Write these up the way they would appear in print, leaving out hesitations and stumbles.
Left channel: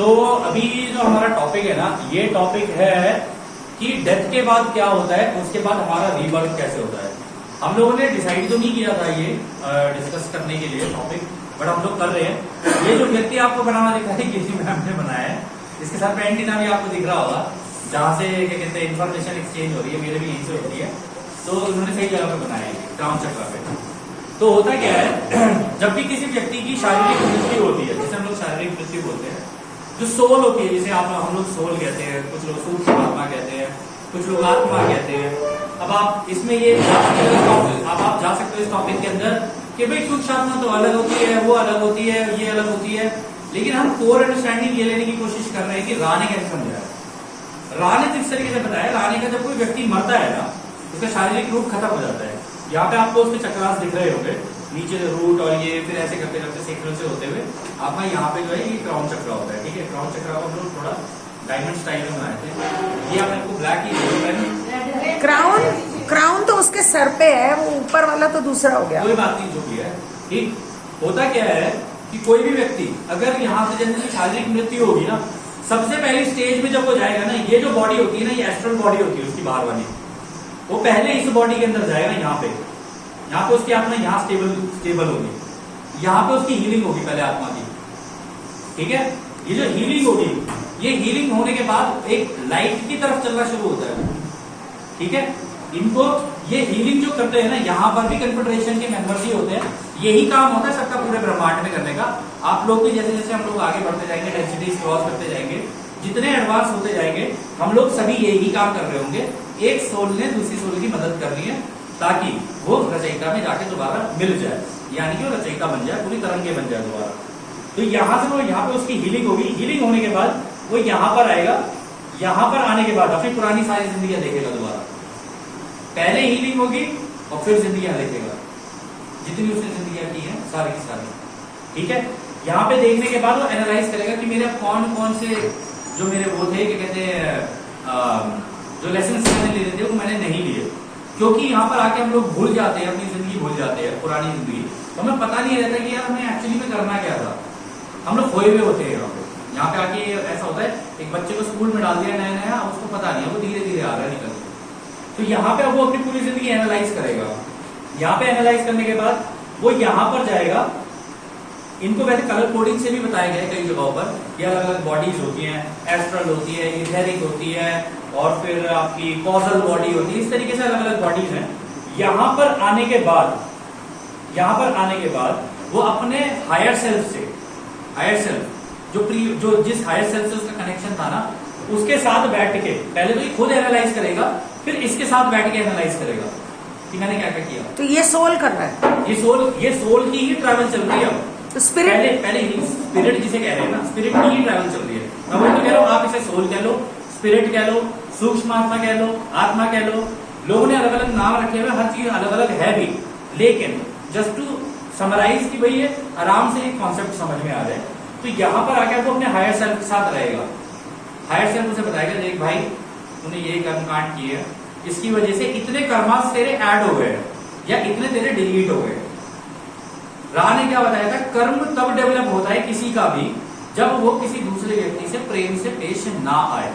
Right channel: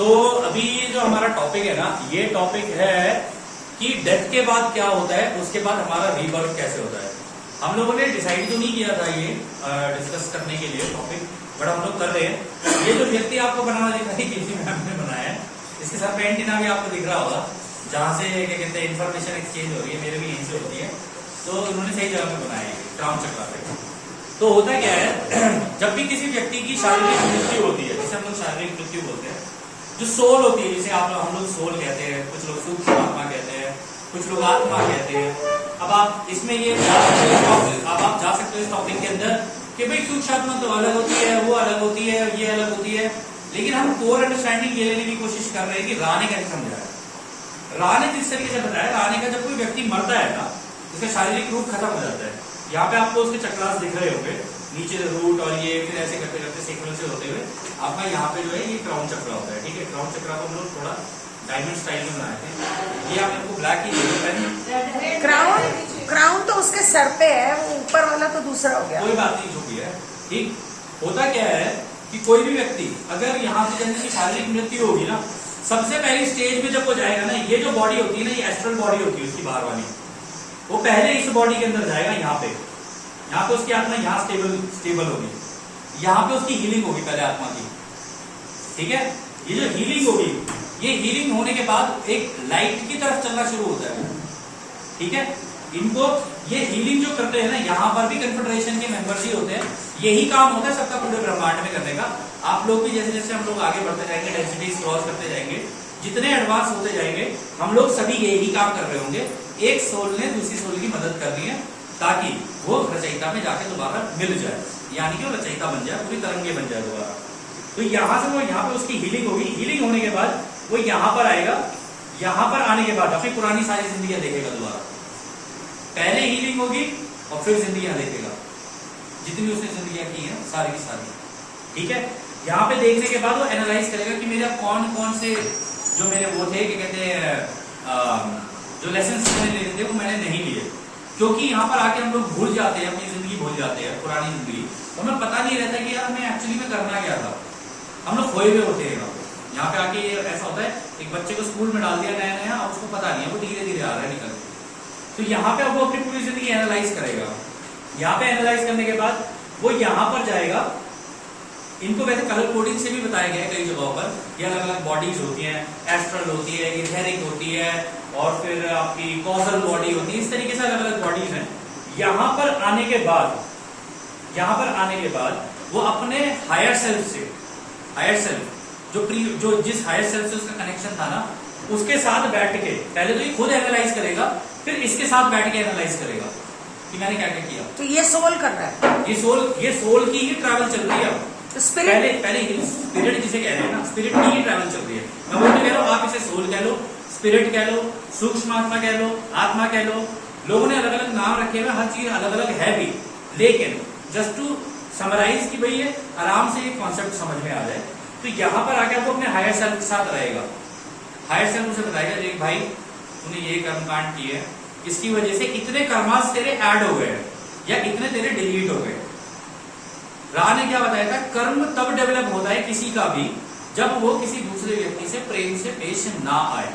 तो अभी जो हमारा टॉपिक है ना, ये टॉपिक है कि डेथ के बाद क्या होता है, उसके बाद हमारा रीबर्थ कैसे होता है। हम लोगों ने डिसाइड तो नहीं किया था ये डिस्कस करने के लिए टॉपिक, बट हम लोग कर रहे हैं। ये जो व्यक्ति आपको बना हुआ दिखा है, केसी मैम ने बनाया है, इसके साथ में एंटीना भी आपको दिख रहा होगा, जहां से क्या कहते हैं इन्फॉर्मेशन एक्सचेंज हो रही है, मेरे भी यहीं से होती है। तो उन्होंने सही जगह पे बनाया है, क्राउन चक्र पे। तो होता क्या है, जब भी किसी व्यक्ति की शारीरिक मृत्यु होती है, जिसे हम लोग शारीरिक मृत्यु बोलते हैं, जो सोल होती है, जिसे हम लोग सोल कहते हैं, कुछ लोग सूक्ष्म आत्मा कहते हैं, कुछ लोग आत्मा कहते हैं। अब आप इसमें ये जा सकते हो, अब आप जा सकते हो इस टॉपिक के अंदर कि भाई सूक्ष्म आत्मा तो अलग होती है, वो अलग होती है, ये अलग होती है, लेकिन हम कोर अंडरस्टैंडिंग ये लेने की कोशिश कर रहे हैं कि रा ने कैसे समझाया। रा ने जिस तरीके से बताया, रा ने का जब कोई व्यक्ति मरता है ना, उसका शारीरिक रूप खत्म हो जाता है। यहाँ पे आपको उसके चक्रास दिख रहे होंगे, नीचे रूट और ये फिर ऐसे करते करते सीक्वेंस से होते हुए आपका यहाँ पे जो है ये क्राउन चक्र होता है। ठीक है, क्राउन चक्र को हम लोग थोड़ा डायमंड स्टाइल में बनाए थे। ये आपने को ब्लैक ही क्राउन तो उसके सर पे है, वो ऊपर वाला तो दूसरा हो गया। कोई बात नहीं, जो भी है ठीक। होता क्या है कि कोई भी व्यक्ति अगर यहाँ पे जैसे शारीरिक मृत्यु होगी ना, सबसे पहली स्टेज में जब वो जाएगा ना, ये जो बॉडी होती है ना, ये एस्ट्रल बॉडी होती है उसकी बाहर वाली, वो पहले इस बॉडी के अंदर जाएगा। यहाँ पे उसकी आत्मा यहाँ स्टेबल होगी, यहाँ पे उसकी हीलिंग होगी पहले आत्मा की। ठीक है, ये जो हीलिंग होगी, ये हीलिंग होने के बाद एक लाइट की तरफ चलना शुरू होता है। ठीक है, इनको ये हीलिंग जो करते हैं ना, यहाँ पर भी कन्फेडरेशन के मेंबर्स ही होते हैं। यही काम होता है सबका पूरे ब्रह्मांड में करने का। आप लोग भी जैसे जैसे हम लोग आगे बढ़ते जाएंगे, डेंसिटीज क्रॉस करते जाएंगे, जितने एडवांस होते जाएंगे, हम लोग सभी यही काम कर रहे होंगे। एक सोल ने दूसरी सोल की मदद करनी है ताकि वो रचयिता में जाके दोबारा मिल जाए, यानी कि वो रचयिता बन जाए, पूरी तरंगे बन जाए दोबारा। तो यहां से वो यहाँ पे उसकी हीलिंग होगी। हीलिंग होने के बाद वो यहाँ पर आएगा। यहाँ पर आने के बाद अपनी पुरानी सारी जिंदगी देखेगा दोबारा। पहले हीलिंग होगी और फिर जिंदगियां देखेगा, जितनी उसने जिंदगियां की हैं सारी की सारी। ठीक है, यहाँ पे देखने के बाद वो एनालाइज करेगा कि मेरे कौन कौन से जो मेरे वो थे, क्या कहते हैं, जो लेसन मैंने ले थे वो मैंने नहीं लिए। क्योंकि यहाँ पर आके हम लोग भूल जाते हैं, अपनी जिंदगी भूल जाते हैं, पुरानी जिंदगी। तो हमें पता नहीं रहता कि यार हमें एक्चुअली में करना क्या था। हम लोग खोए हुए होते हैं यहाँ पे आके। ऐसा होता है, एक बच्चे को स्कूल में डाल दिया नया नया, उसको पता नहीं है, वो धीरे धीरे आ रहा है निकल। तो यहाँ पे वो अपनी पूरी जिंदगी एनालाइज करेगा। यहाँ पे एनालाइज करने के बाद वो यहाँ पर जाएगा। इनको वैसे कलर कोडिंग से भी बताया गया है कई जगहों पर, ये अलग अलग बॉडीज होती हैं, एस्ट्रल होती है, इथेरिक होती है, और फिर आपकी कॉजल बॉडी होती है। इस तरीके से अलग अलग बॉडीज हैं। यहाँ पर आने के बाद वो अपने हायर सेल्फ से, हायर सेल्फ जो जिस हायर सेल्फ से उसका कनेक्शन था ना, उसके साथ बैठ के पहले तो ये खुद एनालाइज करेगा, फिर इसके साथ बैठ के एनालाइज करेगा कि मैंने क्या क्या किया। तो ये सोल कर रहा है, ये सोल की ही ट्रैवल चल रही है अब। तो स्पिरिट पहले स्पिरिट जिसे कह रहे हैं ना, स्पिरिट की ही ट्रैवल चल रही है। मैं वही तो कह रहा हूँ, आप इसे सोल कह लो, स्पिरिट कह लो, सूक्ष्म आत्मा कह लो, आत्मा कह लो। लोगों ने अलग अलग नाम रखे हुए, हर चीज अलग अलग है भी, लेकिन जस्ट टू समराइज की भाई ये आराम से कॉन्सेप्ट समझ में आ जाए। तो यहाँ पर आकर वो अपने हायर सेल्फ के साथ रहेगा। हायर सेल्फ उसे बताएगा, देख भाई तूने ये कर्म कांड किए, इसकी वजह से इतने कर्मास तेरे ऐड हो गए या इतने तेरे डिलीट हो गए। रा ने क्या बताया था, कर्म तब डेवलप होता है किसी का भी जब वो किसी दूसरे व्यक्ति से प्रेम से पेश ना आए।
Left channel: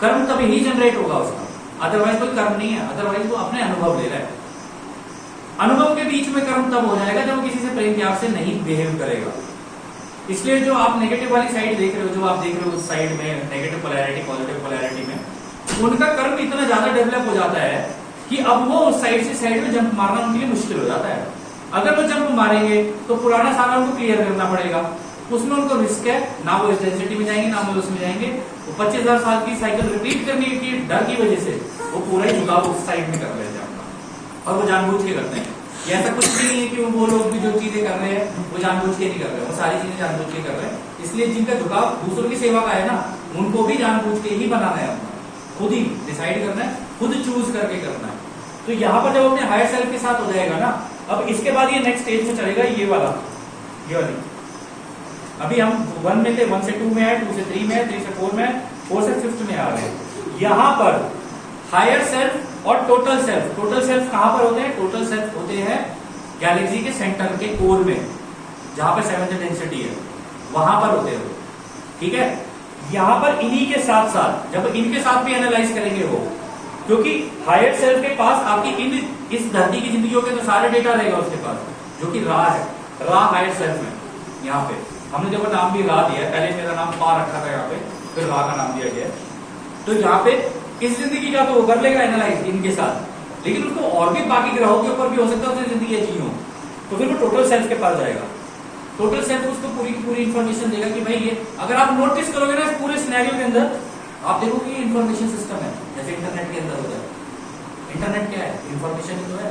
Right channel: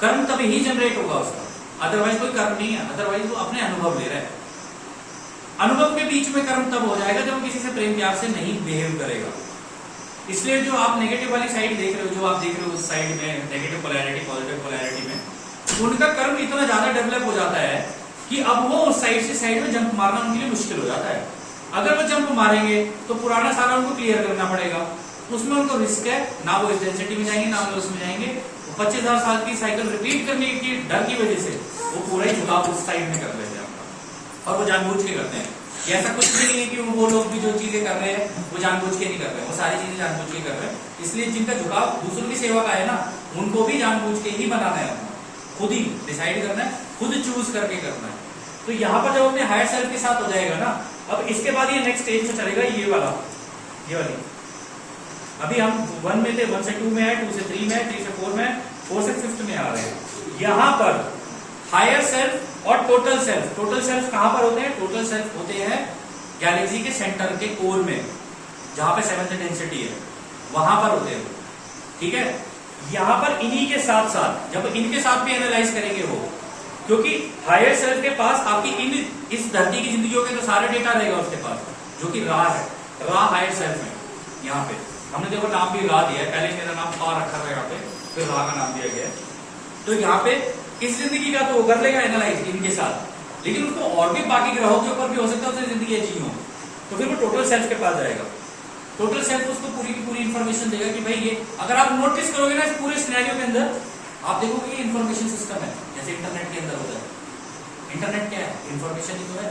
कर्म तभी ही जनरेट होगा उसका, अदरवाइज कोई कर्म नहीं है। अदरवाइज वो अपने अनुभव ले रहा है। अनुभव के बीच में कर्म तब हो जाएगा जब वो किसी से प्रेम प्यार से नहीं बिहेव करेगा। इसलिए जो आप नेगेटिव वाली साइड देख रहे हो, जो आप देख रहे हो उस साइड में नेगेटिव पोलैरिटी, पॉजिटिव पोलैरिटी में, उनका कर्म इतना ज्यादा डेवलप हो जाता है कि अब वो उस साइड से साइड में जंप मारना उनके लिए मुश्किल हो जाता है। अगर वो जंप मारेंगे तो पुराना सागर उनको क्लियर करना पड़ेगा, उसमें उनको रिस्क है, ना वो इस डेंसिटी में जाएंगे ना वो उसमें जाएंगे। वो 25,000 साल की साइकिल रिपीट करने की डर की वजह से वो पूरा ही झुकाव उस साइड में कर लेते हैं अपना, और वो जानबूझ के करते हैं। ऐसा कुछ भी नहीं कि वो लोग भी जो चीजें कर रहे हैं वो जानबूझ के नहीं कर रहे हैं, वो सारी चीजें जानबूझ के कर रहे हैं। इसलिए जिनका झुकाव दूसरों की सेवा का है ना, उनको भी जानबूझ के ही बनाना है, खुद ही डिसाइड करना है, खुद चूज करके करना है। तो यहाँ पर जब अपने हायर सेल्फ के साथ हो जाएगा ना, अब इसके बाद ये नेक्स्ट स्टेज में चलेगा, ये वाली। अभी हम 1 में थे, 1 से 2 में है, 2 से 3 में है, 3 से 4 में है, 4 से 5 में आ रहे हैं। यहाँ पर हायर सेल्फ और टोटल सेल्फ कहां पर होते हैं? टोटल सेल्फ होते हैं गैलेक्सी के सेंटर के कोर में, जहां पे 7th डेंसिटी है, वहां पर होते हैं। ठीक है। यहां पर इन्हीं के साथ साथ जब इनके साथ भी एनालाइज करेंगे वो, क्योंकि हायर सेल्फ के पास आपकी इस धरती की जिंदगियों के तो सारे डेटा रहेगा उसके पास, जो कि रा है, रा हायर सेल्फ में। यहाँ पे हमने देखो नाम भी रा दिया है, पहले मेरा नाम पा रखा था यहाँ पे, फिर रा का नाम दिया गया है। तो यहाँ पे इस जिंदगी का तो वो कर लेगा एनालाइज इनके साथ, लेकिन उसको और भी बाकी ग्रहों के ऊपर भी हो सकता है उसने जिंदगी अच्छी हो, तो फिर वो टोटल सेल्फ के पास जाएगा। टोटल सेल्फ उसको पूरी की पूरी इन्फॉर्मेशन देगा कि भाई ये, अगर आप नोटिस करोगे ना इस पूरे सिनेरियो के अंदर, आप देखोगे ये इन्फॉर्मेशन सिस्टम है, जैसे इंटरनेट के अंदर होता है। इंटरनेट क्या है? इन्फॉर्मेशन ही तो है।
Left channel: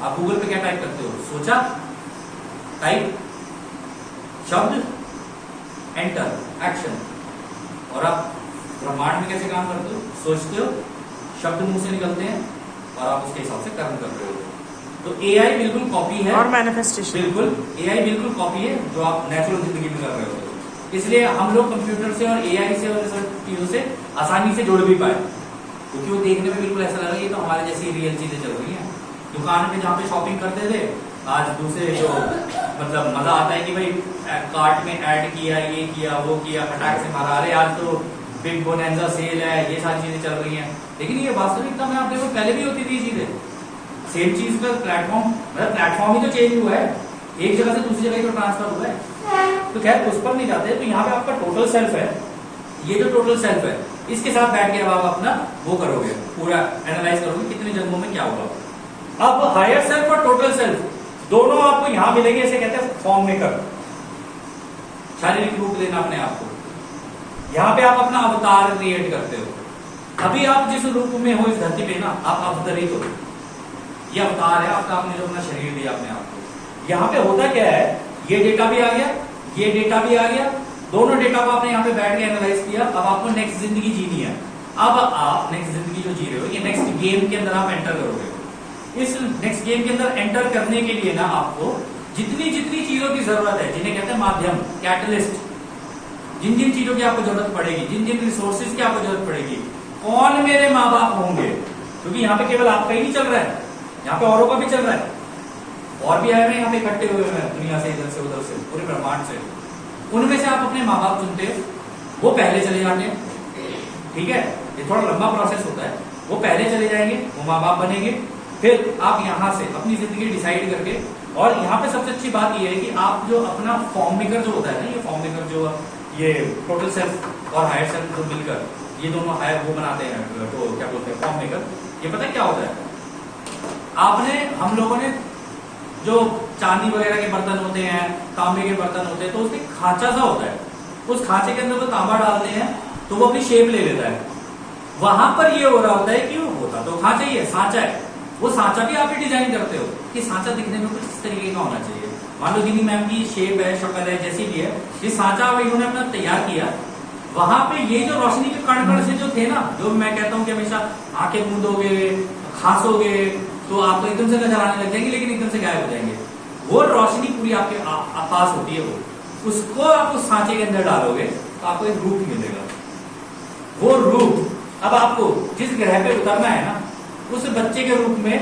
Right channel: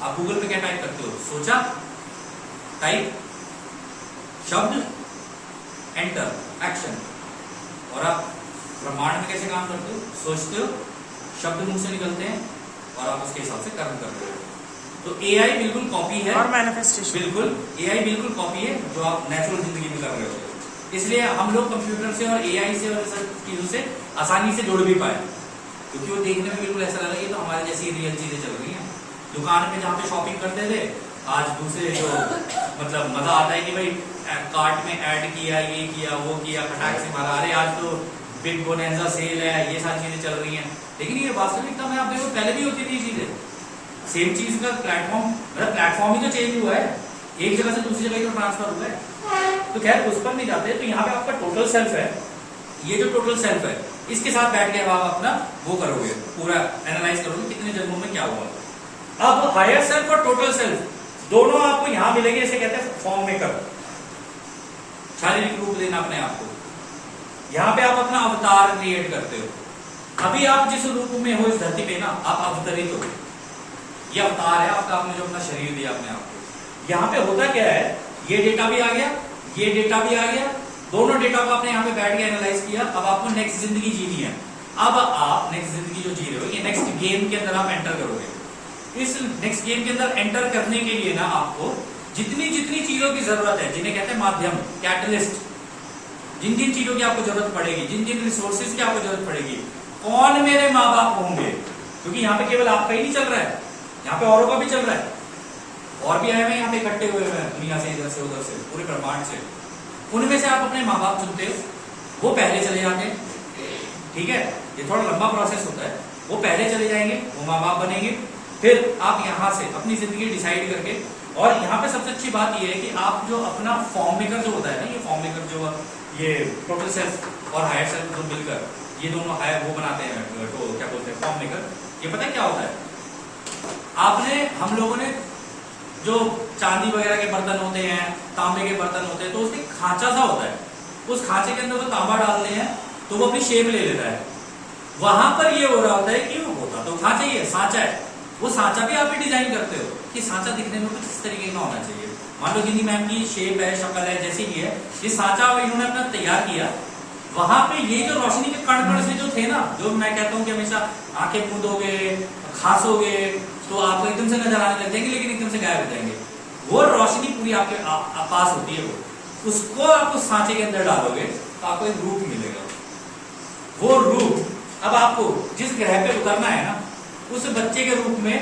आप गूगल पे क्या टाइप करते हो? सोचा, टाइप, शब्द, एंटर, एक्शन। और आप ब्रह्मांड में कैसे काम करते हो? सोचते हो, शब्द मुंह से निकलते हैं और आप उसके हिसाब से कर्म कर रहे हो। तो एआई बिल्कुल कॉपी है, और मैनिफेस्टेशन बिल्कुल एआई बिल्कुल कॉपी है जो आप नेचुरल जिंदगी में कर रहे हो। इसलिए हम लोग कंप्यूटर से और एआई से और सब चीजों से आसानी से जुड़ भी पाए, क्योंकि वो देखने में बिल्कुल ऐसा लगा ये तो हमारे जैसी रियल चीजें चल रही हैं। दुकान पे जहाँ पे शॉपिंग करते थे, आज दूसरे जो मतलब मजा आता है कि भाई कार्ट में ऐड किया, ये किया, वो किया, खटाक से मारा, अरे आज तो बिग बोनेंजा सेल है, ये सारी चीजें चल रही हैं। लेकिन ये वास्तविकता में आप देखो पहले भी होती थी चीजें, सेम चीज का प्लेटफॉर्म, मतलब प्लेटफॉर्म ही तो चेंज हुआ है, एक जगह से दूसरी जगह तो ट्रांसफर हुआ है। तो खैर उस पर नहीं जाते। तो यहाँ पे आपका टोटल सेल्फ है, ये जो टोटल सेल्फ है इसके साथ बैठ के आप अपना वो करोगे, पूरा एनालाइज करोगे कितने जन्मों में क्या हुआ। अब हायर सेल्फ और टोटल सेल्फ दोनों आपको यहां मिलेंगे, इसे कहते हैं फॉर्म मेकर, शारीरिक रूप देना अपने आप को। यहां पे आप अपना अवतार क्रिएट करते हो। अभी आप जिस रूप में हो इस धरती पे ना, आप अवतरित हो, ये अवतार है आपका, आपने जो अपना शरीर दिया अपने आप को। यहाँ पे होता क्या है, ये डेटा भी आ गया, ये डेटा भी आ गया, दोनों डेटा को आपने यहाँ पे बैठ के एनालाइज किया। अब आपको नेक्स्ट जिंदगी जीनी है। अब आप नेक्स्ट जिंदगी जो जी रहे हो, ये नेक्स्ट गेम के अंदर आप एंटर करोगे। इस नेक्स्ट गेम के अंदर एंटर करने के लिए ना आपको जितनी जितनी चीजों की जरूरत है, जिन्हें कहते हैं माध्यम, कैटलिस्ट, जिन जिन चीजों की आपको जरूरत पड़ेगी, जिन जिन रिसोर्सेज की आपको जरूरत पड़ेगी, कौन मेरे माँ बाप होंगे, क्योंकि यहाँ पे केवल आपका ही नहीं चल रहा है, यहाँ पे औरों का भी चल रहा है, और भी आए हुए यहाँ पे इकट्ठे हुए हैं दुनिया से, इधर से उधर से, पूरे ब्रह्मांड से। उनमें से आप अपने माँ बाप चुनते हो, वो पहले चले जाते हैं, ठीक है, ये थोड़ा लंबा प्रोसेस होता है। वो पहले चले जाएंगे, वो माँ बाप बनेंगे, फिर आप यहाँ से अपनी जिंदगी डिसाइड करके, और यहाँ पे सबसे अच्छी बात ये है कि आप जो अपना फॉर्म मेकर जो होता है ना, ये फॉर्म मेकर जो ये टोटल सेल्फ और हायर सेल्फ जो मिलकर ये दोनों हायर वो बनाते हैं, तो क्या बोलते हैं फॉर्म मेकर। ये पता है क्या होता है, आपने, हम लोगों ने जो चांदी वगैरह के बर्तन होते हैं, तांबे के बर्तन होते हैं, तो उसमें खांचा सा होता है, उस खांचे के अंदर वो तांबा डालते हैं तो वो अपनी शेप ले लेता है। वहां पर ये हो रहा होता है कि वो होता तो खांचा ही है, सांचा है, वो सांचा भी आप ही डिजाइन करते हो कि सांचा दिखने में कुछ इस तरीके का होना चाहिए। मान लो गिनी मैम की शेप है, शक्ल है, जैसी भी है, ये सांचा इन्होंने अपना तैयार किया। वहां पे ये जो रोशनी के कण कण से जो थे ना, जो मैं कहता हूँ कि हमेशा आंखें मूंदोगे, खांसोगे तो आपको एकदम से नजर आने लग जाएंगे, लेकिन एकदम से गायब हो जाएंगे। वो रोशनी पूरी आपके पास होती है, वो उसको आप उस सांचे के अंदर डालोगे तो आपको एक रूप मिलेगा। वो रूप अब आपको जिस ग्रह पे उतरना है ना, उस बच्चे के रूप में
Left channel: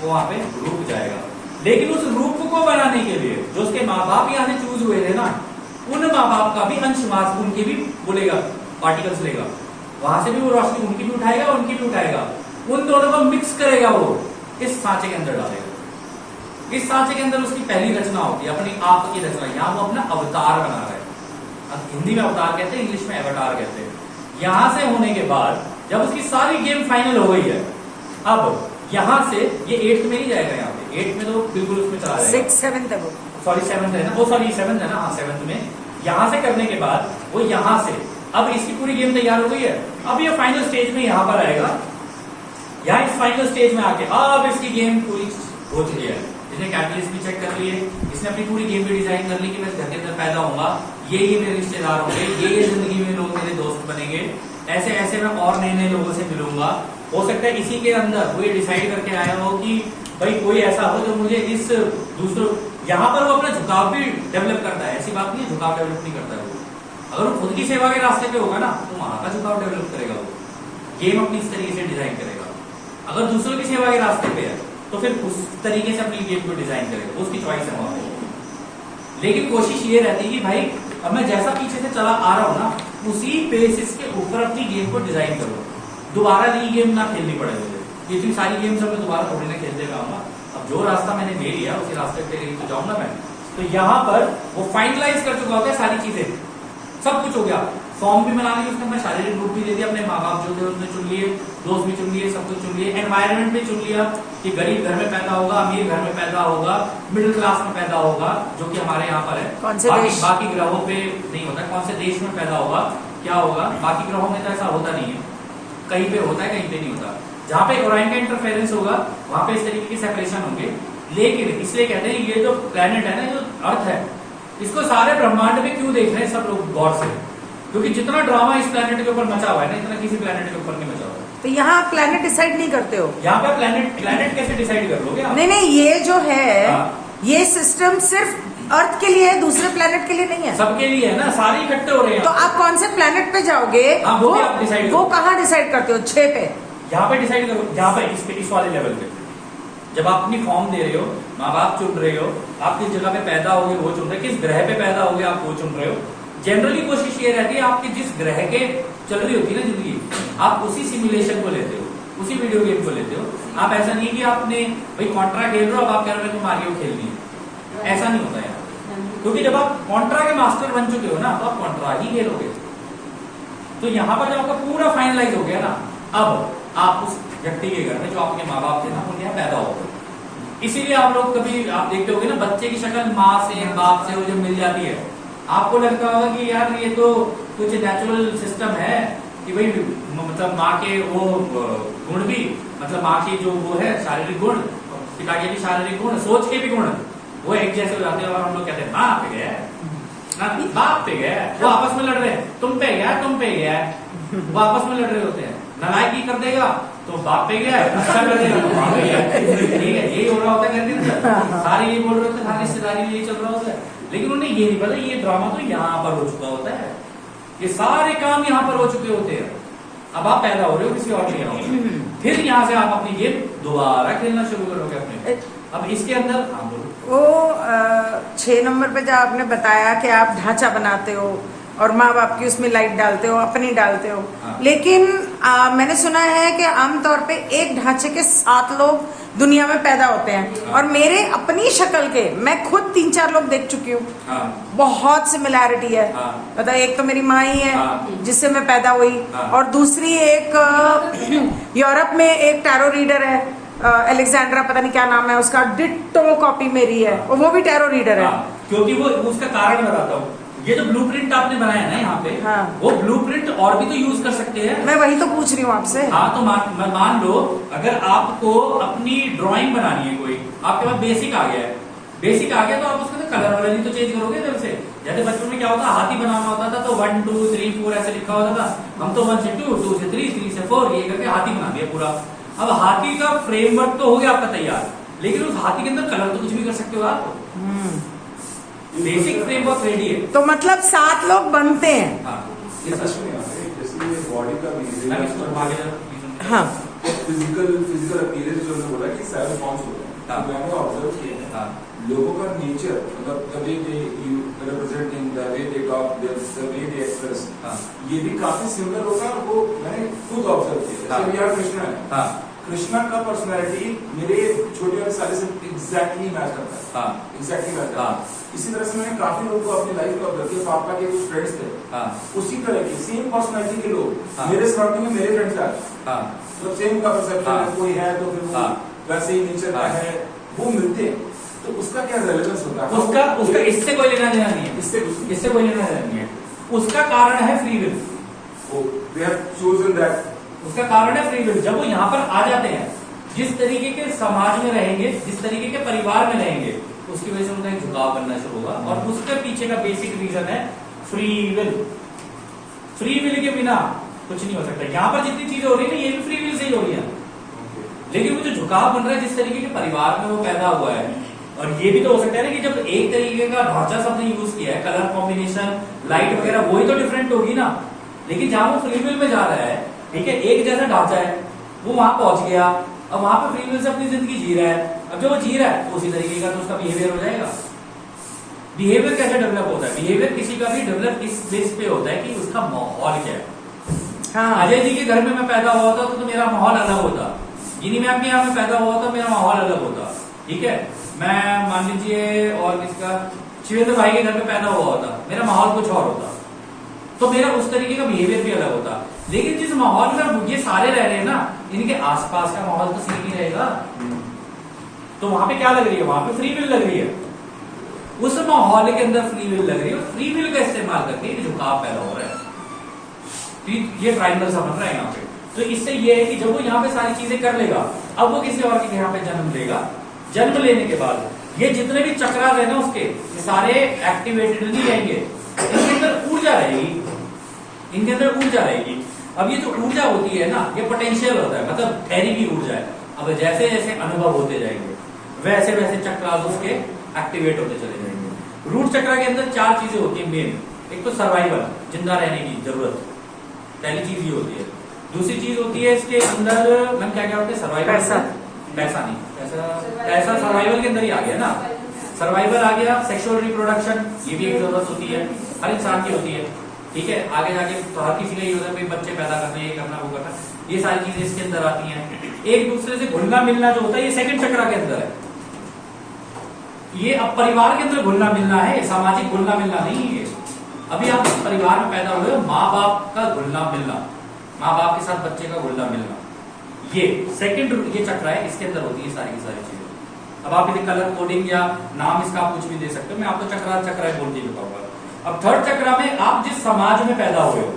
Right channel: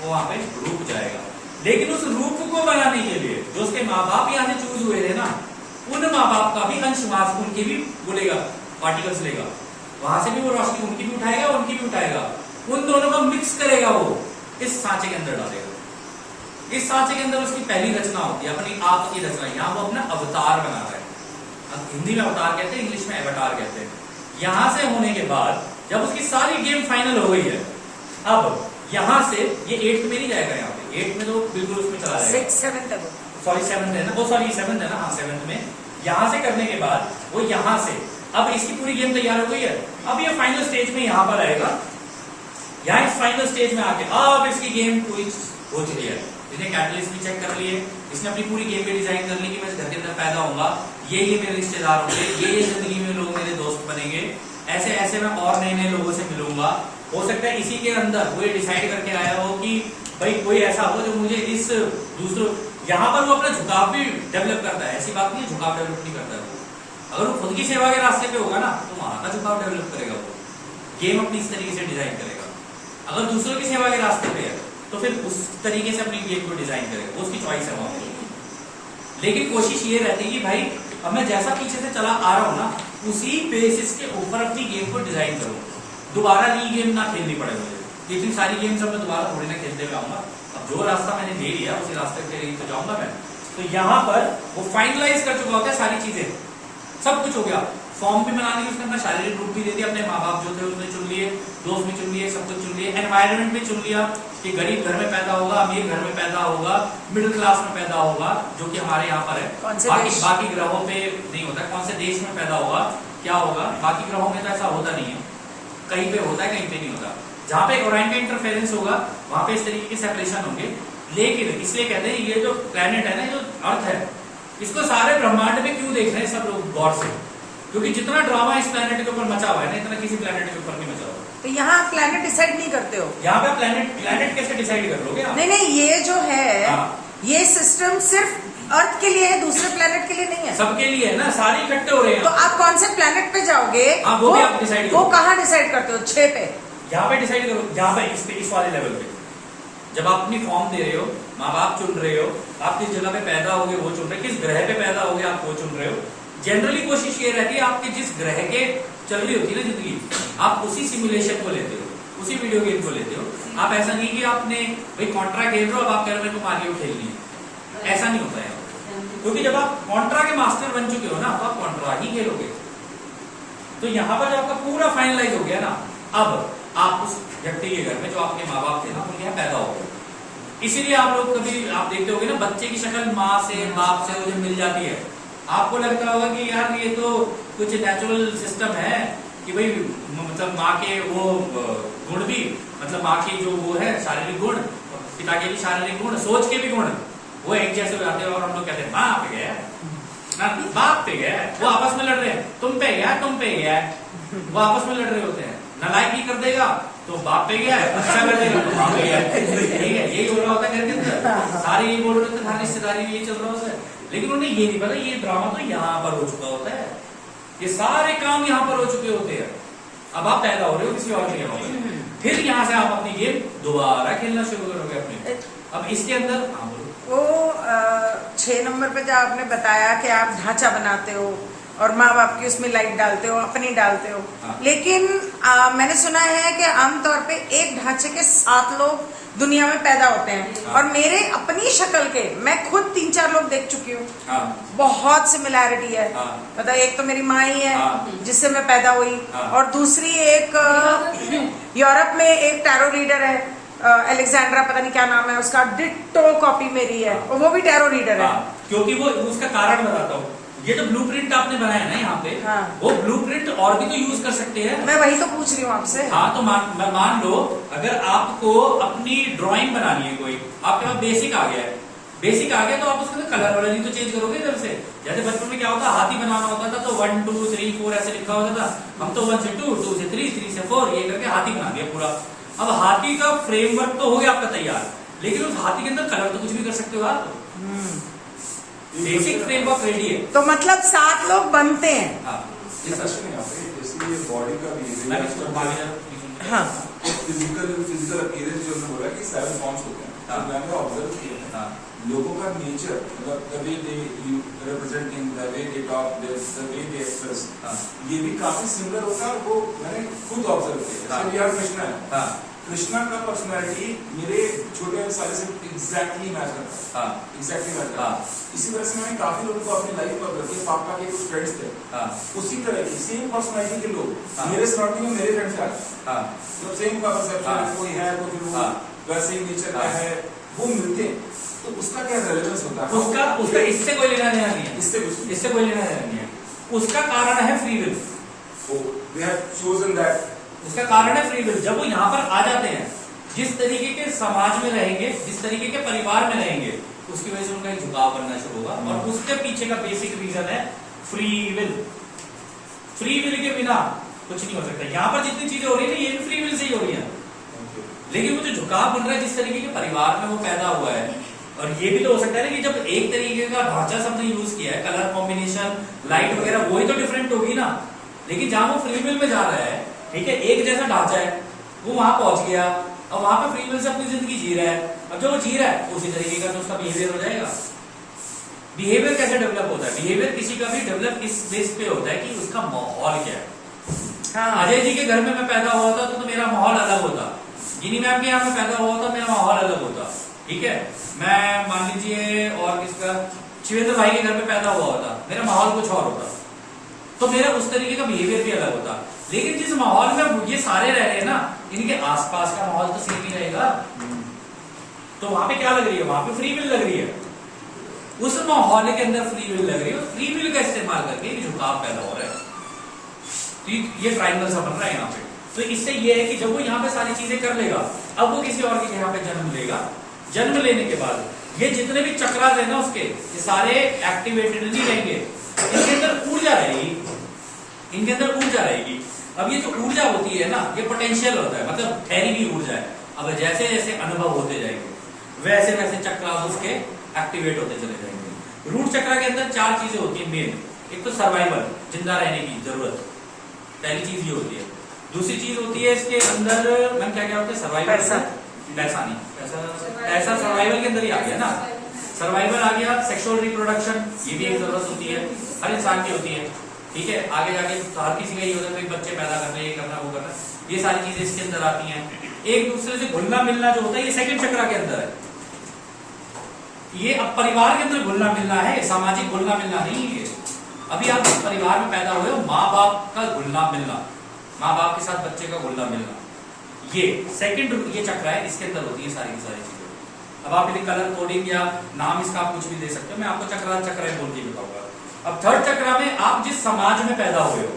वो वहां पे रूप जाएगा। लेकिन उस रूप को बनाने के लिए जो उसके माँ बाप यहाँ से चूज हुए थे ना, उन माँ बाप का भी अंश वहां से उनके भी बोलेगा, पार्टिकल्स लेगा, वहां से भी वो रोशनी उनकी भी उठाएगा, उनकी भी उठाएगा, उन दोनों को मिक्स करेगा, वो इस सांचे के अंदर डालेगा। इस सांचे के अंदर उसकी पहली रचना होती है, अपनी आप की रचना। यहाँ वो अपना अवतार बना रहा है, हिंदी में अवतार कहते हैं, इंग्लिश में एवतार कहते हैं। यहां से होने के बाद जब उसकी सारी गेम फाइनल हो गई है, अब यहां से ये 8th में नहीं जाएगा, यहाँ पे 8th में तो बिल्कुल उसमें चला जाएगा, 6th 7th है वो, सॉरी 7th है ना, वो सॉरी 7th है ना, हाँ 7th में। यहां से करने के बाद वो यहां से, अब इसकी पूरी गेम तैयार हो गई है, अब ये फाइनल स्टेज में यहां पर आएगा। यहाँ इस फाइनल स्टेज में आके अब इसकी गेम पूरी हो चुकी है, इसने कैटलिस्ट भी चेक कर लिए, इसने अपनी पूरी गेम भी डिजाइन कर ली कि मैं इस घर के अंदर पैदा होऊंगा, ये मेरे रिश्तेदार होंगे, ये जिंदगी में लोग मेरे दोस्त बनेंगे, ऐसे ऐसे मैं और नए नए लोगों से मिलूंगा। हो सकता है इसी के अंदर वो ये डिसाइड करके आया हो कि भाई कोई ऐसा हो जो मुझे इस दूसरों, यहाँ पर वो अपना झुकाव भी डेवलप करता है, ऐसी बात नहीं है झुकाव डेवलप नहीं करता है वो। अगर वो खुद की सेवा के रास्ते पे होगा ना, तो वहां का झुकाव डेवलप करेगा, वो गेम अपनी इस तरीके से डिजाइन करेगा। अगर दूसरों की सेवा के रास्ते पे है तो फिर उस तरीके से अपनी गेम को डिजाइन करेगा, उसकी चॉइस है वहां पे। लेकिन कोशिश ये रहती है कि भाई अब मैं जैसा पीछे से चला आ रहा हूँ ना, उसी बेसिस के ऊपर अपनी गेम को डिजाइन करूंगा। दोबारा री गेम ना खेलनी पड़े मुझे, इतनी सारी गेम्स अब मैं दोबारा थोड़ी ना खेलते हुए आऊंगा। अब जो रास्ता मैंने ले लिया उसी रास्ते पे लेके तो जाऊंगा मैं। तो यहाँ पर वो फाइनलाइज कर चुका होता है सारी चीजें, सब कुछ हो गया। फॉर्म भी बना ली उसने, अपना शारीरिक रूप भी दे दिया, अपने माँ बाप जो थे उसने चुन लिए, दोस्त भी चुन लिए, सब कुछ चुन लिए, एनवायरनमेंट भी चुन लिया कि गरीब घर में पैदा होगा, अमीर घर में पैदा होगा, मिडिल क्लास में पैदा होगा, जो कि हमारे यहाँ पर है। बाकी ग्रहों पे नहीं होता। कौन से देश में पैदा होगा, क्या होगा, बाकी ग्रहों में तो ऐसा होता नहीं है। कहीं पे होता है, कहीं पे नहीं होता। जहाँ पे ओराइन का इंटरफेरेंस होगा वहां पे इस तरीके के सेपरेशन होंगे। लेकिन इसलिए कहते हैं ये जो प्लेनेट है ना, जो अर्थ है, इसको सारे ब्रह्मांड में क्यों देख रहे हैं सब लोग गौर से? क्योंकि जितना ड्रामा इस प्लेनेट के ऊपर मचा हुआ है ना, इतना किसी प्लेनेट के ऊपर नहीं मचा हुआ। तो यहाँ प्लेनेट डिसाइड नहीं करते हो? यहाँ पे प्लेनेट कैसे डिसाइड कर लोगे आप? नहीं, ये जो है हाँ। ये सिस्टम सिर्फ अर्थ के लिए है, दूसरे प्लेनेट के लिए नहीं है। सबके लिए है ना, सारे इकट्ठे हो रहे हैं। तो आप कौन से प्लेनेट पे जाओगे? हाँ, वो भी आप डिसाइड करो। वो कहाँ डिसाइड करते हो? 6 पे? यहाँ पे डिसाइड करो, यहाँ पे इस वाले लेवल पे जब आप अपनी फॉर्म दे रहे हो, माँ बाप चुन रहे हो, आप किस जगह पे पैदा होगे वो चुन रहे हो, किस ग्रह पे पैदा होगे आप वो चुन रहे हो। जनरली कोशिश ये रहती है आपकी जिस ग्रह के चल रही होती है ना जिंदगी, आप उसी सिमुलेशन को लेते हो, उसी वीडियो गेम को लेते हो। आप ऐसा नहीं कि आपने भाई कॉन्ट्रा खेल रहे हो, अब आप कह रहे हो मेरे को मारियो खेलनी है, ऐसा नहीं होता है। क्योंकि जब आप कॉन्ट्रा के मास्टर बन चुके हो ना, तो आप कॉन्ट्रा ही खेलोगे। तो यहाँ पर जब आपका पूरा फाइनलाइज हो गया ना, अब आप उस व्यक्ति के घर में जो आपके माँ बाप थे ना, उनके यहाँ पैदा हो गए। इसीलिए आप लोग कभी आप देखते होगे ना, बच्चे की शक्ल माँ से बाप से वो जब मिल जाती है, आपको लगता होगा कि यार ये तो कुछ नेचुरल सिस्टम है कि भाई मतलब माँ के वो गुण भी, मतलब माँ की जो वो है शारीरिक गुण, पिता के भी शारीरिक गुण, सोच के भी गुण वो एक जैसे हो जाते हैं। और हम लोग कहते हैं बाप पे गया, बाप पे गया, वो आपस में लड़ रहे हैं, तुम पे गया, तुम पे गया, वो आपस में लड़ रहे होते हैं। नालायकी कर देगा तो बाप पे गया, अच्छा कर देगा तो बाप पे गया। ठीक है, यही हो रहा होता है घर के अंदर, सारे ये बोल रहे होते हैं, सारी रिश्तेदारी ये चल रहा होता है। लेकिन उन्हें ये नहीं पता ये ड्रामा तो यहाँ पर हो चुका होता है, ये सारे काम यहाँ पर हो चुके होते हैं। अब आप पैदा हो रहे हो किसी और के यहाँ, फिर यहाँ से आप अपनी गेम दोबारा खेलना शुरू करोगे अपने। अब इसके अंदर वो 6 नंबर पे जो आपने बताया कि आप ढांचा बनाते हो और माँ बाप की उसमें लाइट डालते हो, अपनी डालते हो। हाँ। लेकिन मैंने सुना है कि आमतौर पे एक ढांचे के 7 लोग दुनिया में पैदा होते हैं। हाँ। और मेरे अपनी शक्ल के मैं खुद 3-4 लोग देख चुकी हूँ। हाँ। बहुत सिमिलैरिटी है। हाँ। मतलब एक तो मेरी माँ ही है, हाँ। जिससे मैं पैदा हुई। हाँ। और दूसरी एक यूरोप में एक टैरो रीडर है, अलेक्जेंड्रा, पता नहीं क्या नाम है उसका, डिट्टो कॉपी मेरी है। हाँ। वो भी टैरो रीडर है। हाँ, क्योंकि वो उसका कारण बताता हूँ। ये जो ब्लूप्रिंट आपने बनाया ना यहाँ पे, हाँ। वो ब्लूप्रिंट और भी तो यूज कर सकते हैं। मैं वही तो पूछ रही हूँ आपसे। हाँ, तो मान लो अगर आपको अपनी ड्राइंग बनानी है, कोई आपके पास बेसिक आ गया है, बेसिक आ गया तो आप उसका कलर वैल्यू तो चेंज करोगे इधर से। जैसे बचपन में क्या होता, हाथी बनाना होता था तो 1 2 3 4 ऐसे लिखा होता था। हम तो 1 से 2 2 से 3 3 से 4 ये करके हाथी बना दिया पूरा। अब हाथी का फ्रेमवर्क तो हो गया आपका तैयार, लेकिन उस हाथी के अंदर कलर तो कुछ भी कर सकते हो आप। बेसिक फ्रेमवर्क रेडी है। तो मतलब 7 लोग बनते हैं। हाँ, ये क्वेश्चन यहाँ पे जैसे ये बॉडी का बिहेवियर, हाँ। फिजिकल अपीयरेंस जो हमने बोला कि 7 फॉर्म्स होते हैं, हाँ। तो मैंने ऑब्जर्व किया है हाँ। लोगों का नेचर, मतलब the way they you represent things, the way they talk, the way they express, ये भी काफी सिमिलर होता है। और वो मैंने खुद ऑब्जर्व किया। हाँ। जैसे यार कृष्णा है, हाँ। कृष्णा का पर्सनालिटी मेरे छोटे साले से एग्जैक्टली मैच करता है। हाँ। एग्जैक्टली मैच करता हाँ। है। इसी तरह से मैंने काफी लोगों को अपनी लाइफ में ऑब्जर्व किया। पापा के कुछ फ्रेंड्स थे, हाँ। उसी तरह की सेम पर्सनालिटी के लोग हाँ। मेरे सराउंडिंग में मेरे फ्रेंड्स आज हाँ। जब सेम का परसेप्शन हाँ। है, कोई है तो फिर वो हाँ। वैसे ही नेचर का हाँ। है, वो मिलते हैं। तो उसका क्या रेलेवेंस होता है? उसका इससे कोई लेना देना नहीं है, इससे कोई लेना देना नहीं है। उसका कारण है free will. We have chosen that. उसका कारण है फ्री विल। जब वो यहाँ पर आ जाते हैं, जिस तरीके के समाज में रहेंगे, जिस तरीके के परिवार में रहेंगे, उसकी वजह से उनका एक झुकाव बनना शुरू होगा। और उसके पीछे का बेसिक रीजन है फ्री विल। फ्री विल के बिना कुछ नहीं हो सकता। यहाँ पर जितनी चीजें हो रही है ना, ये भी फ्री विल से ही हो रही है। लेकिन वो जो झुकाव बन रहा है, जिस तरीके के परिवार में वो पैदा हुआ है, और ये भी तो हो सकता है ना कि जब एक तरीके का ढांचा सबने यूज किया है, कलर कॉम्बिनेशन, लाइट वगैरह, वही तो डिफरेंट होगी ना। लेकिन जहां वो फ्री विल में जा रहा है, ठीक है, एक जैसा ढांचा है, वो वहां पहुंच गया, अब वहां पे फ्री विल से अपनी जिंदगी जी रहा है। अब जो वो जी रहा है उसी तरीके का तो उसका बिहेवियर हो जाएगा। बिहेवियर कैसे डेवलप होता है? बिहेवियर किसी का भी डेवलप इस बेस पे होता है कि उसका माहौल क्या है। हाँ। अजय जी के घर में मैं पैदा हुआ था तो मेरा माहौल अलग होता, गिनी मैम के यहाँ में पैदा हुआ था, मेरा माहौल अलग होता, ठीक है। मैं मान लीजिए और किसका, शिवेंद्र भाई के घर में पैदा हुआ होता, मेरा माहौल कुछ और होता, तो मेरा उस तरीके का बिहेवियर भी अलग होता। लेकिन जिस माहौल में ये सारे रह रहे हैं ना, इनके आसपास का माहौल तो सेम ही रहेगा, तो वहां पे क्या लग रही है? वहां पे फ्री विल लग रही है, उस माहौल के अंदर फ्री विल लग रही है, फ्री विल का इस्तेमाल करके झुकाव पैदा हो रहा है। तो ये ट्रायंगल सा बन रहा है यहाँ पे। तो इससे ये है कि जब वो यहाँ पे सारी चीजें कर लेगा, अब वो किसी और के यहाँ पे जन्म लेगा, जन्म लेने के बाद ये जितने भी चक्रास है ना उसके, ये सारे एक्टिवेटेड नहीं रहेंगे, इनके अंदर ऊर्जा रहेगी, इनके अंदर ऊर्जा रहेगी। अब ये जो ऊर्जा होती है ना, ये पोटेंशियल होता है, मतलब ठहरी की ऊर्जा है। अब जैसे जैसे अनुभव होते जाएंगे वैसे वैसे चक्रास उसके एक्टिवेट होते चले जाएंगे। रूट चक्र के अंदर 4 चीजें होती है मेन। एक तो सर्वाइवल, जिंदा रहने की जरूरत, पहली चीज ये होती है। दूसरी चीज होती है इसके अंदर, मैम क्या क्या होते हैं? सर्वाइवल, पैसा नहीं, पैसा सर्वाइवल के अंदर ही आ गया ना, सर्वाइवल आ गया। सेक्सुअल रिप्रोडक्शन, ये भी एक जरूरत होती है, हर इंसान की होती है, ठीक है। आगे जाके हर किसी का ये होता है बच्चे पैदा करना, ये करना, वो करना, ये सारी चीजें इसके अंदर आती हैं। एक दूसरे से घुलना मिलना जो होता है, ये सेकंड चक्र के अंदर है। ये अब परिवार के अंदर घुलना मिलना है, सामाजिक घुलना मिलना नहीं है। अभी आप परिवार में पैदा हुए हो, माँ बाप का घुलना मिलना, माँ बाप के साथ बच्चे का घुलना मिलना, ये सेकंड ये चक्र है, इसके अंदर होती है सारी की सारी चीजें। अब आप इन्हें कलर कोडिंग या नाम इसका आप कुछ भी दे सकते हो, मैं आपको चक्र बोल के बताऊंगा। अब थर्ड चक्र में आप जिस समाज में पैदा हुए हो,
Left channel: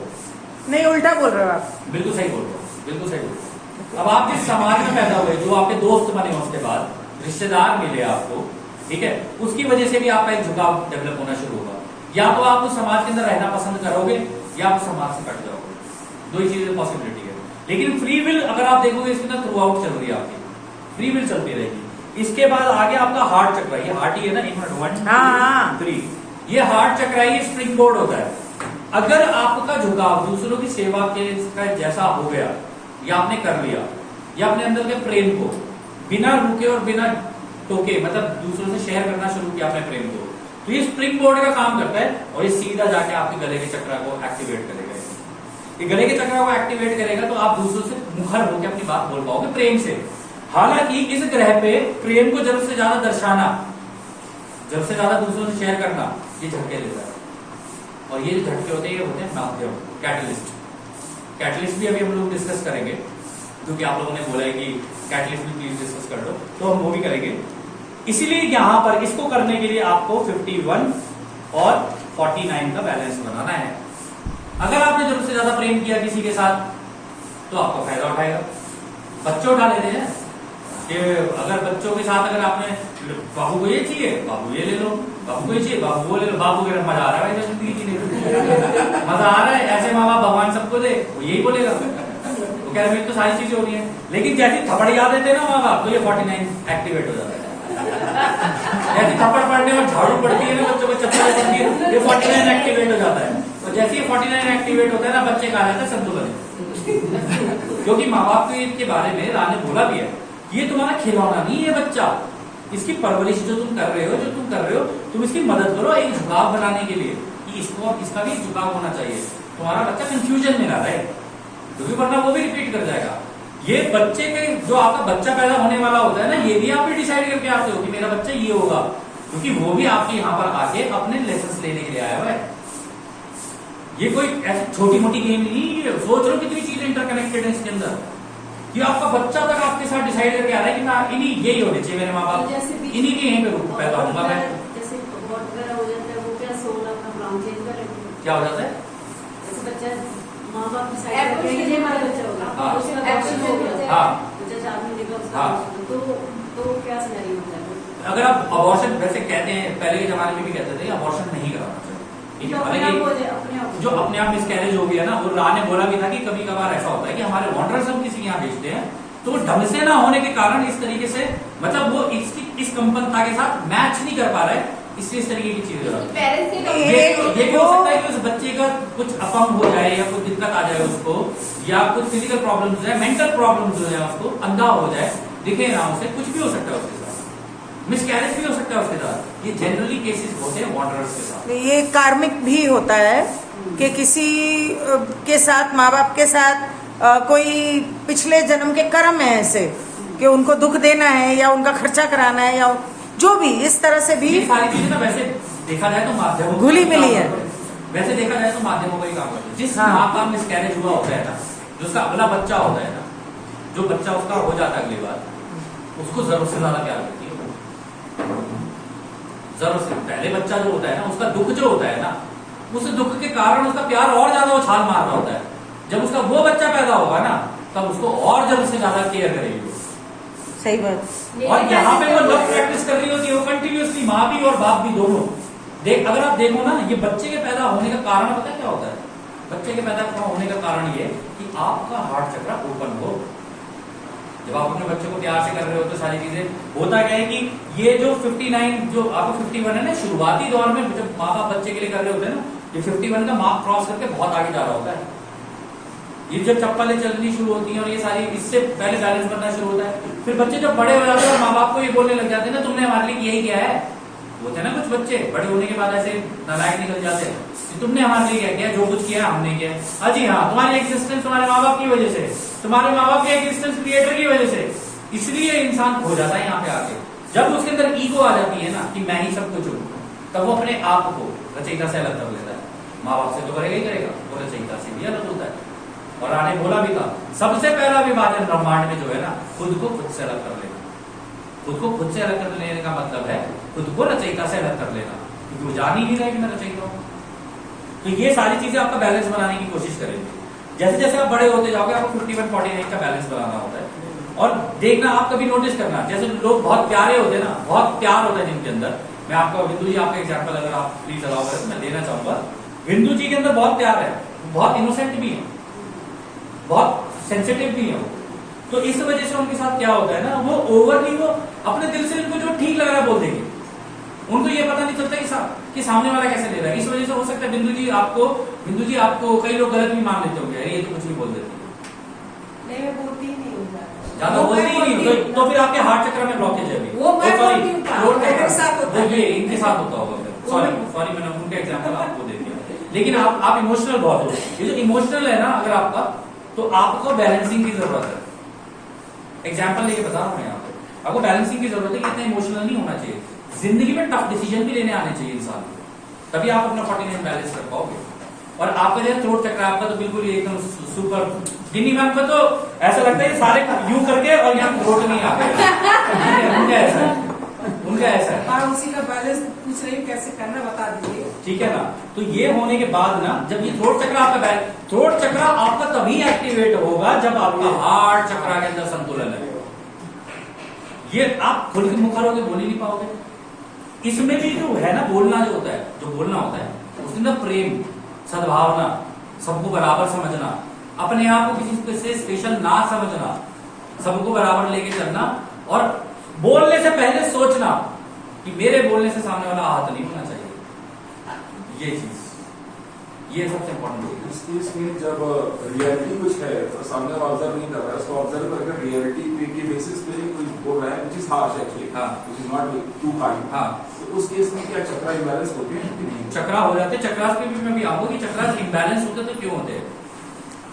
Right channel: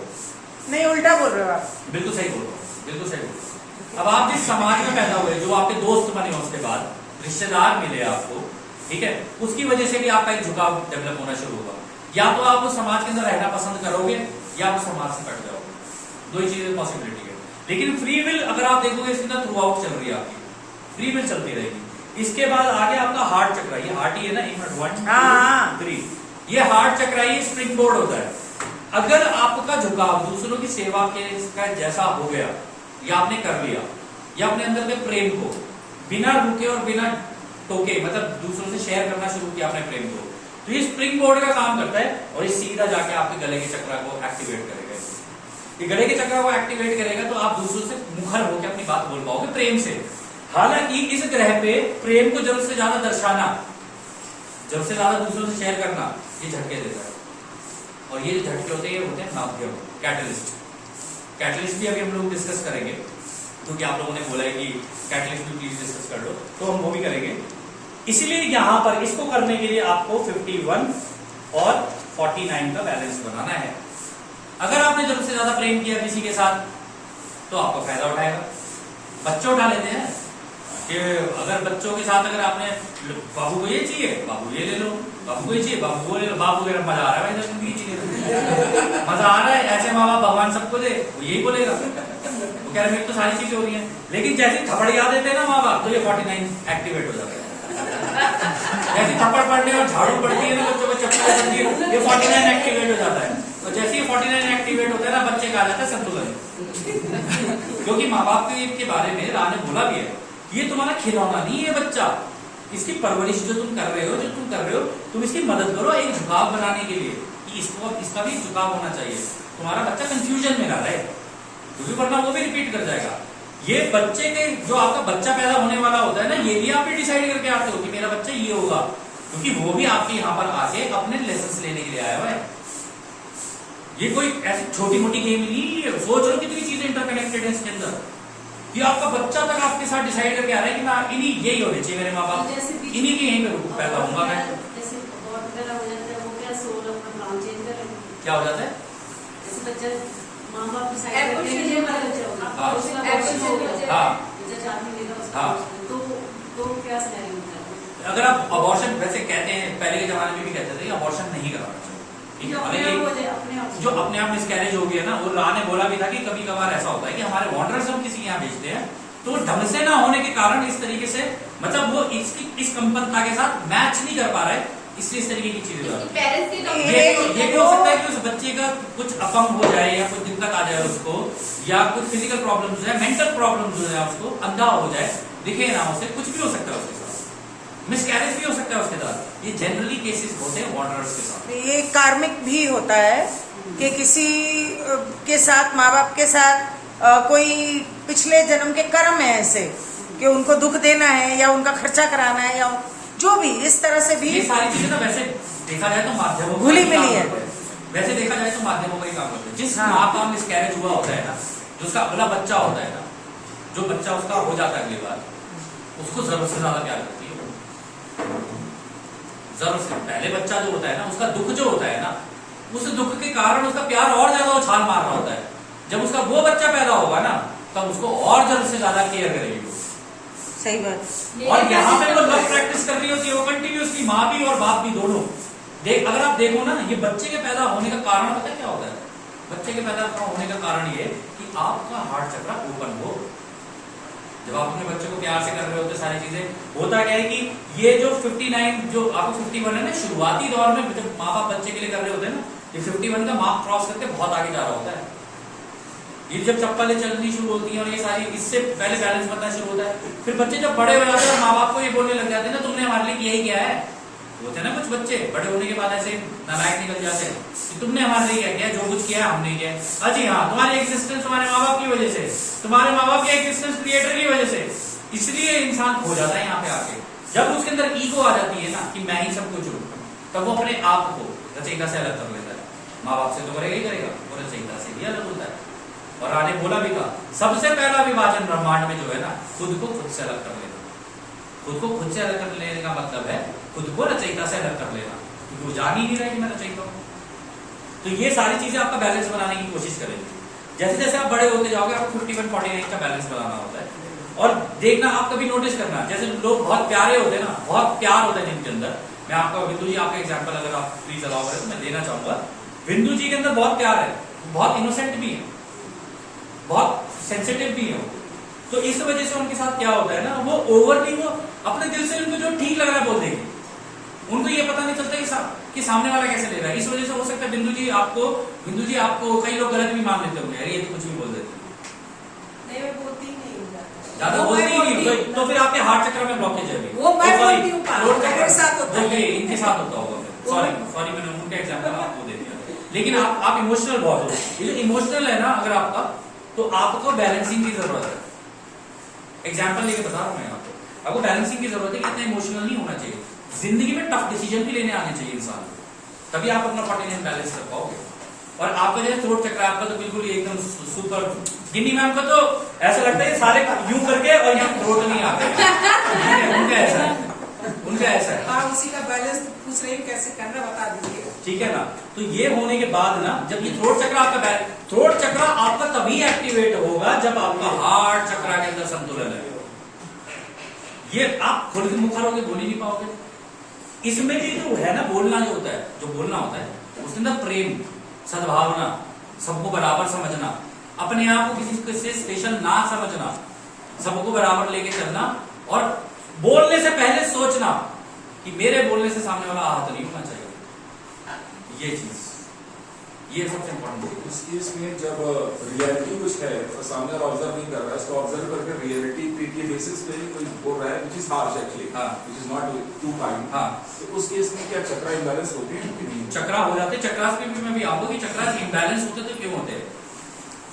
नहीं उल्टा बोल रहे हो आप, बिल्कुल सही बोल रहे हो, बिल्कुल सही बोल रहे हो। अब आप जिस समाज में पैदा हुए, जो आपके दोस्त बने, उसके बाद रिश्तेदार मिले आपको, ठीक है, उसकी वजह से भी आपका एक झुकाव डेवलप होना शुरू होगा। या तो आप उस समाज के अंदर रहना पसंद करोगे या आप समाज से कट जाओगे, दो ही चीजें पॉसिबिलिटी है। लेकिन फ्री विल अगर आप देखोगे इसके अंदर थ्रू आउट चल रही है आपकी, फ्री विल चलती रहेगी। इसके बाद आगे आपका हार्ट चक्र, ये हार्ट ही है ना, 1 2 3, ये हार्ट चक्र ही स्प्रिंग बोर्ड होता है। अगर आपका झुकाव दूसरों की सेवा के जैसा हो गया, या आपने कर लिया, या अपने अंदर के प्रेम को बिना रुके और बिना टोके, मतलब दूसरों से शेयर करना शुरू किया अपने प्रेम को, तो ये स्प्रिंग बोर्ड का काम करता है और ये सीधा जाके आपके गले के चक्र को एक्टिवेट करेगा। ये गले के चक्र को एक्टिवेट करेगा तो आप दूसरों से मुखर होकर अपनी बात बोल पाओगे प्रेम से। हालांकि इस ग्रह पे प्रेम को जरूरत से ज्यादा दर्शाना, जरूरत से ज्यादा दूसरों से शेयर करना, ये झटके देता है। और ये जो झटके होते हैं ये होते हैं माध्यम, कैटलिस्ट। कैटलिस्ट भी अभी हम लोग डिस्कस करेंगे, क्योंकि आप लोगों ने बोला है कि कैटलिस्ट भी प्लीज डिस्कस कर लो, तो हम वो भी करेंगे। इसीलिए यहां पर इसको करने के लिए आपको 51 और 49 का बैलेंस बनाना है। अगर आपने जरूरत से ज्यादा प्रेम किया किसी के साथ तो आपका फायदा उठाएगा। बच्चे उठा लेते हैं कि अगर बच्चों के साथ अगर आपने बाबू को ये चाहिए, बाबू ये ले लो, बाबू को ये चाहिए, बाबू वो ले लो, बाबू के मजा आ रहा है भाई, जिंदगी चाहिए मजा आ रहा है, ऐसे माँ बाप भगवान सबको दे, वो यही बोलेगा। तो कह रहे तो सारी चीजें हो रही है, लेकिन जैसे थप्पड़ याद देते हैं ना माँ बाप, तो ये 49 एक्टिवेट हो जाता है। जैसे थप्पड़ पड़ने और झाड़ू पड़ती है ना बच्चों को, चप्पल चलती है, ये 49 एक्टिवेट हो जाता है। तो जैसे ये 49 एक्टिवेट होता है ना, बच्चे का आ जाता है संतुलन। क्योंकि माँ बाप के बारे में राम ने बोला भी है, ये तुम्हारा खिलौना नहीं है बच्चा, इसकी परवरिश जो तुम कर रहे हो, तुम इसकी मदद करो एक झुकाव बनाने के लिए, कि इसका भी झुकाव होना चाहिए, तुम्हारा बच्चा कंफ्यूजन में ना रहे, क्योंकि वरना वो भी रिपीट कर जाएगा। ये बच्चे के जो आपका बच्चा पैदा होने वाला होता है ना, ये भी आप ही डिसाइड करके आते हो कि मेरा बच्चा ये होगा, क्योंकि वो भी आपके यहाँ पर आके अपने लेसन लेने के लिए आया हुआ है। ये कोई ऐसी छोटी मोटी गेम नहीं है, सोच लो कितनी चीजें इंटरकनेक्टेड है इसके अंदर। ये आपका बच्चा तक आपके साथ डिसाइड करके आ रहा है कि मैं इन्हीं यही होने चाहिए, मेरे माँ बाप इन्हीं के यहीं पे पैदा होऊंगा मैं। क्या हो जाता है? माँ बाप तो क्या सिनेरियो होता है? अगर आप अबॉर्शन वैसे कहते हैं, पहले के जमाने में भी कहते थे अबॉर्शन नहीं कराना चाहिए, ठीक है, जो अपने आप मिसकैरेज हो गया ना, वो राह ने बोला भी था कि कभी कभार ऐसा होता है कि हमारे वॉन्डर्स हम किसी के यहाँ भेजते हैं, तो ढंग से ना होने के कारण इस तरीके से, मतलब वो इस कंपनता के साथ मैच नहीं कर पा रहे, इसलिए इस तरीके की चीजें ये भी हो सकता है कि उस बच्चे का कुछ अपंग हो जाए या कुछ दिक्कत आ जाए उसको, या कुछ फिजिकल प्रॉब्लम्स है, मेंटल प्रॉब्लम्स हो जाए, उसको अंधा हो जाए, दिखे ना उसे, कुछ भी हो सकता है उसके साथ। मिसकैरेज भी हो सकता है उसके साथ। ये जनरली केसेस होते हैं वांडरर्स के साथ। ये कार्मिक भी होता है कि किसी के साथ, माँ बाप के साथ कोई पिछले जन्म के कर्म है ऐसे कि उनको दुख देना है या उनका खर्चा कराना है या जो भी इस तरह से भी ये सारी चीजें ना वैसे देखा जाए तो माध्यमों का घुली ही काम मिली है। करते हैं। वैसे देखा जाए तो माध्यमों का ही काम करते हैं। जिस हाँ। माँ का मिसकैरेज हुआ होता है ना, जो उसका अगला बच्चा होता है ना, जो बच्चा उसका हो जाता है अगली बार, उसको जरूरत से ज्यादा प्यार करती है। जरूरत से पहले बच्चा जो होता है ना, उसका दुख जो होता है ना, उस दुख के कारण उसका प्यार और ज्यादा उछाल मार रहा होता है। जब उसका वो बच्चा पैदा होगा ना, तब उसको और जरूरत से ज्यादा केयर करेगी वो। सही बात। और यहाँ पे वो लव प्रैक्टिस कर रही होती है वो कंटिन्यूसली, माँ भी और बाप भी दोनों। अगर आप देखो ना, ये बच्चे के पैदा होने का कारण पता है क्या होता है? बच्चे के पैदा होने का कारण ये कि आपका हार्ट चक्र ओपन हो। जब आप अपने बच्चे को प्यार से कर रहे होते सारी चीजें, होता क्या है कि ये जो 59 जो आपको 51 है ना, शुरुआती दौर में जब माँ बाप बच्चे के लिए कर रहे होते हैं ना, ये 51 का मार्क क्रॉस करके बहुत आगे जा रहा होता है। ये जब चप्पलें चलनी शुरू होती हैं और ये सारी, इससे पहले बैलेंस बनना शुरू होता है। फिर बच्चे जब बड़े हो जाते हैं और माँ बाप को ये बोलने लग जाते हैं ना, तुमने हमारे लिए किया ही क्या है। होते हैं ना कुछ बच्चे बड़े होने के बाद ऐसे नालायक निकल जाते हैं कि तुमने हमारे लिए क्या किया, जो कुछ किया हमने किया। अजी हाँ, तुम्हारी एग्जिस्टेंस तुम्हारे माँ बाप की वजह से, तुम्हारे माँ बाप के एग्जिस्टेंस क्रिएटर की वजह से। इसलिए इंसान खो जाता है यहाँ पे आके। जब उसके अंदर ईगो आ जाती है ना कि मैं ही सब कुछ हूँ, तब वो अपने आप को रचयिता से अलग कर लेता है। माँ बाप से तो करेगा ही करेगा, वो रचयिता से भी अलग होता है। और आने बोला भी था, सबसे पहला विभाजन ब्रह्मांड में जो है ना, खुद को खुद से अलग कर लेना। खुद को खुद से अलग कर लेने का मतलब है खुद को रचयिता से अलग कर लेना, क्योंकि वो जान ही नहीं रहा कि मैं रचयिता हूं। तो ये सारी चीजें आपका बैलेंस बनाने की कोशिश करेंगे। जैसे जैसे आप बड़े होते जाओगे, आपको 51-49 का बैलेंस बनाना होता है। और देखना, आप कभी नोटिस करना, जैसे लोग बहुत प्यारे होते हैं ना, बहुत प्यार होता है जिनके अंदर। मैं आपको बिंदु जी, आपका एग्जाम्पल अगर आप प्लीज अलाउ करें तो मैं देना चाहूंगा। बिंदु जी के अंदर बहुत प्यार है, बहुत इनोसेंट भी है, बहुत सेंसिटिव भी है। तो इस वजह से उनके साथ क्या होता है ना, वो ओवरली वो अपने दिल से उनको जो ठीक लग रहा है बोल देंगे। उनको ये पता नहीं चलता कि सामने वाला कैसे ले रहा है। इस वजह से हो सकता है बिंदु जी आपको कई लोग गलत भी मान लेते होंगे, ये तो कुछ भी बोल देते नहीं, मैं बोलती ही नहीं हूँ ज्यादा, बोलती ही नहीं हो तो फिर आपके हार्ट चक्र में ब्लॉकेज है अभी। वो मैं सॉरी, बोलती हूँ, मेरे साथ होता है। ये इनके साथ होता होगा। सॉरी मैंने उनका एग्जाम्पल आपको दे दिया। लेकिन आप इमोशनल बहुत हो। ये जो इमोशनल है ना अगर आपका, तो आपको बैलेंसिंग की जरूरत है। एग्जाम्पल लेके बता रहा हूं मैं आपको बैलेंसिंग की जरूरत है कि इतना इमोशनल नहीं होना चाहिए। जिंदगी में टफ डिसीजन भी लेने आने चाहिए इंसान, तभी आप अपना 49 बैलेंस कर पाओगे। और आपका जो थ्रोट चक्र आपका तो बिल्कुल एकदम सुपर। गिन्नी मैम को तो ऐसा लगता है सारे यूं करके और यहाँ थ्रोट नहीं आते। उनका ऐसा है। और उसी का बैलेंस पूछ रही हूँ कैसे करना, बता दीजिए। ठीक है ना। तो ये होने के बाद ना, जब ये थ्रोट चक्र आपका तभी एक्टिवेट होगा जब आपका हार्ट चक्र के अंदर संतुलन है। ये आप खुल के मुखर होकर बोल ही नहीं पाओगे। इसमें भी जो है ना, बोलना जो होता है, उसके अंदर प्रेम, सद्भावना, सबको बराबर समझना, अपने आप को किसी से स्पेशल ना समझना, सबको बराबर लेके चलना, और बोलने से पहले सोचना कि मेरे बोलने से सामने वाला आहत नहीं होना चाहिए। ये चीज, ये सबसे इम्पोर्टेंट है। इस केस में जब रियलिटी कुछ है तो सामने वाला ऑब्जर्व नहीं कर रहा है, उसको ऑब्जर्व करके रियलिटी के बेसिस पे ही कोई बोल रहा है, which is harsh actually, which is not too kind। हाँ, तो उस केस में क्या चक्रा इम्बैलेंस होते हैं कि नहीं? चक्रा हो जाते हैं। चक्रास पे भी मैं भी आऊंगा कि चक्रास इम्बैलेंस होते तो क्यों होते हैं।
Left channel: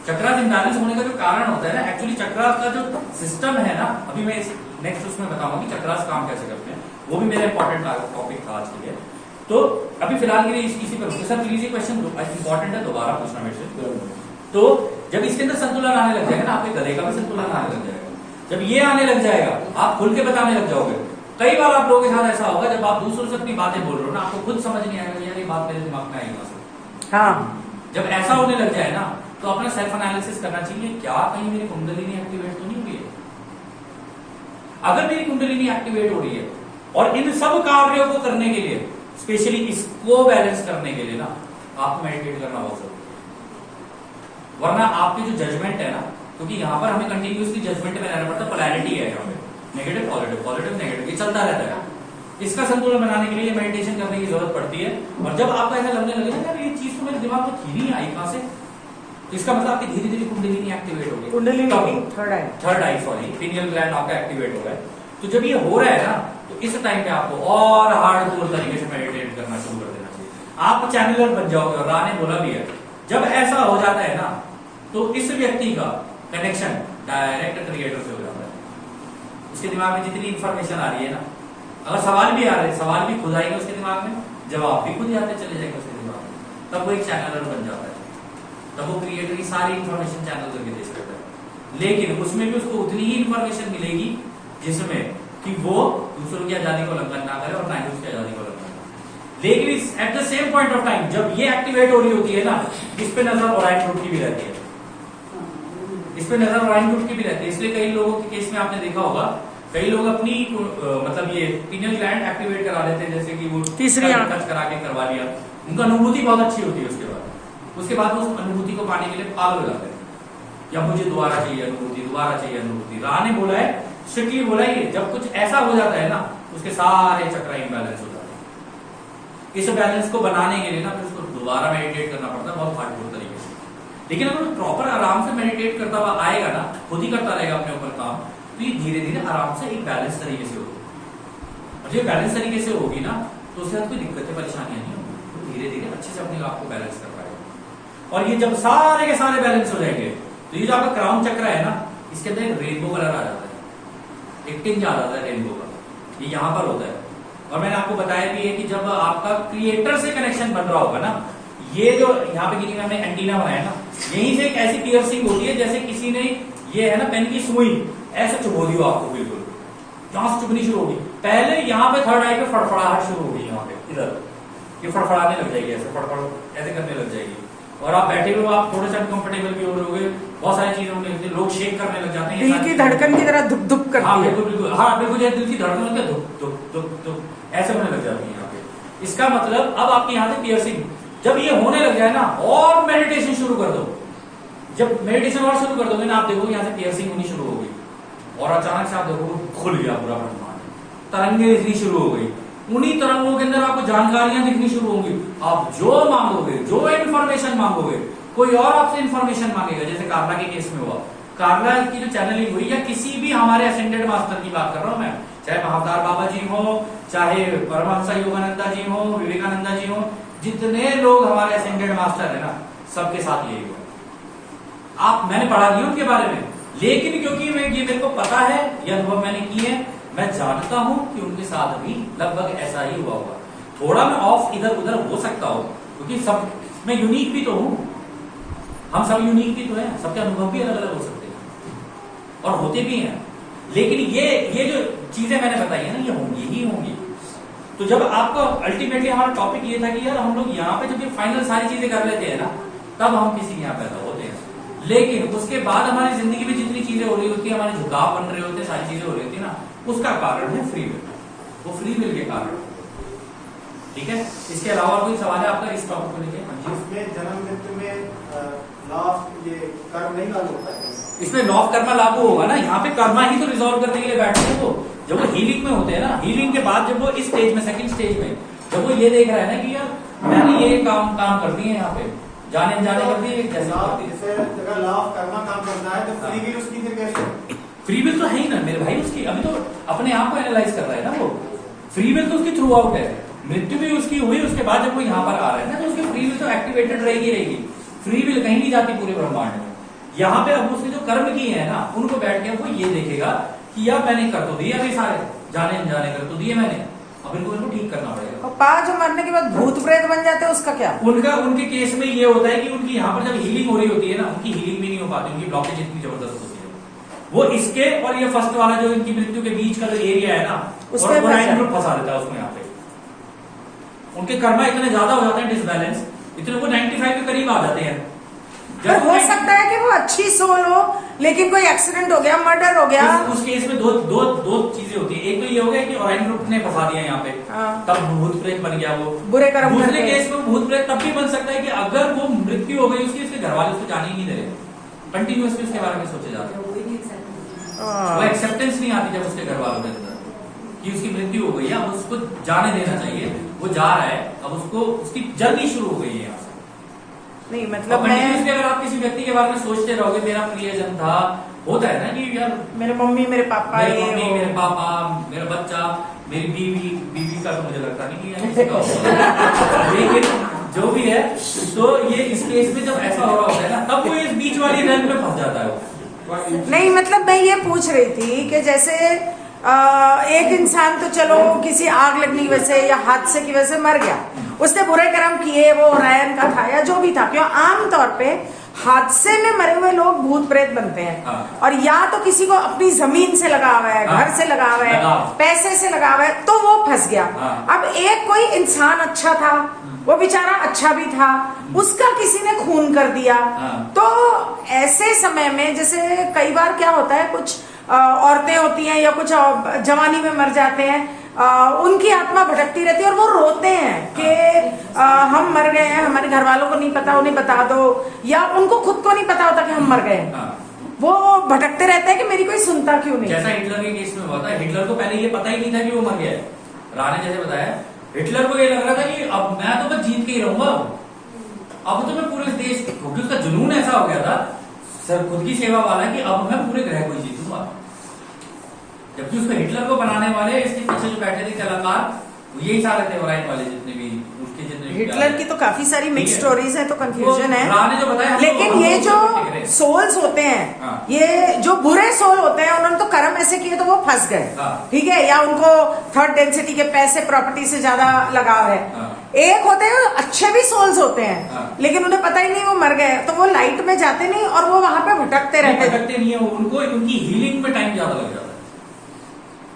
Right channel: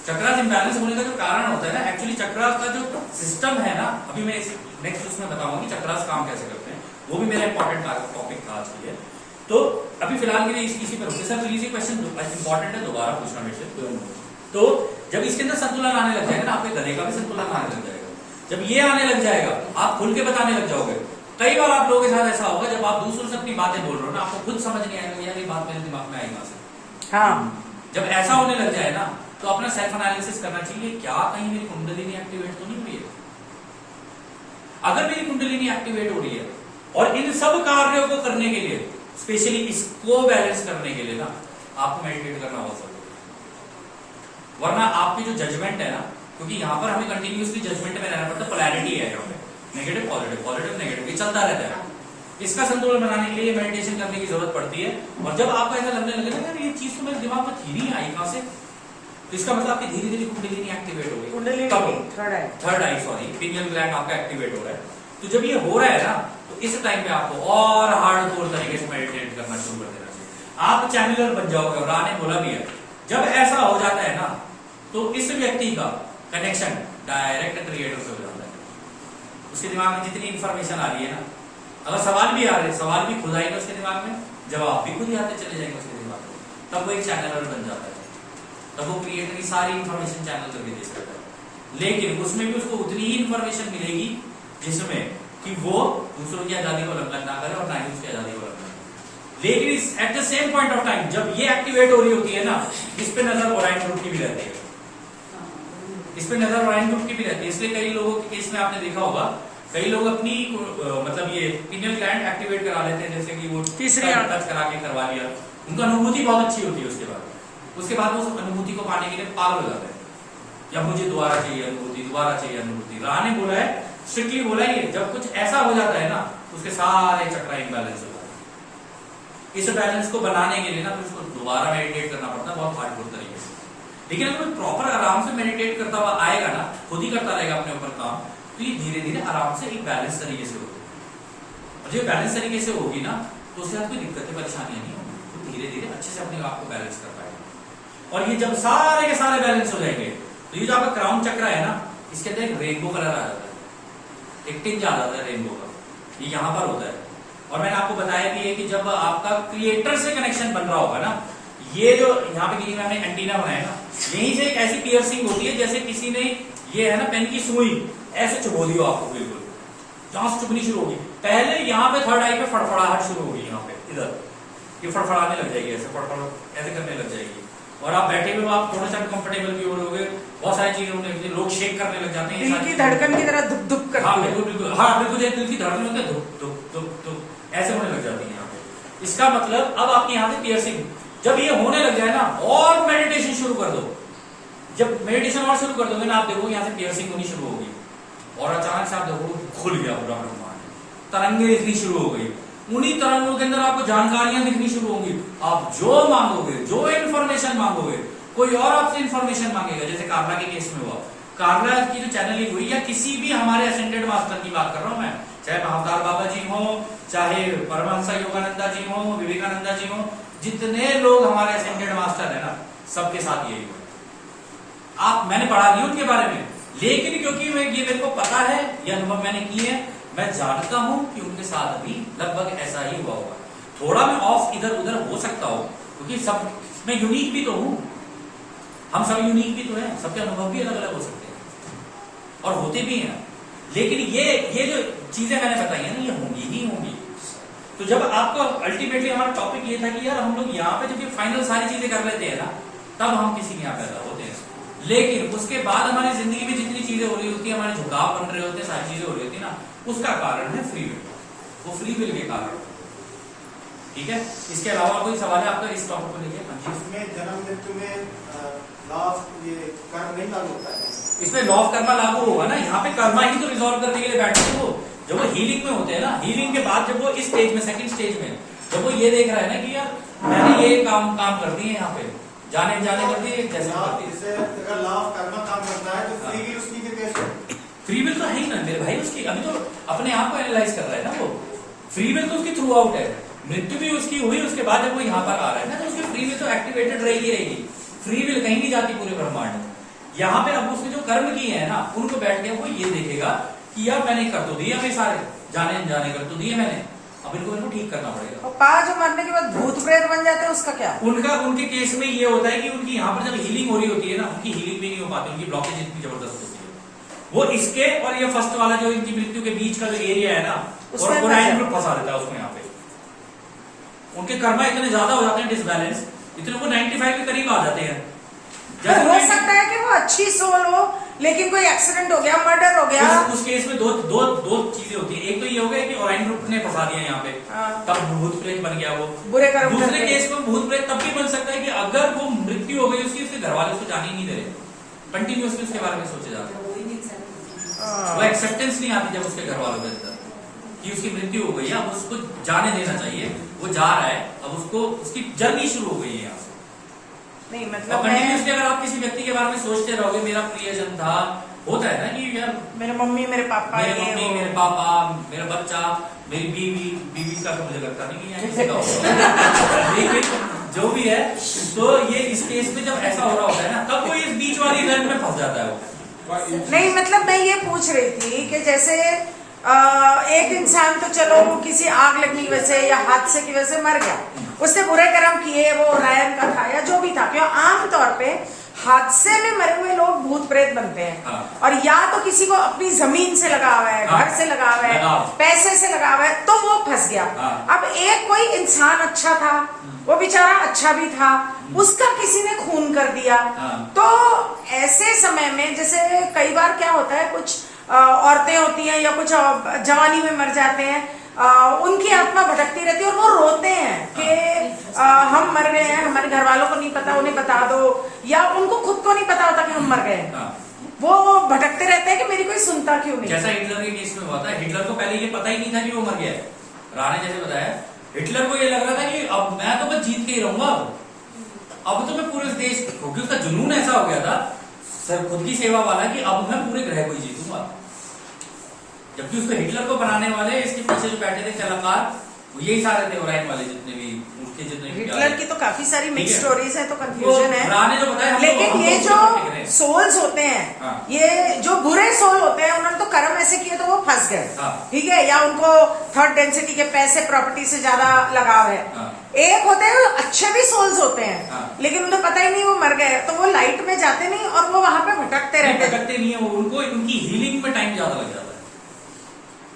चक्रास इम्बैलेंस होने का जो कारण होता है ना, एक्चुअली चक्रास का जो सिस्टम है ना, अभी मैं नेक्स्ट उसमें बताऊंगा कि चक्रास काम कैसे करते हैं। वो भी मेरा इंपॉर्टेंट टॉपिक था आज के लिए। तो अभी फिलहाल के लिए इसी पर रुकते। सर प्लीज ये क्वेश्चन इंपॉर्टेंट है, दोबारा पूछना मेरे से। तो जब इसके अंदर संतुलन आने लग जाएगा ना, आपके गले का भी संतुलन आने लग जाएगा। जब ये आने लग जाएगा, आप खुल के बताने लग जाओगे। कई बार आप लोगों के साथ ऐसा होगा, जब आप दूसरों से अपनी बातें बोल रहे हो ना, आपको खुद समझ नहीं आएगा यार ये बात मेरे दिमाग में आएगा। हाँ, जब ऐसा होने लग जाए ना, तो अपना सेल्फ एनालिसिस करना चाहिए, क्या कहीं मेरी कुंडलिनी एक्टिवेट तो नहीं हो रही है। अगर मेरी कुंडलिनी एक्टिवेट हो रही है, और इन सब कार्यों को करने के लिए, स्पेशली इसको बैलेंस करने के लिए ना, आपको मेडिटेट करना बहुत जरूरी है। वरना आपकी जो जजमेंट है ना, क्योंकि यहाँ पर हमें कंटिन्यूसली जजमेंट में रहना पड़ता है, पोलैरिटी है यहाँ पे, नेगेटिव पॉजिटिव, पॉजिटिव नेगेटिव, ये चलता रहता है। इसका संतुलन बनाने के लिए मेडिटेशन करने की जरूरत पड़ती है। और जब आपको ऐसा लगने लगे ना, यार ये चीज तो मेरे दिमाग में थी नहीं, आई कहां से, तो इसका मतलब आपकी धीरे धीरे कुंडलिनी एक्टिवेट हो गई। थर्ड आई, सॉरी, पिनियल ग्लैंड आपका एक्टिवेट हो रहा है। तो जब ये हो रहा है ना, तो इस टाइम पे आपको और हार्डकोर तरीके से मेडिटेट करना शुरू कर देना चाहिए। आप चैनलर बन जाओगे। और राह ने बोला भी है, जब ऐसा हो जाता है ना तो इस व्यक्ति का कनेक्शन डायरेक्ट क्रिएटर से हो जाता है। उसके दिमाग में जितनी इंफॉर्मेशन आ रही है ना, अगर सवाल भी आ रहे हैं, सवाल भी खुद आएंगे उसके दिमाग में, जवाब भी खुद ही आते चले जाएंगे उसके दिमाग में, तब वो एक चैनलर बन जाता है। तब वो क्रिएटर की सारी इंफॉर्मेशन चैनल करके दे सकता है। लेकिन उसमें भी उसको उतनी ही इंफॉर्मेशन मिलेगी जिसमें कि वो दूसरों की आजादी को उल्लंघन ना करे और ना ही उसकी आजादी को उल्लंघन करे। लेकिन at the same point of time जब ये एक्टिवेट हो रही होती है ना, इस पे नजर ओराइन ग्रुप की भी रहती है, इस पे नजर ओराइन ग्रुप की भी रहती है। इसलिए कई लोगों के केस में आपने देखा होगा, कई लोग अपनी मतलब ये पिनियल ग्लैंड एक्टिवेट करा लेते हैं, जैसे कि वो तीसरी टच करा के करवा लिया, उनका अनुभूति बहुत अच्छी होती है। उसके बाद वो उस अनुभूति को पाने के लिए पागल हो जाते हैं, या मुझे दोबारा चाहिए अनुभूति, दोबारा चाहिए अनुभूति। राह ने बोला है, स्ट्रिक्टली बोला है, जब कुछ ऐसा हो जाता है ना उसके सारे चक्र इम्बैलेंस हो जाते हैं। इस बैलेंस को बनाने के लिए ना फिर उसको दोबारा मेडिटेट करना पड़ता है बहुत हार्डकोर तरीके से। लेकिन अगर प्रॉपर आराम से मेडिटेट करता हुआ आएगा ना, खुद ही करता रहेगा अपने ऊपर काम, तो ये धीरे धीरे आराम से एक बैलेंस तरीके से होगी। और जब बैलेंस तरीके से होगी ना तो उसके साथ कोई दिक्कतें परेशानियां नहीं होगी, तो धीरे धीरे अच्छे से अपने आप को बैलेंस कर पाएगा। और ये जब सारे के सारे बैलेंस हो जाएंगे तो ये जो आपका क्राउन चक्र है ना, इसके अंदर एक रेनबो कलर आ जाता है, एक टिंज आ जाता है रेनबो का, ये यहाँ पर होता है। और मैंने आपको बताया भी है कि जब आपका क्रिएटर से कनेक्शन बन रहा होगा ना, ये जो यहाँ पे गिनी में हमने एंटीना बनाया ना, यहीं से एक ऐसी पियर्सिंग होती है जैसे किसी ने ये है ना पेन की सुई ऐसे चुभो दी हो आपको, बिल्कुल जहां से चुभनी शुरू होगी। पहले यहाँ पे थर्ड आई पे फड़फड़ाहट शुरू होगी, यहाँ पे इधर ये फड़फड़ाने लग जाएगी, ऐसे फड़फड़ ऐसे करने लग जाएगी। और आप बैठे हुए आप थोड़े से अनकंफर्टेबल भी हो रहे होगे, बहुत सारी चीजें होने लगती है, लोग शेक करने लग जाते हैं, दिल की धड़कन की तरह धुक धुक करती हाँ है। बिल्कुल बिल्कुल, हाँ बिल्कुल दिल की धड़कन होती है, धुक धुक धुक धुक ऐसे होने लग जाती है यहाँ पे। इसका मतलब अब आपके यहाँ से पियर्सिंग जब ये होने लग जाए ना, और मेडिटेशन शुरू कर दो। जब मेडिटेशन और शुरू कर दोगे ना, आप देखोगे यहाँ से पियर्सिंग होनी शुरू होगी, और अचानक से आप देखोगे खुल गया पूरा ब्रह्मांड, तरंगे दिखनी शुरू हो गई। उन्हीं तरंगों के अंदर आपको जानकारियां दिखनी शुरू होंगी। आप जो मांगोगे, जो इन्फॉर्मेशन मांगोगे, कोई और आपसे इन्फॉर्मेशन मांगेगा। जैसे कार्ला के केस में हुआ, कार्ला की जो चैनलिंग हुई, या किसी भी हमारे असेंडेड मास्टर की बात कर रहा हूं मैं, चाहे महावतार बाबा जी हो, चाहे परमहंस योगानंदा जी हो, विवेकानंदा जी हो, जितने लोग हमारे असेंडेड मास्टर है ना, सबके साथ यही हुआ। मैंने पढ़ा नहीं उनके बारे में, लेकिन क्योंकि ये मेरे को पता है, ये अनुभव मैंने की है, मैं जानता हूं कि उनके साथ भी लगभग ऐसा ही हुआ होगा। थोड़ा मैं ऑफ इधर उधर हो सकता हूं, क्योंकि सब मैं यूनिक भी तो हूं, हम सब यूनिक भी तो हैं, सबके अनुभव भी अलग अलग हो सकते हैं और होते भी हैं। लेकिन ये जो चीजें मैंने बताई है ना, ये होंगी ही होंगी। तो जब आपको अल्टीमेटली हमारा टॉपिक ये था कि यार हम लोग यहाँ पे जब ये फाइनल सारी चीजें कर लेते हैं ना, तब हम किसी के यहाँ पैदा होते हैं। लेकिन उसके बाद हमारी जिंदगी में जितनी चीजें हो रही होती है, हमारे झुकाव बन रहे होते हैं, सारी चीजें हो रही होती है ना, उसका कारण है फ्री विल। वो फ्री विल के कारण, ठीक है। इसके अलावा कोई सवाल है आपका इस टॉपिक को लेकर? इसमें जन्म मृत्यु में लॉ ऑफ ये कर्म नहीं लागू होता है। इसमें लॉ ऑफ कर्मा लागू होगा ना, यहाँ पे कर्मा ही तो रिजॉल्व करने के लिए बैठते हैं वो। जब वो हीलिंग में होते हैं ना, हीलिंग के बाद जब वो इस स्टेज में, सेकंड स्टेज में, जब वो ये देख रहा है ना कि यार मैंने ये काम कर दिए यहाँ पे, जाने कर दिए, कैसे कर दिए। अगर लॉ ऑफ कर्मा काम करना है तो फ्री विल उसकी फिर कैसे? फ्री विल तो है ही ना मेरे भाई उसकी, अभी तो अपने आप को एनालाइज कर रहा है ना वो। फ्री विल तो उसकी थ्रू आउट है, मृत्यु भी उसकी हुई, उसके बाद जब वो यहाँ पर आ रहा है ना, तो उसकी फ्री विल तो एक्टिवेटेड रहेगी। फ्री विल कहीं नहीं जाती पूरे ब्रह्मांड में। यहाँ पे अब उसने जो कर्म किए हैं ना, उनको बैठ के वो ये देखेगा कि यार मैंने कर तो दिए अभी सारे, जाने कर तो दिए मैंने, अब इनको ठीक करना पड़ेगा। और पांच मरने के बाद भूत प्रेत बन जाते हैं, उसका क्या? उनके केस में ये होता है कि उनकी यहाँ पर जब हीलिंग हो रही होती है ना, उनकी हीलिंग भी नहीं हो पाती, उनकी ब्लॉकेज इतनी जबरदस्त होती है। वो इसके और ये फर्स्ट वाला जो इनकी मृत्यु के बीच का जो एरिया है ना, और ओराइन ग्रुप फंसा देता है उसको। यहाँ पे उनके कर्मा इतने ज्यादा हो जाते हैं डिसबैलेंस, इतने वो 95 के करीब आ जाते हैं। हो सकता है कि वो अच्छी सोल हो, लेकिन कोई एक्सीडेंट हो गया, मर्डर हो गया। उस केस में दो चीजें होती है। एक तो ये हो गया कि ओराइन ग्रुप ने फंसा दिया यहाँ पे, तब भूत प्रेत बन गया वो, बुरे कर्म। दूसरे केस में भूत प्रेत तब भी बन सकता है कि अगर वो मृत्यु हो गई उसकी, उसके घर वाले उसको जाने ही नहीं दे रहे, कंटिन्यूसली उसके बारे में सोचे जाते हैं। वो एक्सेप्टेंस नहीं आती जब उसके घर वालों के अंदर कि उसकी मृत्यु हो गई है, अब उसको जाने देना चाहिए, वो जा रहा है, अब उसको उसकी जर्नी शुरू हो गई है यहाँ से। नहीं मतलब कंटिन्यूसली अगर आप किसी व्यक्ति के बारे में सोचते रहोगे, मेरा प्रियजन था, होता है ना कि यार मेरे मम्मी मेरे पापा मेरी ये मम्मी, वो। मेरे पापा, मेरा बच्चा, मेरी बीवी का तो मुझे लगता नहीं कि ये किसी का होगा। लेकिन जो भी है, तो ये इस केस में जब ऐसा हो रहा होता है ना, तब वो इस बीच वाली रंग में फंस जाता है वो। नहीं मतलब मैं ये पूछ रही थी कि जैसे एक इंसान तो चलो किसी आग लगने की वजह से या हादसे की वजह से मर गया, उसने बुरे कर्म किए, वो रायन का था या जो भी था, क्यों आमतौर पे हादसे में मरे हुए लोग भूत प्रेत बनते हैं। हाँ। और या तो किसी को अपनी जमीन से लगा हुआ है, हाँ। घर से लगा हुआ है, लगाव। पैसे से लगा हुआ है, तो वो फंस गया। हाँ। अब एक कोई इंसान अच्छा था, वो बेचारा अच्छा भी था, उसका किसी ने खून कर दिया। हाँ। तो ऐसे समय में जैसे कई बार क्या होता है, कुछ औरतें होती हैं या कुछ जवानी में मर जाते हैं, उनकी आत्मा भटकती रहती है और वो रोते हैं कि हम मर गए हैं, हमारे घर वालों को नहीं पता, उन्हें बता दो, या उनको खुद को नहीं पता होता कि हम मर गए हैं। हाँ। वो भटकते रहते हैं कि मेरी कोई सुनता क्यों नहीं। जैसा हिटलर के केस में हुआ था, हिटलर को पहले ये पता ही नहीं था कि वो मर गया है। राणे जैसे बताया, हिटलर को ये लग रहा था कि अब मैं तो बस जीत के ही रहूंगा, अब तो मैं पूरे देश, क्योंकि उसका जुनून ऐसा हो गया था सर खुद की सेवा वाला कि अब मैं पूरे ग्रह को ही जीतूंगा। जबकि उसको हिटलर को बनाने वाले इसके पीछे जो बैठे थे कलाकार, वो यही सारे थे ओराइन वाले जितने भी उसके जितने हिटलर की तो काफी सारी मिक्स ठीक है। स्टोरीज है, तो कंफ्यूजन है। राणे जो बताया, हम लेकिन लोग- ये हम जो लोग टिक रहे हैं। सोल्स होते हैं, हाँ। ये जो बुरे सोल होते हैं, उन्होंने तो कर्म ऐसे किए तो वो फंस गए। हाँ। ठीक है, या उनको थर्ड डेंसिटी के पैसे प्रॉपर्टी से ज्यादा लगाव है। हाँ। एक होते हैं अच्छे भी सोल्स होते हैं, हाँ। लेकिन उन्हें पता ही नहीं वो मर गए, तो वो लाइट में जाते नहीं और वो वहां पे भटकते रहते हैं। भटकते नहीं है वो, उनको उनकी हीलिंग में टाइम ज्यादा लग जाता है।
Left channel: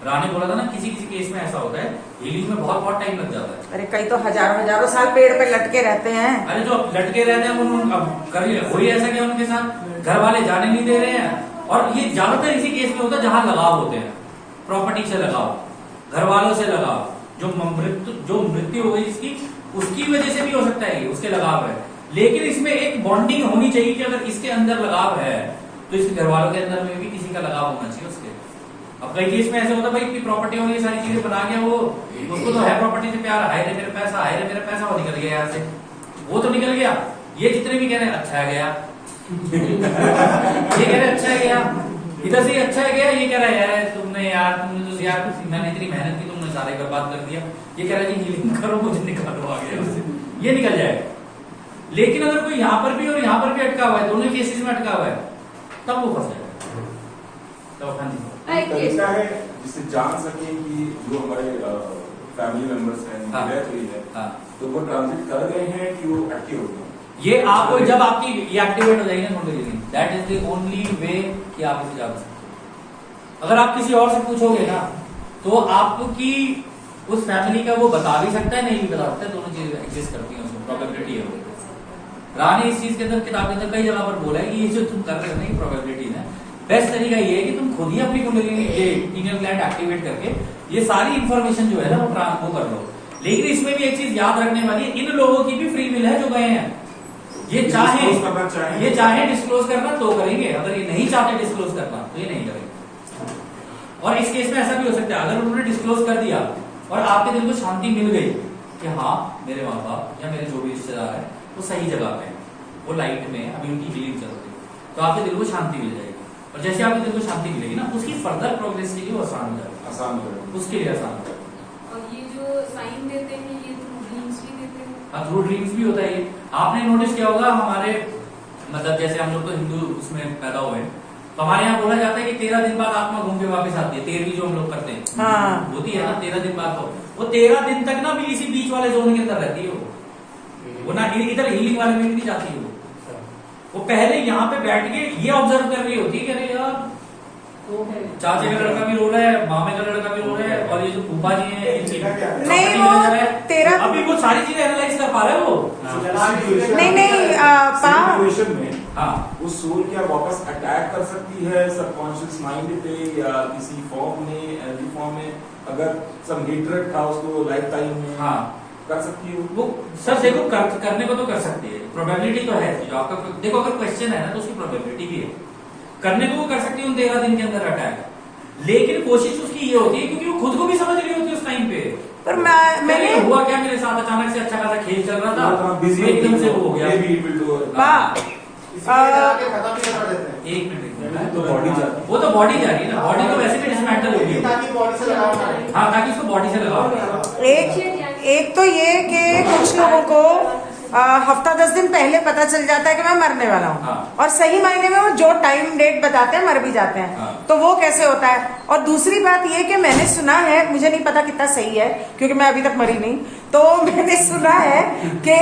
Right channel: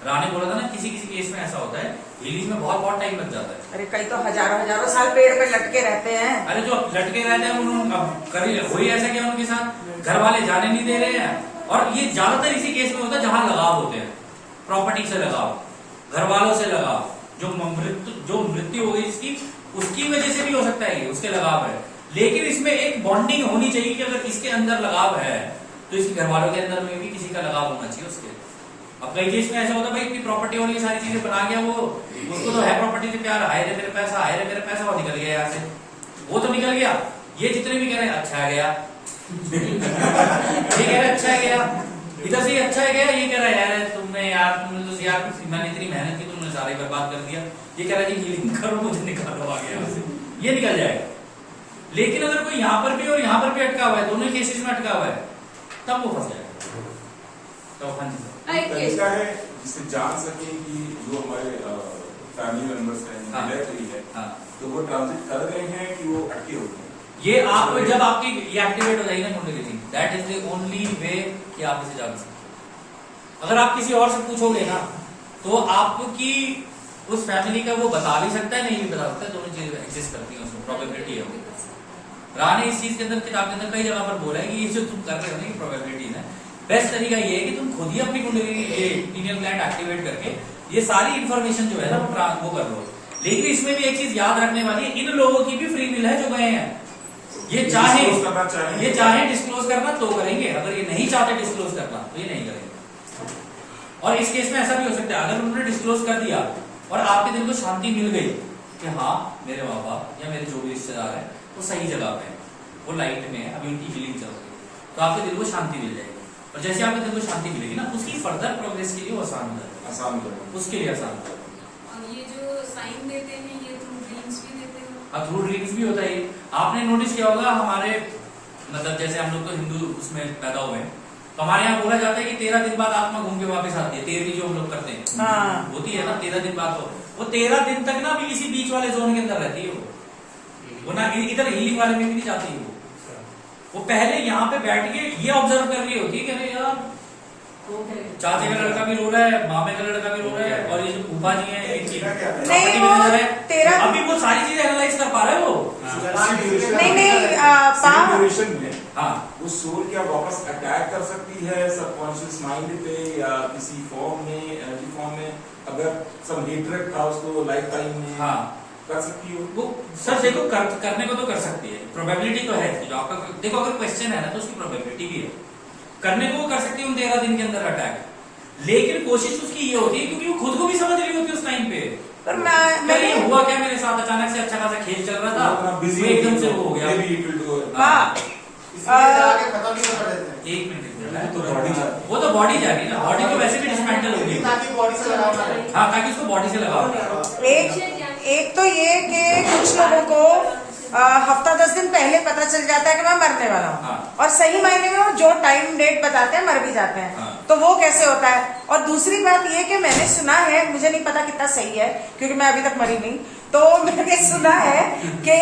राणे बोला था ना, किसी किसी केस में ऐसा होता है, हीलिंग में बहुत बहुत टाइम लग जाता है। अरे कई तो हजारों हजारों साल पेड़ पे लटके रहते हैं। अरे जो लटके रहते हैं उन्होंने अब कभी हो ही ऐसा क्या उनके साथ, घर वाले जाने नहीं दे रहे हैं। और ये ज्यादातर इसी केस में होता है जहां लगाव होते हैं, प्रॉपर्टी से लगाव, घर वालों से लगाव, जो मृत्यु हो गई इसकी, उसकी वजह से भी हो सकता है, ये उसके लगाव है। लेकिन इसमें एक बॉन्डिंग होनी चाहिए कि अगर इसके अंदर लगाव है तो इसके घर वालों के अंदर में भी किसी का लगाव होना चाहिए उसके। अब कई केस में ऐसा होता है भाई, प्रॉपर्टी होनी, सारी चीजें बना गया वो, उसको तो है प्रॉपर्टी से प्यार, हाय रे मेरे पैसा, हाय रे मेरे पैसा, वो निकल गया यहाँ से, वो तो निकल गया। ये जितने भी कह रहे हैं अच्छा है गया, ये कह रहे अच्छा है गया, इधर से अच्छा है गया, ये कह रहा है तुमने यार मैंने इतनी मेहनत की, तुमने सारे बर्बाद कर दिया। ये कह रहा है हीलिंग करो, मुझे निकालो आगे यहाँ से, ये निकल जाएगा। लेकिन अगर कोई यहाँ पर भी और यहाँ पर भी अटका हुआ है, दोनों केसेस में अटका हुआ है, तब वो फंस जाएगा। तो हाँ जी, तरीका है जिससे जान सके कि जो हमारे फैमिली मेंबर्स हैं, हाँ। डेथ हुई है, हाँ। तो वो ट्रांजिट कर गए हैं कि वो एक्टिव हो गए। ये आप जब आपकी ये एक्टिवेट हो जाएगी ना kundalini, that is the only way कि आप इसे जान सकते। अगर आप किसी और से पूछोगे ना, तो आपकी उस फैमिली का वो बता भी सकता है, नहीं भी बता सकता है, दोनों चीजें एग्जिस्ट करती हैं, उसमें प्रोबेबिलिटी है वो। राणे इस चीज के अंदर, किताब के अंदर कई जगह पर बोला है कि ये जो तुम कर रहे हो ना, कि प्रोबेबिलिटी है, बेस्ट तरीका ये है कि तुम खुद ही अपनी कुंडलिनी, ये पिनियल ग्लैंड एक्टिवेट करके ये सारी इंफॉर्मेशन जो है ना वो कर लो। लेकिन इसमें भी एक चीज याद रखने वाली है, इन लोगों की भी फ्री विल है जो गए हैं। ये चाहे डिस्क्लोज करना तो करेंगे, अगर ये नहीं चाहते डिस्क्लोज करना तो ये नहीं करेंगे। और इस केस में ऐसा भी हो सकता है, अगर उन्होंने डिस्क्लोज कर दिया और आपके दिल को शांति मिल गई कि हाँ मेरे माँ बाप या मेरे जो भी रिश्तेदार है वो सही जगह पे है, वो लाइट में है, अभी उनकी हीलिंग चल रही है, तो आपके दिल को शांति मिल जाएगी। और जैसे आपके दिल को शांति मिलेगी ना, उसकी फर्दर प्रोग्रेस के लिए वो आसान हो जाएगा, उसके लिए आसान हो जाएगा। और ये जो साइन देते हैं, ये थ्रू ड्रीम्स भी देते हैं। हाँ, थ्रू ड्रीम्स भी होता है ये। आपने नोटिस किया होगा, हमारे मतलब जैसे हम लोग तो हिंदू उसमें पैदा हुए, तो हमारे यहाँ बोला जाता है कि 13 दिन बाद आत्मा घूम के वापस आती है। 13वीं जो हम लोग करते हैं हाँ। होती है ना 13 दिन बाद, वो 13 दिन तक ना भी किसी बीच वाले जोन के अंदर रहती है वो ना इधर हीलिंग वाले में भी नहीं जाती है वो पहले यहाँ पे बैठ के ये ऑब्जर्व कर रही होती है कि अरे यार चाचे का लड़का भी रो रहा है, मामे का लड़का भी रो रहा है, और ये जो फूफा जी है इनकी नहीं, वो 13 अभी वो सारी चीजें एनालाइज कर पा रहे हो। नहीं, सिचुएशन में हाँ, वो सोल क्या वापस अटैक कर सकती है सबकॉन्शियस माइंड पे या किसी फॉर्म में, एनर्जी फॉर्म में? अगर सम हेट्रेड था उसको लाइफ टाइम में, हाँ कर सकती है वो सर देखो करने को तो कर सकती है, प्रोबेबिलिटी तो है जो आपका देखो, अगर क्वेश्चन है ना तो उसकी प्रोबेबिलिटी भी है, करने को वो कर सकती है उन 13 दिन के अंदर अटैक। लेकिन कोशिश उसकी ये होती है क्योंकि वो खुद को भी समझ रही होती है उस टाइम पे, पर मैंने हुआ क्या मेरे साथ, अचानक से अच्छा खासा खेल चल रहा था, बिजी एकदम से वो हो गया। खत्म भी कर देते हैं। एक मिनट, तो बॉडी जाती वो तो बॉडी जा रही है ना, बॉडी तो वैसे भी डिसमेंटल होगी, ताकि बॉडी से लगाना है। हाँ ताकि उसको बॉडी से लगाओ। एक तो ये कि कुछ लोगों को हफ्ता 10 दिन पहले पता चल जाता है कि मैं मरने वाला हूँ, हाँ। और सही मायने में वो जो टाइम डेट बताते हैं मर भी जाते हैं, हाँ। तो वो कैसे होता है। और दूसरी बात ये कि मैंने सुना है, मुझे नहीं पता कितना सही है क्योंकि मैं अभी तक मरी नहीं, तो मैंने सुना है कि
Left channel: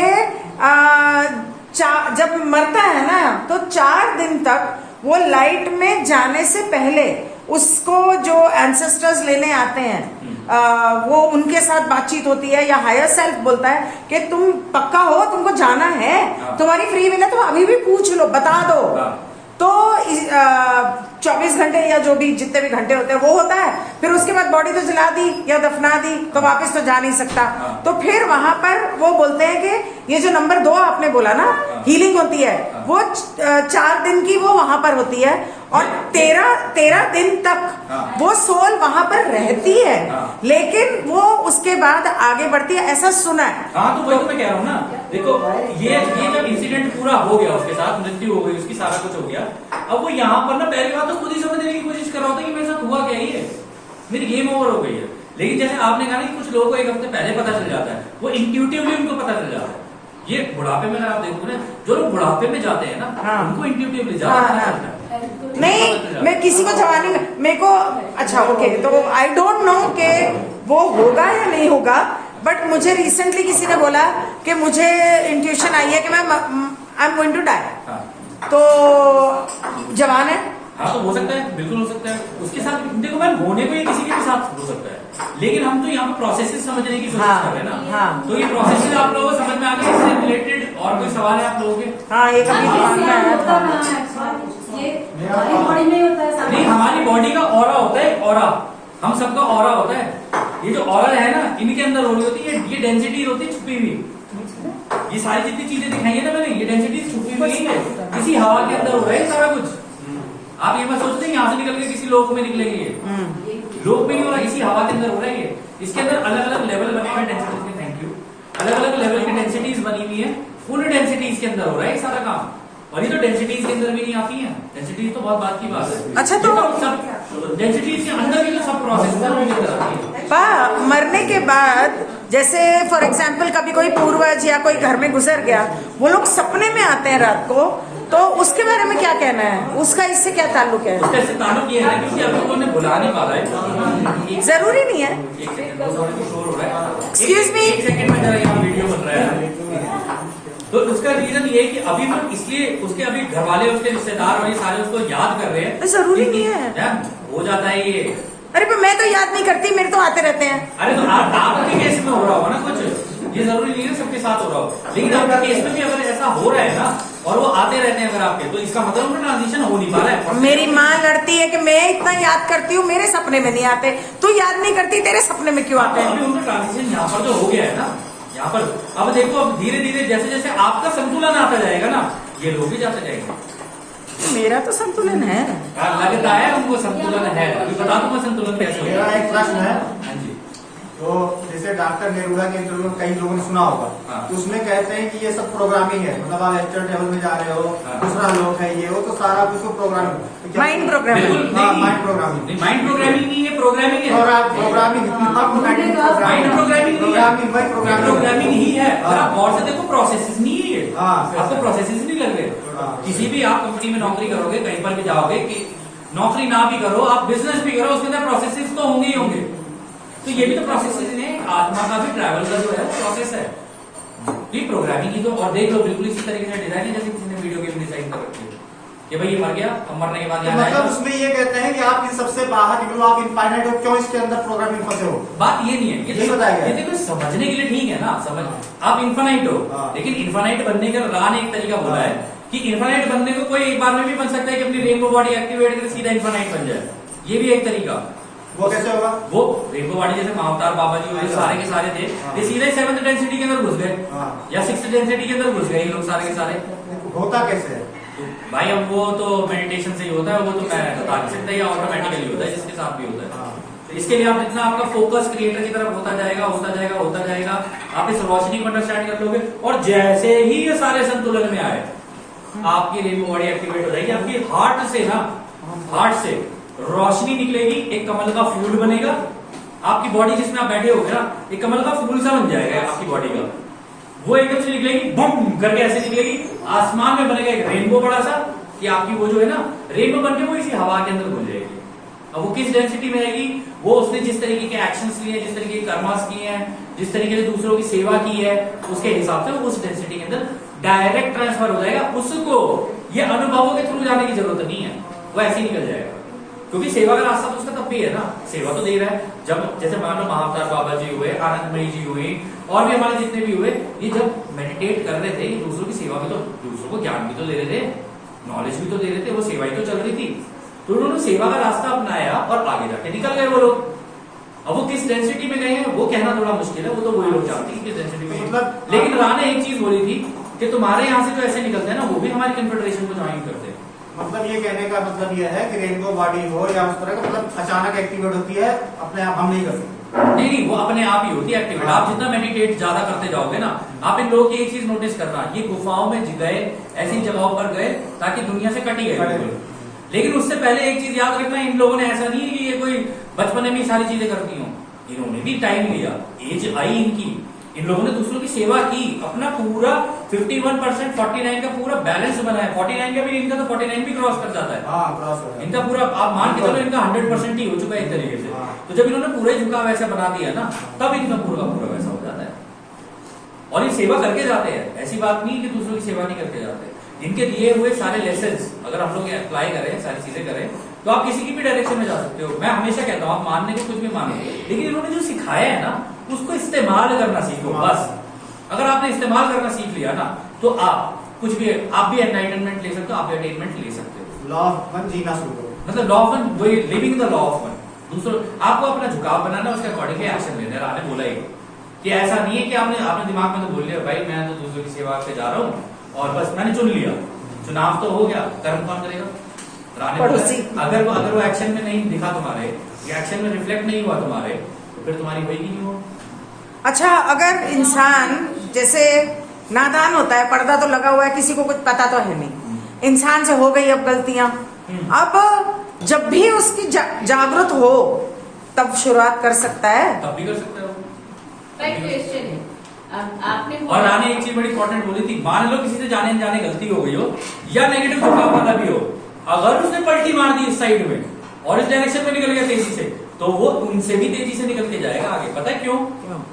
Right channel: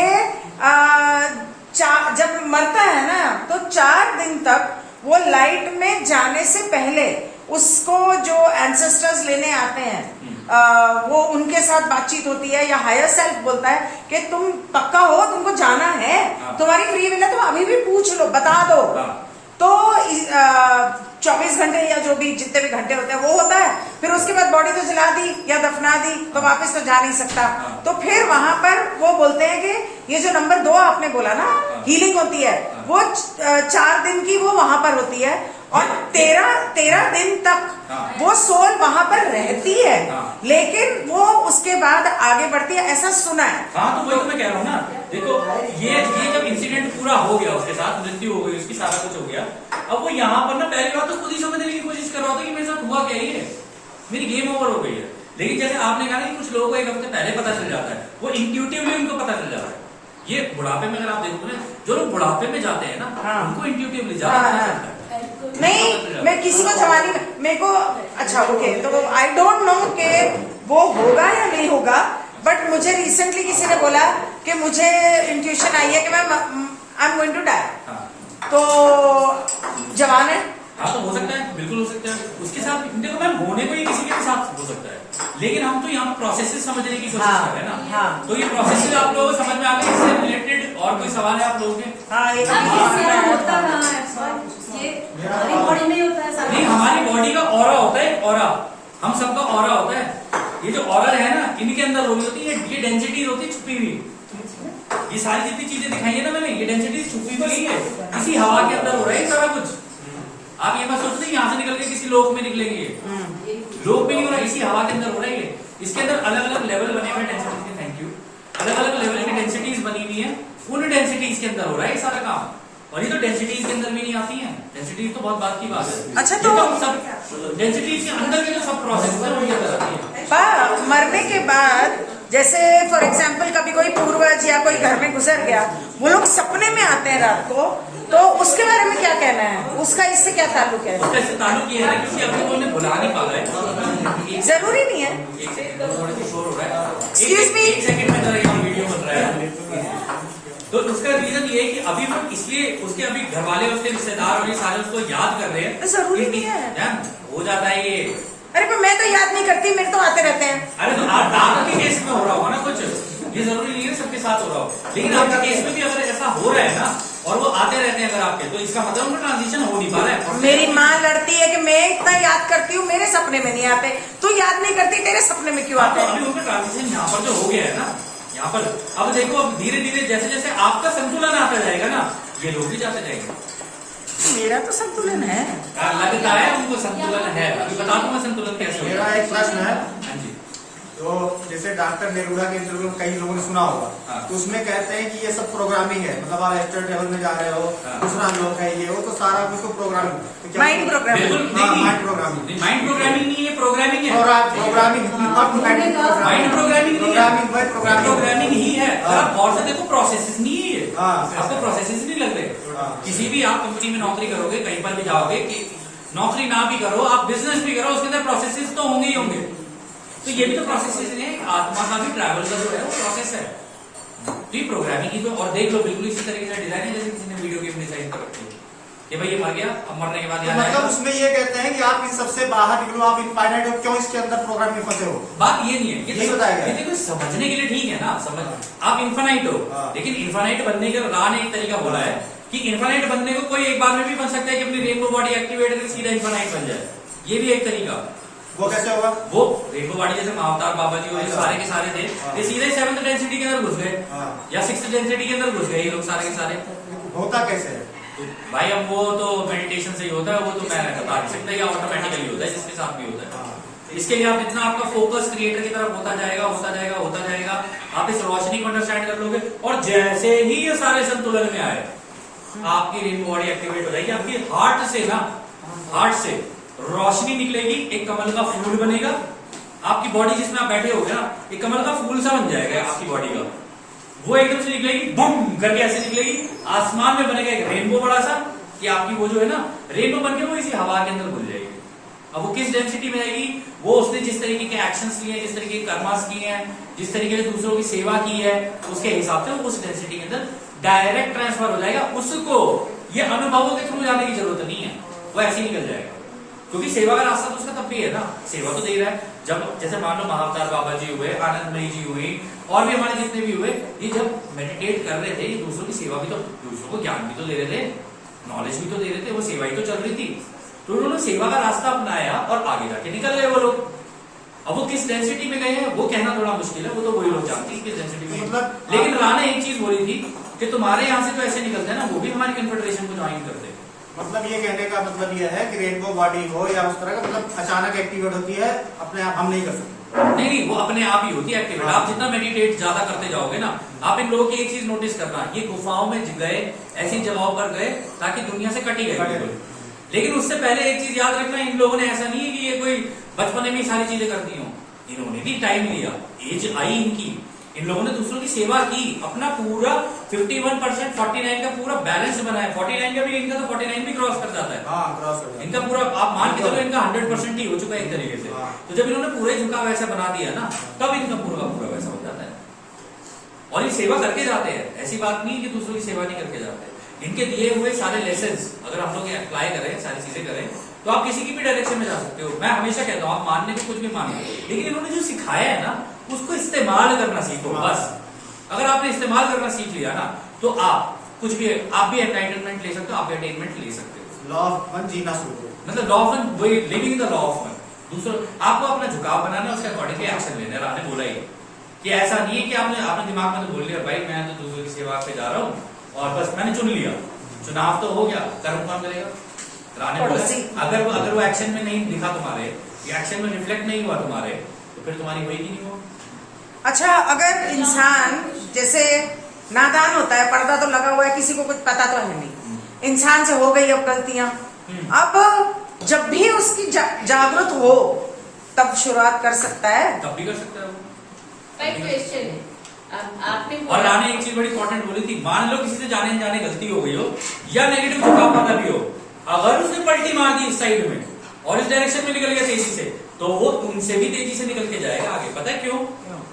जब मरता है ना तो 4 दिन तक वो लाइट में जाने से पहले उसको जो एंसेस्टर्स लेने आते हैं वो उनके साथ बातचीत होती है, या हायर सेल्फ बोलता है कि तुम पक्का हो, तुमको जाना है, हाँ। तुम्हारी फ्री विल है, तुम अभी भी पूछ लो, बता दो। हाँ। तो 24 घंटे या जो भी जितने भी घंटे होते हैं वो होता है, फिर उसके बाद बॉडी तो जला दी या दफना दी तो वापस तो जा नहीं सकता। हाँ। तो फिर वहां पर वो बोलते हैं कि ये जो नंबर 2 आपने बोला ना, हीलिंग होती है, वो 4 दिन की वो वहां पर होती है, और 13 दिन तक हाँ। वो सोल वहां पर रहती है, हाँ। लेकिन वो उसके बाद आगे बढ़ती है, ऐसा सुना है। हाँ तो वही तो मैं कह रहा हूँ ना, देखो ये जब इंसिडेंट पूरा हो गया, उसके साथ मृत्यु हो गई उसकी, सारा कुछ हो गया, अब वो यहाँ पर ना पहली बात तो खुद ही समझने की कोशिश कर रहा होता कि मेरे साथ हुआ क्या ही है, मेरी गेम ओवर हो गई है। लेकिन जैसे आपने कहा ना कि कुछ लोगों को 1 हफ्ते पहले पता चल जाता है, वो इंट्यूटिवली उनको पता चल जाता है। ये बुढ़ापे में अगर आप देखोगे ना, जो लोग बुढ़ापे में जाते हैं ना, हाँ। उनको इंट्यूटिवली ज्यादा हाँ, पता हाँ। चलता है। नहीं, मैं किसी को जवानी में मेरे को, अच्छा ओके, तो आई डोंट नो कि वो होगा या नहीं होगा, बट मुझे रिसेंटली किसी ने बोला कि मुझे इंट्यूशन आई है कि मैं I am going to die, हाँ। तो जवान है। हाँ तो हो सकता है, बिल्कुल हो सकता है उसके साथ। देखो मैम, होने को ये किसी के भी साथ हो सकता है, लेकिन हम तो यहाँ पर प्रोसेसेस समझने की कोशिश हाँ, कर रहे हैं ना। हाँ। तो ये प्रोसेसेस आप लोगों को समझ में आ गए, इससे रिलेटेड और कोई सवाल है आप लोगों के? हाँ, ये कभी होता कहाँ है? ये हमारी बॉडी में ही होता है सारा। नहीं, हमारी बॉडी का ऑरा होता है, ऑरा, हम सबका ऑरा होता है। ये जो ऑरा है ना, इनके अंदर हो रही होती है, ये डेंसिटी होती है छुपी हुई। ये सारी जितनी चीजें दिखाई है ना मैंने, ये डेंसिटी छुपी हुई है, किसी हवा के अंदर हो रहा है सारा कुछ। आप ये मत सोचते हैं यहाँ से निकल के किसी लोक में निकलेंगे, ये लोक में नहीं हो रहा, इसी हवा के अंदर हो रहा है ये। इसके अंदर अलग अलग लेवल बने हुए डेंसिटी के, थैंक यू, अलग अलग लेवल की डेंसिटीज बनी हुई है, उन डेंसिटीज के अंदर हो रहा है ये सारा काम। और ये तो डेंसिटीज के अंदर भी नहीं आती है, डेंसिटीज तो बहुत बात की बात है। अच्छा, ये तो सब डेंसिटीज के अंदर की जो सब प्रोसेस है वो ये कराती है। मरने के बाद जैसे फॉर एग्जाम्पल कभी कोई पूर्वज या कोई घर में गुजर गया, वो लोग सपने में आते हैं रात को, तो उसके बारे में क्या कहना है, उसका इससे क्या ताल्लुक है? उसका इससे ताल्लुक ये है क्योंकि अभी तो उन्हें बुला नहीं पा रहा है। जरूरी नहीं है। एक सेकंड, थोड़ा सा शोर हो रहा है। Excuse me? एक सेकंड में जरा ये वीडियो बन रहा है। तो उसका रीजन ये है कि अभी वो इसलिए उसके अभी घर वाले, उसके रिश्तेदार और ये सारे उसको याद कर रहे हैं। जरूरी नहीं है। मैम, हो जाता है ये। अरे पर मैं तो याद नहीं करती, मेरे तो आते रहते हैं। अरे तो आपके केस में हो रहा होगा ना कुछ, ये जरूरी नहीं है सबके साथ हो रहा हो, लेकिन आपके केस में भी अगर ऐसा हो रहा है ना और वो आते रहते हैं अगर आपके, तो इसका मतलब उनका ट्रांजिशन हो नहीं पा रहा है। मेरी माँ लड़ती है कि मैं इतना याद करती हूँ, मेरे सपने में नहीं आते, तू याद नहीं करती, तेरे सपने में क्यों आते अभी हैं? उनका ट्रांजिशन यहाँ पर जो हो गया है ना, यहाँ पर अब देखो, अब धीरे धीरे जैसे जैसे आपका संतुलन आता जाएगा ना, ये लोग भी जाते जाएंगे। मेरा तो संतुलन है। यार लगता है उनको संतुलन है, अभी बता दूं मैं संतुलन कैसे मेरा होगा। एक प्रश्न है, हाँ जी। तो जैसे डॉक्टर नेरूला के इंटरव्यू कई लोगों ने सुना होगा, हाँ। तो उसमें कहते हैं कि ये सब प्रोग्रामिंग है, मतलब आप एक्टर टेबल में जा रहे हो, हाँ। दूसरा लोग है, ये वो तो सारा कुछ प्रोग्रामिंग, माइंड प्रोग्रामिंग। बिल्कुल हाँ, नहीं, माइंड प्रोग्रामिंग, नहीं, माइंड प्रोग्रामिंग नहीं है, प्रोग्रामिंग है। प्रोग्रामिंग, माइंड प्रोग्रामिंग प्रोग्रामिंग, वही प्रोग्रामिंग ही है। हाँ। आप गौर से देखो, प्रोसेसेस नहीं है ये, हाँ। आपको प्रोसेसेस नहीं लग रहे। हाँ। किसी भी आप कंपनी में नौकरी करोगे, कहीं पर भी जाओगे, कि नौकरी ना भी करो, आप बिजनेस भी करो, उसके अंदर प्रोसेसेस तो होंगे ही होंगे। तो ये भी तो प्रोसेसेस हैं, आत्मा का भी ट्रैवल का जो है वो प्रोसेस है। तो ये प्रोग्रामिंग ही तो, और देख लो बिल्कुल इसी तरीके से डिजाइन है जैसे किसी ने वीडियो गेम डिजाइन कर रखी है कि भाई ये मर गया, अब मरने के बाद तो यहाँ मतलब आएगा। उसमें ये कहते हैं कि आप इन सबसे बाहर निकलो, आप इनफाइनाइट हो, क्यों इसके अंदर प्रोग्रामिंग फंसे हो? बात ये नहीं है, यही बताया गया। ये देखो समझने के लिए ठीक है ना, समझ आप इन्फानाइट हो, हाँ। लेकिन इन्फानाइट बनने का राह ने एक तरीका बोला है कि इन्फानाइट बनने को कोई एक बार में भी बन सकता है कि अपनी रेनबो बॉडी एक्टिवेट करके सीधा इन्फानाइट बन जाए, ये भी एक तरीका। वो कैसे होगा? वो रेनबो बॉडी जैसे महाअवतार बाबा जी और ये सारे के सारे थे, हाँ। ये सीधे 7th डेंसिटी के अंदर घुस गए हाँ। या 6th डेंसिटी के अंदर घुस गए ये लोग सारे के सारे। होता कैसे है? तो भाई अब वो तो मेडिटेशन से ही होता है, वो तो मैं बता नहीं सकता, या ऑटोमेटिकली होता है जिसके साथ भी होता है। हाँ। तो इसके लिए आप इतना आपका फोकस क्रिएटर की तरफ होता जाएगा, होता जाएगा, होता जाएगा, आप इस रोशनी को अंडरस्टैंड कर लोगे, और जैसे ही ये सारे संतुलन में आए, आपकी रेनबो बॉडी एक्टिवेट हो जाएगी। आपकी हार्ट से ना, हार्ट से रोशनी निकलेगी, एक कमल का फूल बनेगा। आपकी बॉडी जिसमें आप बैठे हो ना, एक कमल का फूल सा बन जाएगा आपकी बॉडी का। वो एकदम से निकलेगी, बम करके ऐसे निकलेगी, आसमान में बनेगा एक रेनबो बड़ा सा, कि आपकी वो जो है ना रेनबो बनके वो इसी हवा के अंदर घुल जाएगी। अब वो किस डेंसिटी में आएगी, वो उसने जिस तरीके के एक्शंस लिए हैं, जिस तरीके के कर्मास किए हैं, जिस तरीके से दूसरों की सेवा की है, उसके हिसाब से उस डेंसिटी के अंदर डायरेक्ट ट्रांसफर हो जाएगा। उसको ये अनुभवों के थ्रू जाने की जरूरत नहीं है, वो ऐसे ही निकल जाएगा। क्योंकि सेवा का रास्ता तो उसका तब भी है ना, सेवा तो दे रहा है। जब जैसे मान लो महाअवतार बाबा जी हुए, आनंदमयी जी हुई, और भी हमारे जितने भी हुए, ये जब मेडिटेट कर रहे थे, ये दूसरों की सेवा भी तो, दूसरों को ज्ञान भी तो दे रहे थे, नॉलेज भी तो दे रहे थे, वो सेवा ही तो चल रही थी। तो उन्होंने सेवा का रास्ता अपनाया और आगे जाके निकल गए वो लोग। अब वो किस डेंसिटी में गए हैं वो कहना थोड़ा मुश्किल है, वो तो वही लोग जानते हैं किस डेंसिटी में। मतलब लेकिन राणा एक चीज बोली थी कि तुम्हारे यहाँ से तो ऐसे निकलते हैं ना, वो भी हमारी कन्फेडरेशन को ज्वाइन करते हैं। मतलब ये कहने का मतलब ये है कि रेनबो बॉडी हो या उस तरह का, मतलब अचानक एक्टिवेट होती है, अपने आप हम नहीं कर सकते। नहीं, वो अपने आप ही होती है एक्टिवेट। आप जितना मेडिटेट ज्यादा करते जाओगे ना, आप इन लोगों की एक चीज नोटिस करना, ये गुफाओं में गए, ऐसी जगहों पर गए ताकि दुनिया से कटी गए। लेकिन उससे पहले एक चीज याद रखना, इन लोगों ने ऐसा नहीं है कि ये कोई बचपन में सारी चीजें करती हो, इन्होंने भी टाइम लिया, एज आई इनकी, इन लोगों ने दूसरों की सेवा की, अपना पूरा 51% 49 का पूरा बैलेंस बनाया। 49 का भी, इनका तो 49 भी क्रॉस कर जाता है। हाँ, क्रॉस हो गया। इनका पूरा आप मान के चलो, इनका 100% ही हो चुका है एक तरीके से। हाँ। तो जब इन्होंने पूरा ही झुकाव वैसा बना दिया ना, तब इनका पूरा पूरा वैसा हो जाता है। और ये सेवा करके जाते हैं, ऐसी बात नहीं कि दूसरों की सेवा नहीं करके जाते। इनके दिए हुए सारे लेसन्स अगर हम लोग अप्लाई करें, सारी चीजें करें, तो आप किसी की भी डायरेक्शन में जा सकते हो। मैं हमेशा कहता हूँ, आप मानने के कुछ भी मानो, लेकिन इन्होंने जो सिखाया है ना, उसको इस्तेमाल करना सीखो बस। अगर आपने इस्तेमाल करना सीख लिया ना, तो आप कुछ भी, आप भी एनलाइटनमेंट ले सकते हो, आप भी अटेनमेंट ले सकते हो। लॉ ऑफ वन जीना शुरू करो। मतलब लॉ ऑफ वन, वही living the law of one. दूसरों, आपको अपना झुकाव बनाना, उसके अकॉर्डिंगली एक्शन लेना है। राणे बोला ही कि ऐसा नहीं है कि आपने दिमाग में तो बोल लिया, भाई मैं तो दूसरों की सेवा पे जा रहा हूँ और बस मैंने चुन लिया, चुनाव तो हो गया, कर्म कौन करेगा? राणे बोला अगर वो एक्शन में नहीं दिखा तुम्हारे, या एक्शन में रिफ्लेक्ट नहीं हुआ तुम्हारे, तो फिर तुम्हारी होगी नहीं वो। अच्छा, अगर इंसान जैसे नादान होता है, पर्दा तो लगा हुआ है, किसी को कुछ पता तो है नहीं, इंसान से हो गई अब गलतियां, अब जब भी उसकी जागरूक हो तब शुरुआत कर सकता है, तब भी कर सकता है वो। क्वेश्चन है, आपने और राणे एक चीज बड़ी इंपॉर्टेंट बोली थी, मान लो किसी से जाने अनजाने गलती हो गई हो, या नेगेटिव झुकाव वाला भी हो, अगर उसने पलटी मार दी इस साइड में और इस डायरेक्शन में निकल गया तेजी से, तो वो उनसे भी तेजी से निकल के जाएगा आगे। पता है क्यों?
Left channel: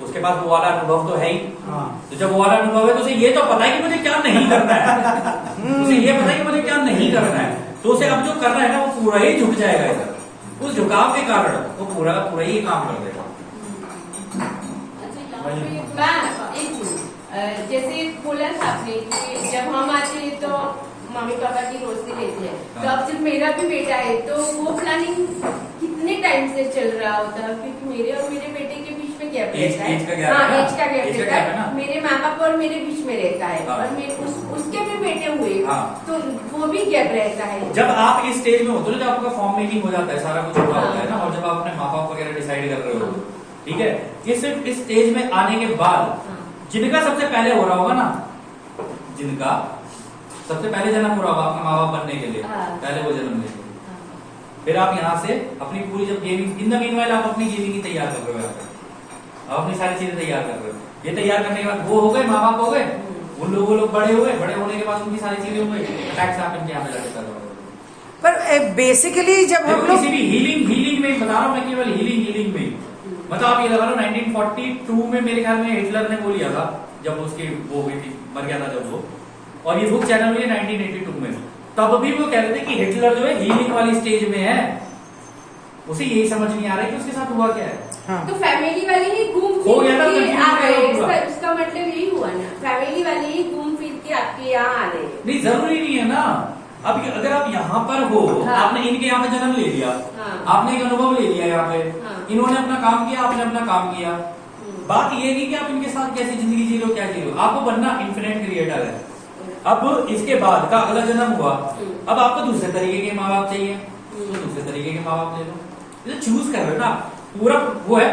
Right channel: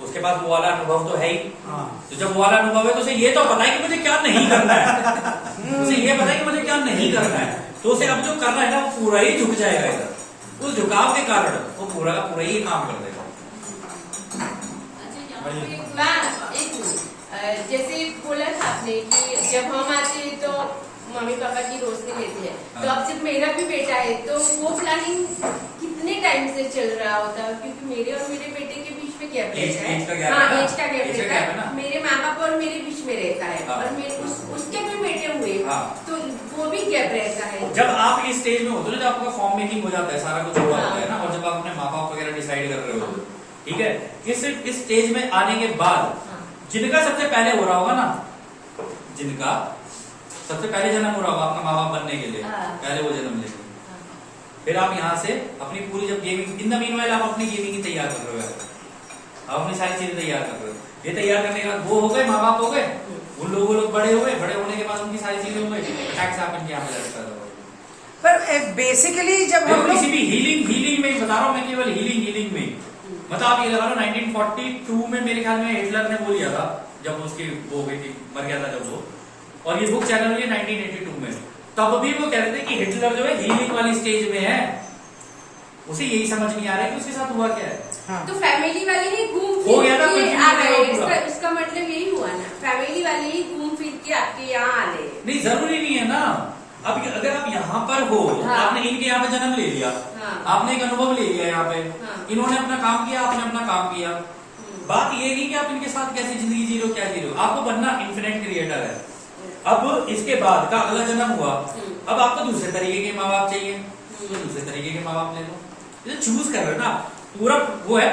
उसके पास वो वाला अनुभव तो है ही। तो जब वो वाला अनुभव है तो उसे ये तो पता है कि मुझे क्या नहीं करना है, उसे ये पता है कि मुझे क्या नहीं करना है, तो उसे अब जो करना है ना, वो पूरा ही झुक जाएगा इधर। उस झुकाव के कारण वो पूरा का पूरा ही काम कर देगा। जैसे बोला था आपने कि जब हम आते हैं तो मम्मी पापा की रोशनी लेते हैं, तो अब जब मेरा भी बेटा है तो वो प्लानिंग कितने टाइम से चल रहा होता है? क्योंकि मेरे और मेरे बेटे के बीच में गैप रहता है। हाँ, एज का गैप रहता है, मेरे माँ बाप और मेरे बीच में रहता है, और मेरे उसके भी बेटे हुए, तो वो भी गैप रहता है। जब आप इस स्टेज में होते हो, जब आपका फॉर्म मेकिंग हो जाता है, सारा कुछ हो रहा होता है ना, और जब आप अपने माँ बाप वगैरह डिसाइड कर रहे हो, ठीक है, इस स्टेज में आने के बाद जिनका सबसे पहले हो रहा होगा ना, जिनका सबसे पहले जन्म हो रहा होगा आपके माँ बाप बनने के लिए, पहले वो जन्म लेंगे, फिर आप यहाँ से अपनी पूरी जब गेमिंग, इन द मीनवाइल आप अपनी गेमिंग की तैयार कर रहे हो, आप अपनी सारी चीजें तैयार कर रहे हो। ये तैयार करने के बाद वो हो गए, माँ बाप हो गए, उन लोग बड़े हुए, बड़े होने के बाद उनकी सारी चीजें हो गई, अटैक से आप इनके यहाँ पे जाके कर रहे हो। पर बेसिकली जब हम किसी भी हीलिंग में बता रहा हूँ मैं, केवल हीलिंग में, मतलब आप ये लगा लो 1942 में मेरे ख्याल में हिटलर ने वो लिया था, जब उसकी वो हुई थी, मर गया था जब वो, और ये बुक चैनल हुई 1982 में, तब भी वो कह रहे थे कि हिटलर जो है हीलिंग वाली स्टेज में है, उसे यही समझ नहीं आ रहा है कि उसके साथ हुआ क्या है। हाँ। तो फैमिली वाले ही घूम हो गया ना, फिर के आ confused गए, उसका मतलब यही हुआ ना, फैमिली वाले ही घूम फिर के आपके यहाँ आ गए। नहीं, जरूरी नहीं है ना। अब अगर आप यहाँ पर हो, हाँ। आपने इनके यहाँ पे जन्म ले लिया, हाँ। आपने एक अनुभव ले लिया यहाँ पे, हाँ। इन्होंने अपना काम किया, आपने अपना काम किया, बात ये नहीं कि आप इनके साथ कैसे जिंदगी जी रहे हो, क्या जी रहे हो, आपको बनना इन्फिनिट क्रिएटर है। अब इसके बाद का अगला जन्म हुआ, अब आपको दूसरे तरीके के माँ बाप चाहिए, तो दूसरे तरीके के माँ बाप ले लो, चूज कर रहे हो ना। पूरा वो है,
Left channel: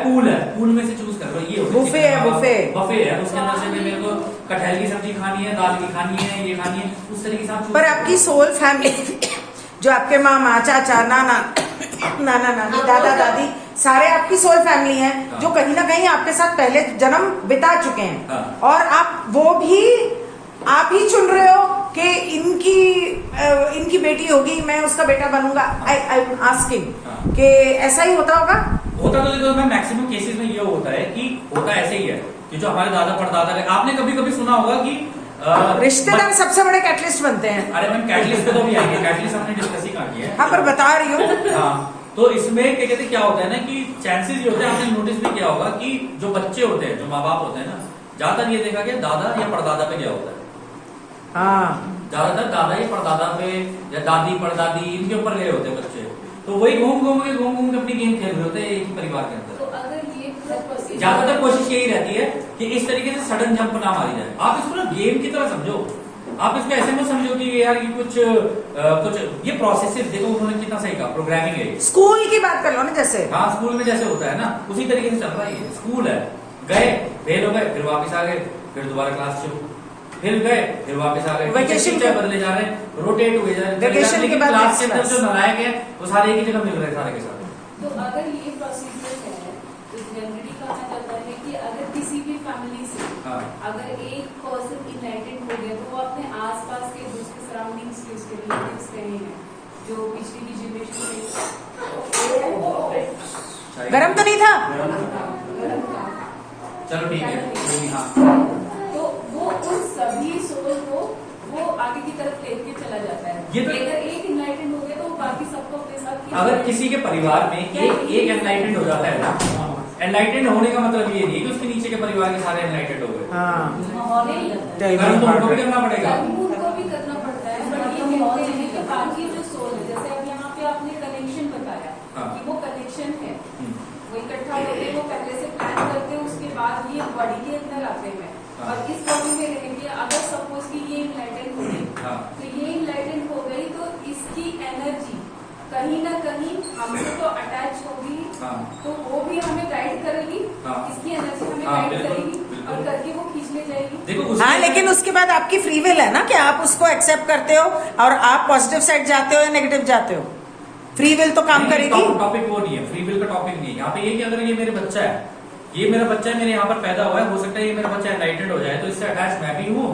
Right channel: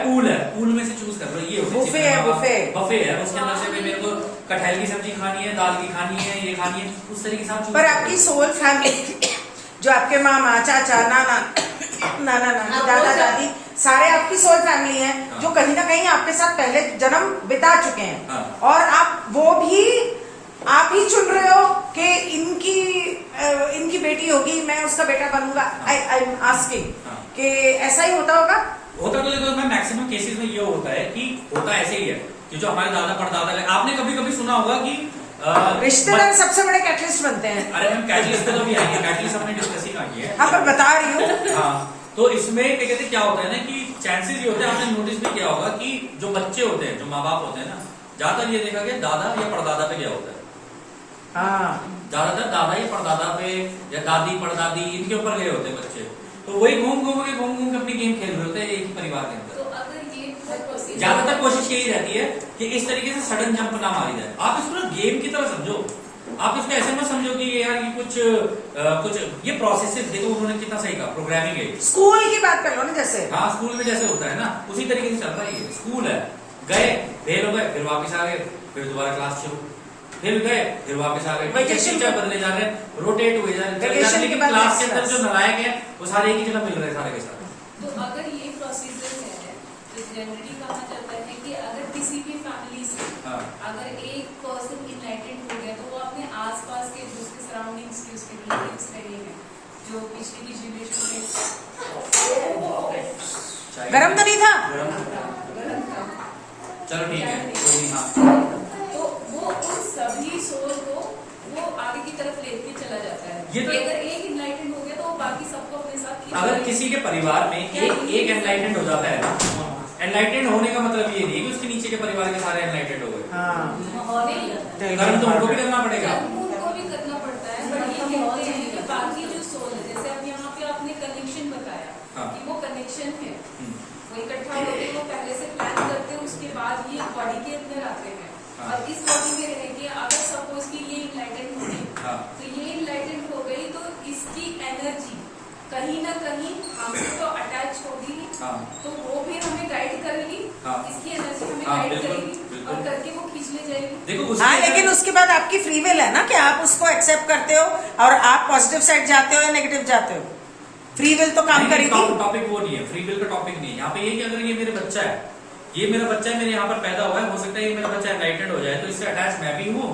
पूल में से चूज कर लो, ये बुफे है, बफे है, उसके अंदर से भाई मेरे को कटहल की सब्जी खानी है, दाल की खानी है, ये खानी है, उस तरीके से आप choose पर कर लो। आपकी सोल फैमिली जो आपके मामा चाचा नाना नानी दादा दादी सारे आपकी सोल फैमिली है, हाँ। जो कहीं ना कहीं आपके साथ पहले जन्म बिता चुके हैं, हाँ। और आप वो भी आप ही चुन रहे हो कि इनकी बेटी होगी, मैं उसका बेटा बनूंगा। आई एम आस्किंग हाँ। कि ऐसा ही होता होगा? होता तो देखो मैं मैक्सिमम केसेस में ये होता है कि होता ऐसे ही है कि जो हमारे दादा परदादा, आपने कभी कभी सुना होगा कि रिश्तेदार सबसे बड़े कैटलिस्ट बनते हैं। अरे मैम कैटलिस्ट पे तो अभी आएंगे, कैटलिस्ट हमने डिस्कस ही कहा किया है। हाँ, पर बता रही हूँ। हाँ, तो इसमें क्या कहते हैं, क्या होता है ना कि चांसेस ये होते हैं, आपने नोटिस भी किया होगा कि जो बच्चे होते हैं, जो माँ बाप होते हैं ना, ज्यादातर ये देखा गया दादा या परदादा पे क्या होता है, हाँ, ज्यादातर दादा या परदादा पे या दादी परदादी इनके ऊपर गए होते हैं बच्चे। तो वही घूम घूम के अपनी गेम खेल रहे होते हैं एक ही परिवार के अंदर। तो अगर ये प्रोसीजर ज्यादातर कोशिश यही रहती है कि इस तरीके से सडन जंप ना मारी जाए। आप इसको ना गेम की तरह समझो, आप इसको ऐसे मत समझो कि यार ये कुछ ये प्रोसेसेस, देखो उन्होंने कितना सही कहा, प्रोग्रामिंग है। स्कूल की बात कर लो ना, जैसे हाँ, स्कूल में जैसे होता है ना, उसी तरीके से चल रहा है ये। स्कूल है, गए, फेल हो गए, फिर वापस आ गए, फिर दोबारा क्लास शुरू, फिर गए, फिर वापस आ गए, Vacation टीचर बदले जा रहे हैं, रोटेट हुए जा रहे Vacation हैं, के लेकिन बाद क्लास के next अंदर जो class। नालायक है वो सारे एक ही जगह मिल रहे हैं सारे के साथ। तो अगर ये प्रोसीजर है तो जनरली कहा जाता है कि अगर किसी भी फैमिली से हाँ। अगर एक पर्सन इनलाइटेंड हो गया तो वो अपने आसपास के दूसरे सराउंडिंग्स के उसके रिलेटिव्स रहे हैं जो पिछली की जनरेशन में गरम तो नहीं था? चलो ठीक है, कोई नहीं। हाँ, तो वो उन सभी सोल को वो आगे की तरफ लेके चला जाता है। ये तो- अगर एक इनलाइटेंड हो गया तो वो बाकी सबको अपने साथ खींच अगर लेगा। किसी के परिवार में एक एनलाइटेंड हो जाता है ना, एनलाइटेंड होने का मतलब ये नहीं है कि उसके नीचे के परिवार के सारे एनलाइटेड हो गए। हाँ, नहीं, कर्म तो उनको भी करना पड़ेगा। उनको भी करना पड़ता है, बट ये कहते हैं कि बाकी जो सोल है, जैसे अब यहाँ पे आपने कनेक्शन बताया हाँ। कि वो कनेक्शन है, हम्म, वो इकट्ठा होते वो पहले से प्लान करते हैं, उसके बाद ये बॉडी के अंदर आते हैं हाँ। और इस बॉडी में रहेंगे। अगर सपोज की ये इनलाइटेंड हो गई हाँ। तो ये इनलाइटेंड हो गई तो इसकी एनर्जी कहीं ना कहीं हमसे तो अटैच होगी, हाँ। तो वो भी हमें गाइड करेगी, हाँ। इसकी एनर्जी हमें हाँ, गाइड बिल्कुल, करेगी बिल्कुल। और करके वो खींच ले जाएगी। देखो हाँ, उसके लेकिन उसके बाद आपकी फ्री विल है ना कि आप उसको एक्सेप्ट करते हो और आप पॉजिटिव साइड जाते हो या नेगेटिव जाते हो। फ्री विल तो काम करेगी। टॉपिक वो नहीं है, फ्री विल का टॉपिक नहीं है यहाँ पे। ये कि अगर ये मेरे बच्चा है, ये मेरा बच्चा है, मेरे यहाँ पर पैदा हुआ है, हो सकता है ये मेरा बच्चा एनलाइटेड हो जाए तो इससे अटैच मैं भी हूँ,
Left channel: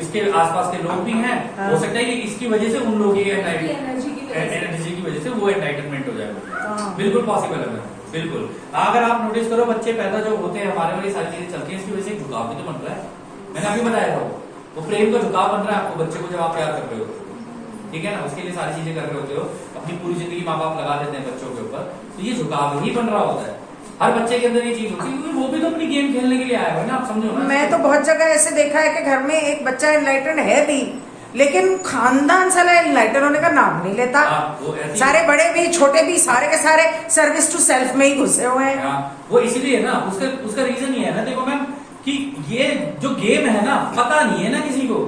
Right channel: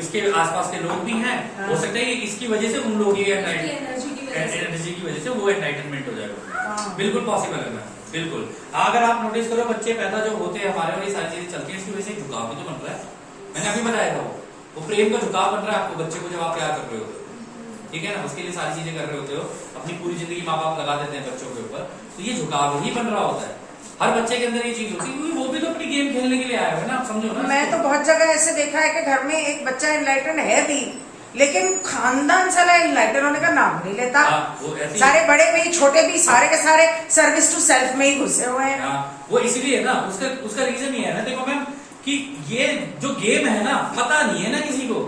इसके आसपास के लोग भी हैं, हाँ। हो सकता है कि इसकी वजह से उन लोग ये एनर्जी की वजह से। एनर्जी की वजह से वो एनलाइटनमेंट हो जाएगा। हाँ। बिल्कुल पॉसिबल है मैम, बिल्कुल। अगर आप नोटिस करो बच्चे पैदा जो होते हैं हमारे और ये सारी चीजें चलती है, इसकी वजह से झुकाव भी तो बन रहा है। मैंने अभी बताया था वो प्रेम का झुकाव बन रहा है आपको बच्चे को जब आप प्यार कर रहे हो, ठीक है ना, उसके लिए सारी चीजें कर रहे होते हो, अपनी पूरी जिंदगी माँ बाप लगा देते हैं बच्चों के ऊपर, तो ये झुकाव ही बन रहा होता है। हर बच्चे के अंदर ये चीज होती है क्योंकि वो भी तो अपनी गेम खेलने के लिए आया हुआ है ना, आप समझो ना। मैं तो बहुत जगह ऐसे देखा है कि घर में एक बच्चा इनलाइटेड है भी, लेकिन खानदान साला इनलाइटेड होने का नाम नहीं लेता। हाँ, वो ऐसी- सारे बड़े भी छोटे भी सारे के सारे सर्विस टू सेल्फ में ही घुसे हुए हैं। हाँ, वो इसीलिए ना, उसका रीजन ये है ना, देखो मैम कि ये जो गेम है ना, पता नहीं है ना किसी को।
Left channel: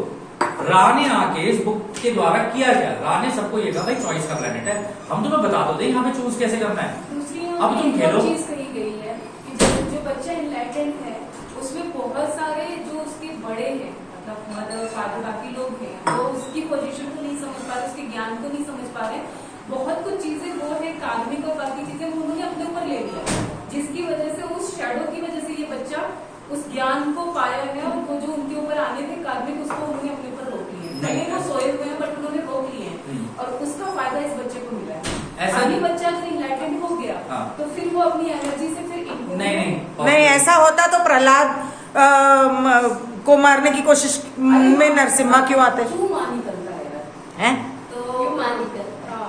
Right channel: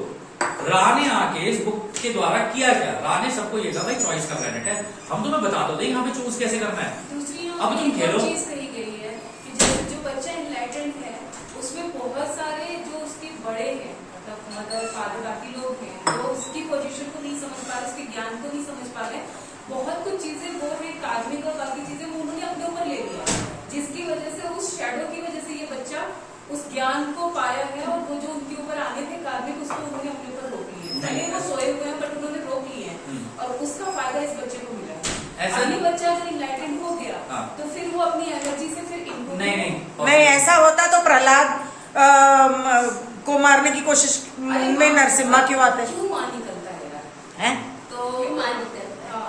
रा ने आके इस बुक के द्वारा किया क्या, रा ने सबको ये कहा भाई चॉइस का प्लेनेट है, हम तुम्हें बता दो दे यहाँ पे चूज कैसे करना है। दूसरी अब तुम एक खेलो। और चीज कही गई है कि जो बच्चा इनलाइटेंड है उसमें बहुत सारे जो उसके बड़े हैं, मतलब मदर फादर बाकी लोग हैं, वो उसकी पोजीशन को नहीं समझ पा रहे, उसके ज्ञान को नहीं समझ पा रहे। बहुत कुछ चीजें वो है कार्मिक और बाकी चीजें वो उन्होंने अपने ऊपर ले लिया, जिसकी वजह से उस शैडो की वजह से ये बच्चा उस ज्ञान को पाया है और वो जो उनके ऊपर आने थे कार्मिक, उसको उन्होंने अपने ऊपर रोक लिया है। भले वो सोए हुए हैं बट उन्होंने रोक लिए हैं और उसका फायदा इस बच्चे को मिला है। ऐसा अभी बच्चा जो इनलाइटेंड हो गया हाँ। तो फिर वो अपनी एनर्जी से फिर इनको नहीं, ऐसा होता तो प्रहलाद को मारने की कोशिश में नरसिम्हा क्यों आते क्यों मां निकलता है यार? हैं? तो मां निकलता, हाँ,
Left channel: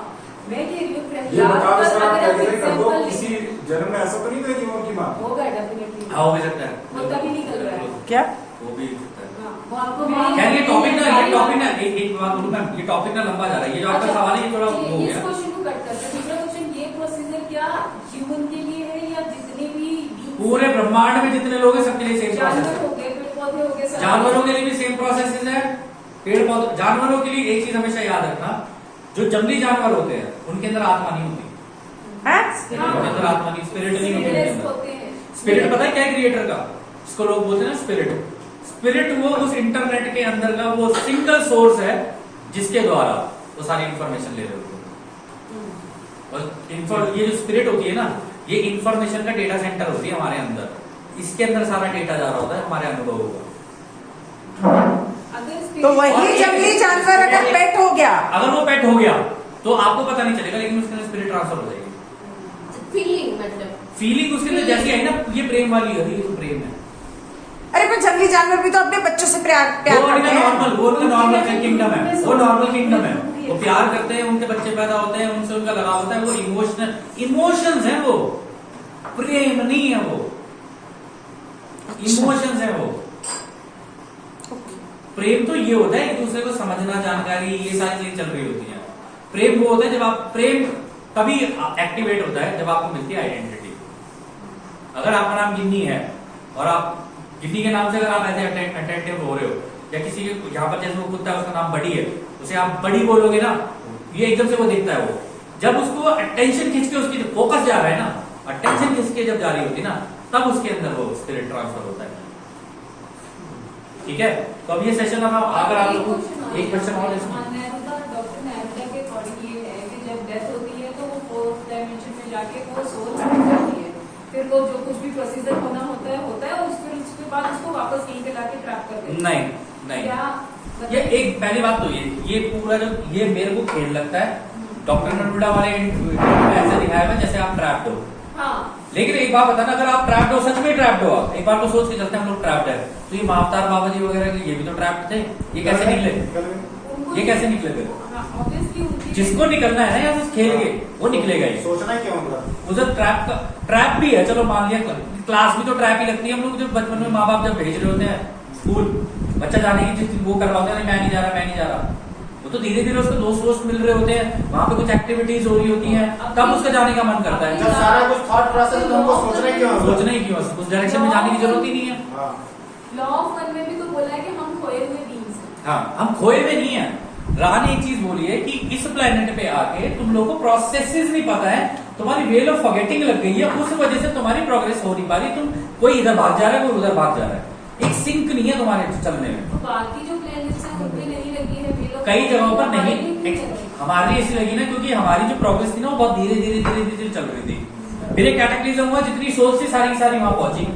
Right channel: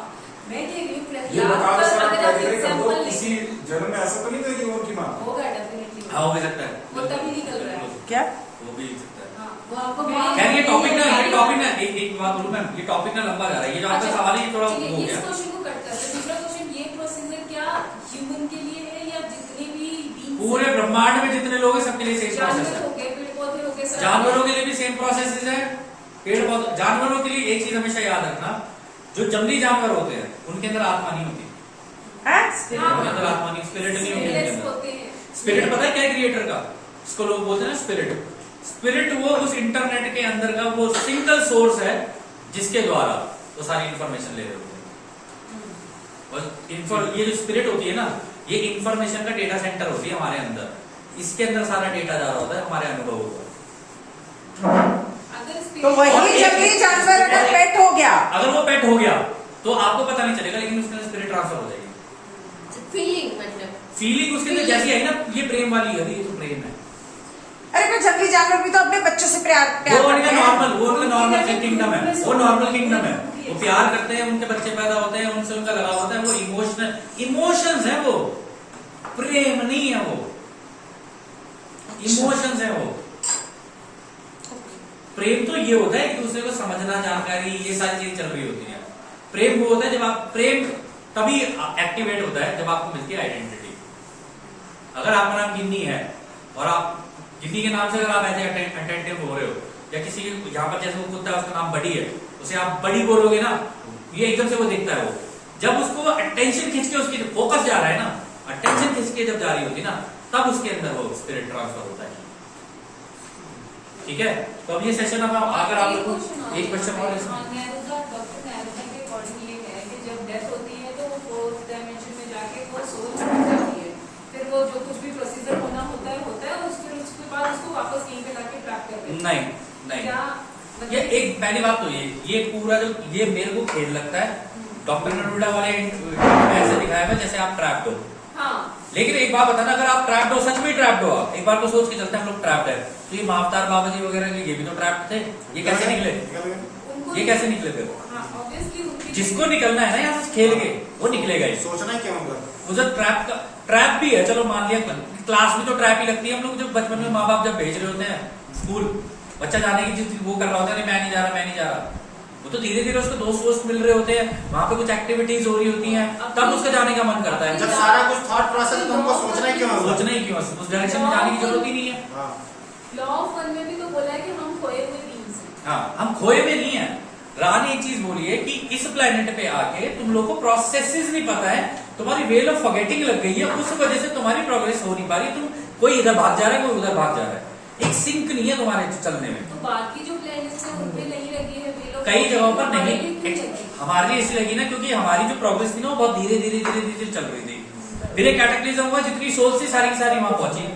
मैं कह रही हूँ ये बता प्रहलाद दो का सर, अगर आप पहले कर दो, एग्जाम्पल किसी जन्म में ऐसा तो नहीं था कि वो की माँ होगा डेफिनेटली, हाँ, हो भी सकता है, वो कभी निकल रहा है। क्या? वो भी सकता है। हाँ, वो आपको खैर ये टॉपिक ना एक बात बोलूं मैम, ये टॉपिक ना लंबा जा रहा है, ये जो आपका सवाल है ये थोड़ा वो हो इस गया। क्वेश्चन को कट करते हैं। दूसरा क्वेश्चन, ये प्रोसीजर क्या ह्यूमन के लिए है या जितने भी beings पूरे ब्रह्मांड में जितने लोग हैं सबके लिए सेम प्रोसेस जानवर है। हो गए, पेड़ पौधे हो गए, सब जानवरों के लिए भी सेम प्रोसेस है। पेड़ पौधे, जानवरों के लिए एक चीज हमेशा याद रखना, जो जंगली जानवर होते हैं उनके अंदर आत्मा नहीं होती। है? मतलब आत्मा नहीं, स्पिरिट नहीं होती Spirit अंदर। होते हैं। स्पिरिट पता है क्या है क्रिएटर का? इसको लोग बोलते हैं ना स्पिरिट। स्पिरिट वो उस इंटरनेट के अंदर का वो सिंगल सोर्स है जिसके द्वारा वो सारी इंफॉर्मेशन ले रहे होते हैं। और ये जो स्पिरिट होती है ना, ये इंफॉर्मेशन का डेटा सेंटर होती है हमारे अंदर। इसके अंदर सारा डेटा जा रहा होता है हमारे अनुभवों का। अगर spirit- तो वही और एक- जंगली जानवर अगर पेट हो गया, अगर वो पेट हो गया तो आपको पता नहीं चलेगा, लेकिन उसके अंदर स्पिरिट ट्रांसफर हो जाएगी। फीलिंग मतलब फीलिंग उसके अंदर जैसी आई ना, ये प्रेम वाली है, ये तो प्रेम है। अरे पर जंगली जानवर भी तो अपने बच्चों से प्यार वो प्यार उनका करते हैं। नॉर्मल, वो उनका नॉर्मल किंगडम है, वो नॉर्मल किंगडम है। वो प्यार करते हैं, उनके बच्चे पैदा होते हैं, उनसे उनका लगाव होता है। वो इमोशंस है, वो प्रेम नहीं है, वो इमोशंस है। वो प्रेम तो ये होता है कि दूसरे को समझना, जानकारी, ये सारी चीजें चल रही होती है। प्रेम वो होता है जब आप, प्रेम तभी एक्टिवेट होता है जब आपको मिलती है आइडेंटिटी। अगर आपका नाम गिन्नी है और आप गिन्नी के नाम से अगर आप ऐसे अटेंटिव हो रहे हो, या किसी के यहाँ पर जैसे वो कुत्ता है उसका नाम बड़ी है, उसे आप बड़ी बोलोगे ना, ये एकदम से वो देखता है। वो जब उसको अटेंशन खींच के, उसकी फोकस जा रहा है ना, अटेंशन खींच के जब जा रही होती है ना, तब उसके अंदर वो स्पिरिट ट्रांसफर होता है। ठीक है, तो अब ये सेशन अब अगर आप लोग एक क्वेश्चन और इसमें डॉक्टर नेहरा के अकॉर्डिंग ये है कि जब डेथ होती है तो वो फोर्थ डायमेंशन में जाके वो सोल छूट जाती है, फिर वो जो कुछ भी प्रोसीजर होना होता है और फिर उसके बाद उसको वापस कहीं पे लाके ट्रैप कर देते हैं। नहीं नहीं, या ये एक पहली बात तो ये पूरा जो ये मेरे को खेल लगता है, डॉक्टर नडुडा वाले ऐसे दिखाया हुआ जैसे आप ट्रैप्ड हो। हाँ लेकिन एक बात बताना, अगर आप ट्रैप्ड हो, सच में ट्रैप्ड हो, आप एक बार तो सोच के चलते हैं हम लोग ट्रैप्ड है, तो ये महावतार बाबा जी वगैरह ये भी तो ट्रैप्ड थे, ये कैसे निकले? उनको ये कैसे निकले फिर? हाँ ऑब्वियसली उनकी जिसको निकलना है ना यहाँ से खेल के, वो निकलेगा ही। सोचना क्यों होगा? उधर ट्रैप भी है, चलो मान लिया क्लास में तो ट्रैप ही लगती है। हम लोग जब बचपन में माँ बाप जब भेज रहे होते हैं स्कूल, बच्चा जाने की जिस वो कर रहा होता है, मैं नहीं जा रहा, मैं नहीं जा रहा, वो तो धीरे धीरे उसको दोस्त वोस्त मिल रहे होते हैं, वहां पे कुछ एक्टिविटीज हो रही होती हैं, तब उसका जाने का मन करता है। जब सारा कुछ थॉट प्रोसेस है तो हमको सोचना क्यों होगा? सोचना ही क्यों, उस डायरेक्शन में जाने की जरूरत ही नहीं है। हाँ। लॉ ऑफ वन में भी तो बोला है कि हम खोए हुए बींग्स हैं। हाँ, हम खोए हुए नहीं है। राह ने एक चीज बोली है कि इस प्लेनेट पे आके तुम लोगों को प्रोसेसेस नहीं पता है, तुम्हारी वेल ऑफ फॉरगेटिंग लग गई है, उस वजह से तुम्हारी प्रोग्रेस हो नहीं पा रही। तुम कोई इधर भाग जा रहा है, कोई उधर भाग जा रहा है, एक सिंक नहीं है तुम्हारे चलने में। तो बाकी जो प्लेनेट्स हैं उन पे नहीं लगी है wheel of कई जगहों पर fortune, नहीं, हमारे लिए क्यों लगी? हमारे लिए इसलिए लगी ना क्योंकि हमारी जो प्रोग्रेस थी ना वो बहुत धीरे धीरे चल रही थी। फिर एक कैटेक्लिज्म हुआ, जितनी सोच थी सारी वहां पहुंची,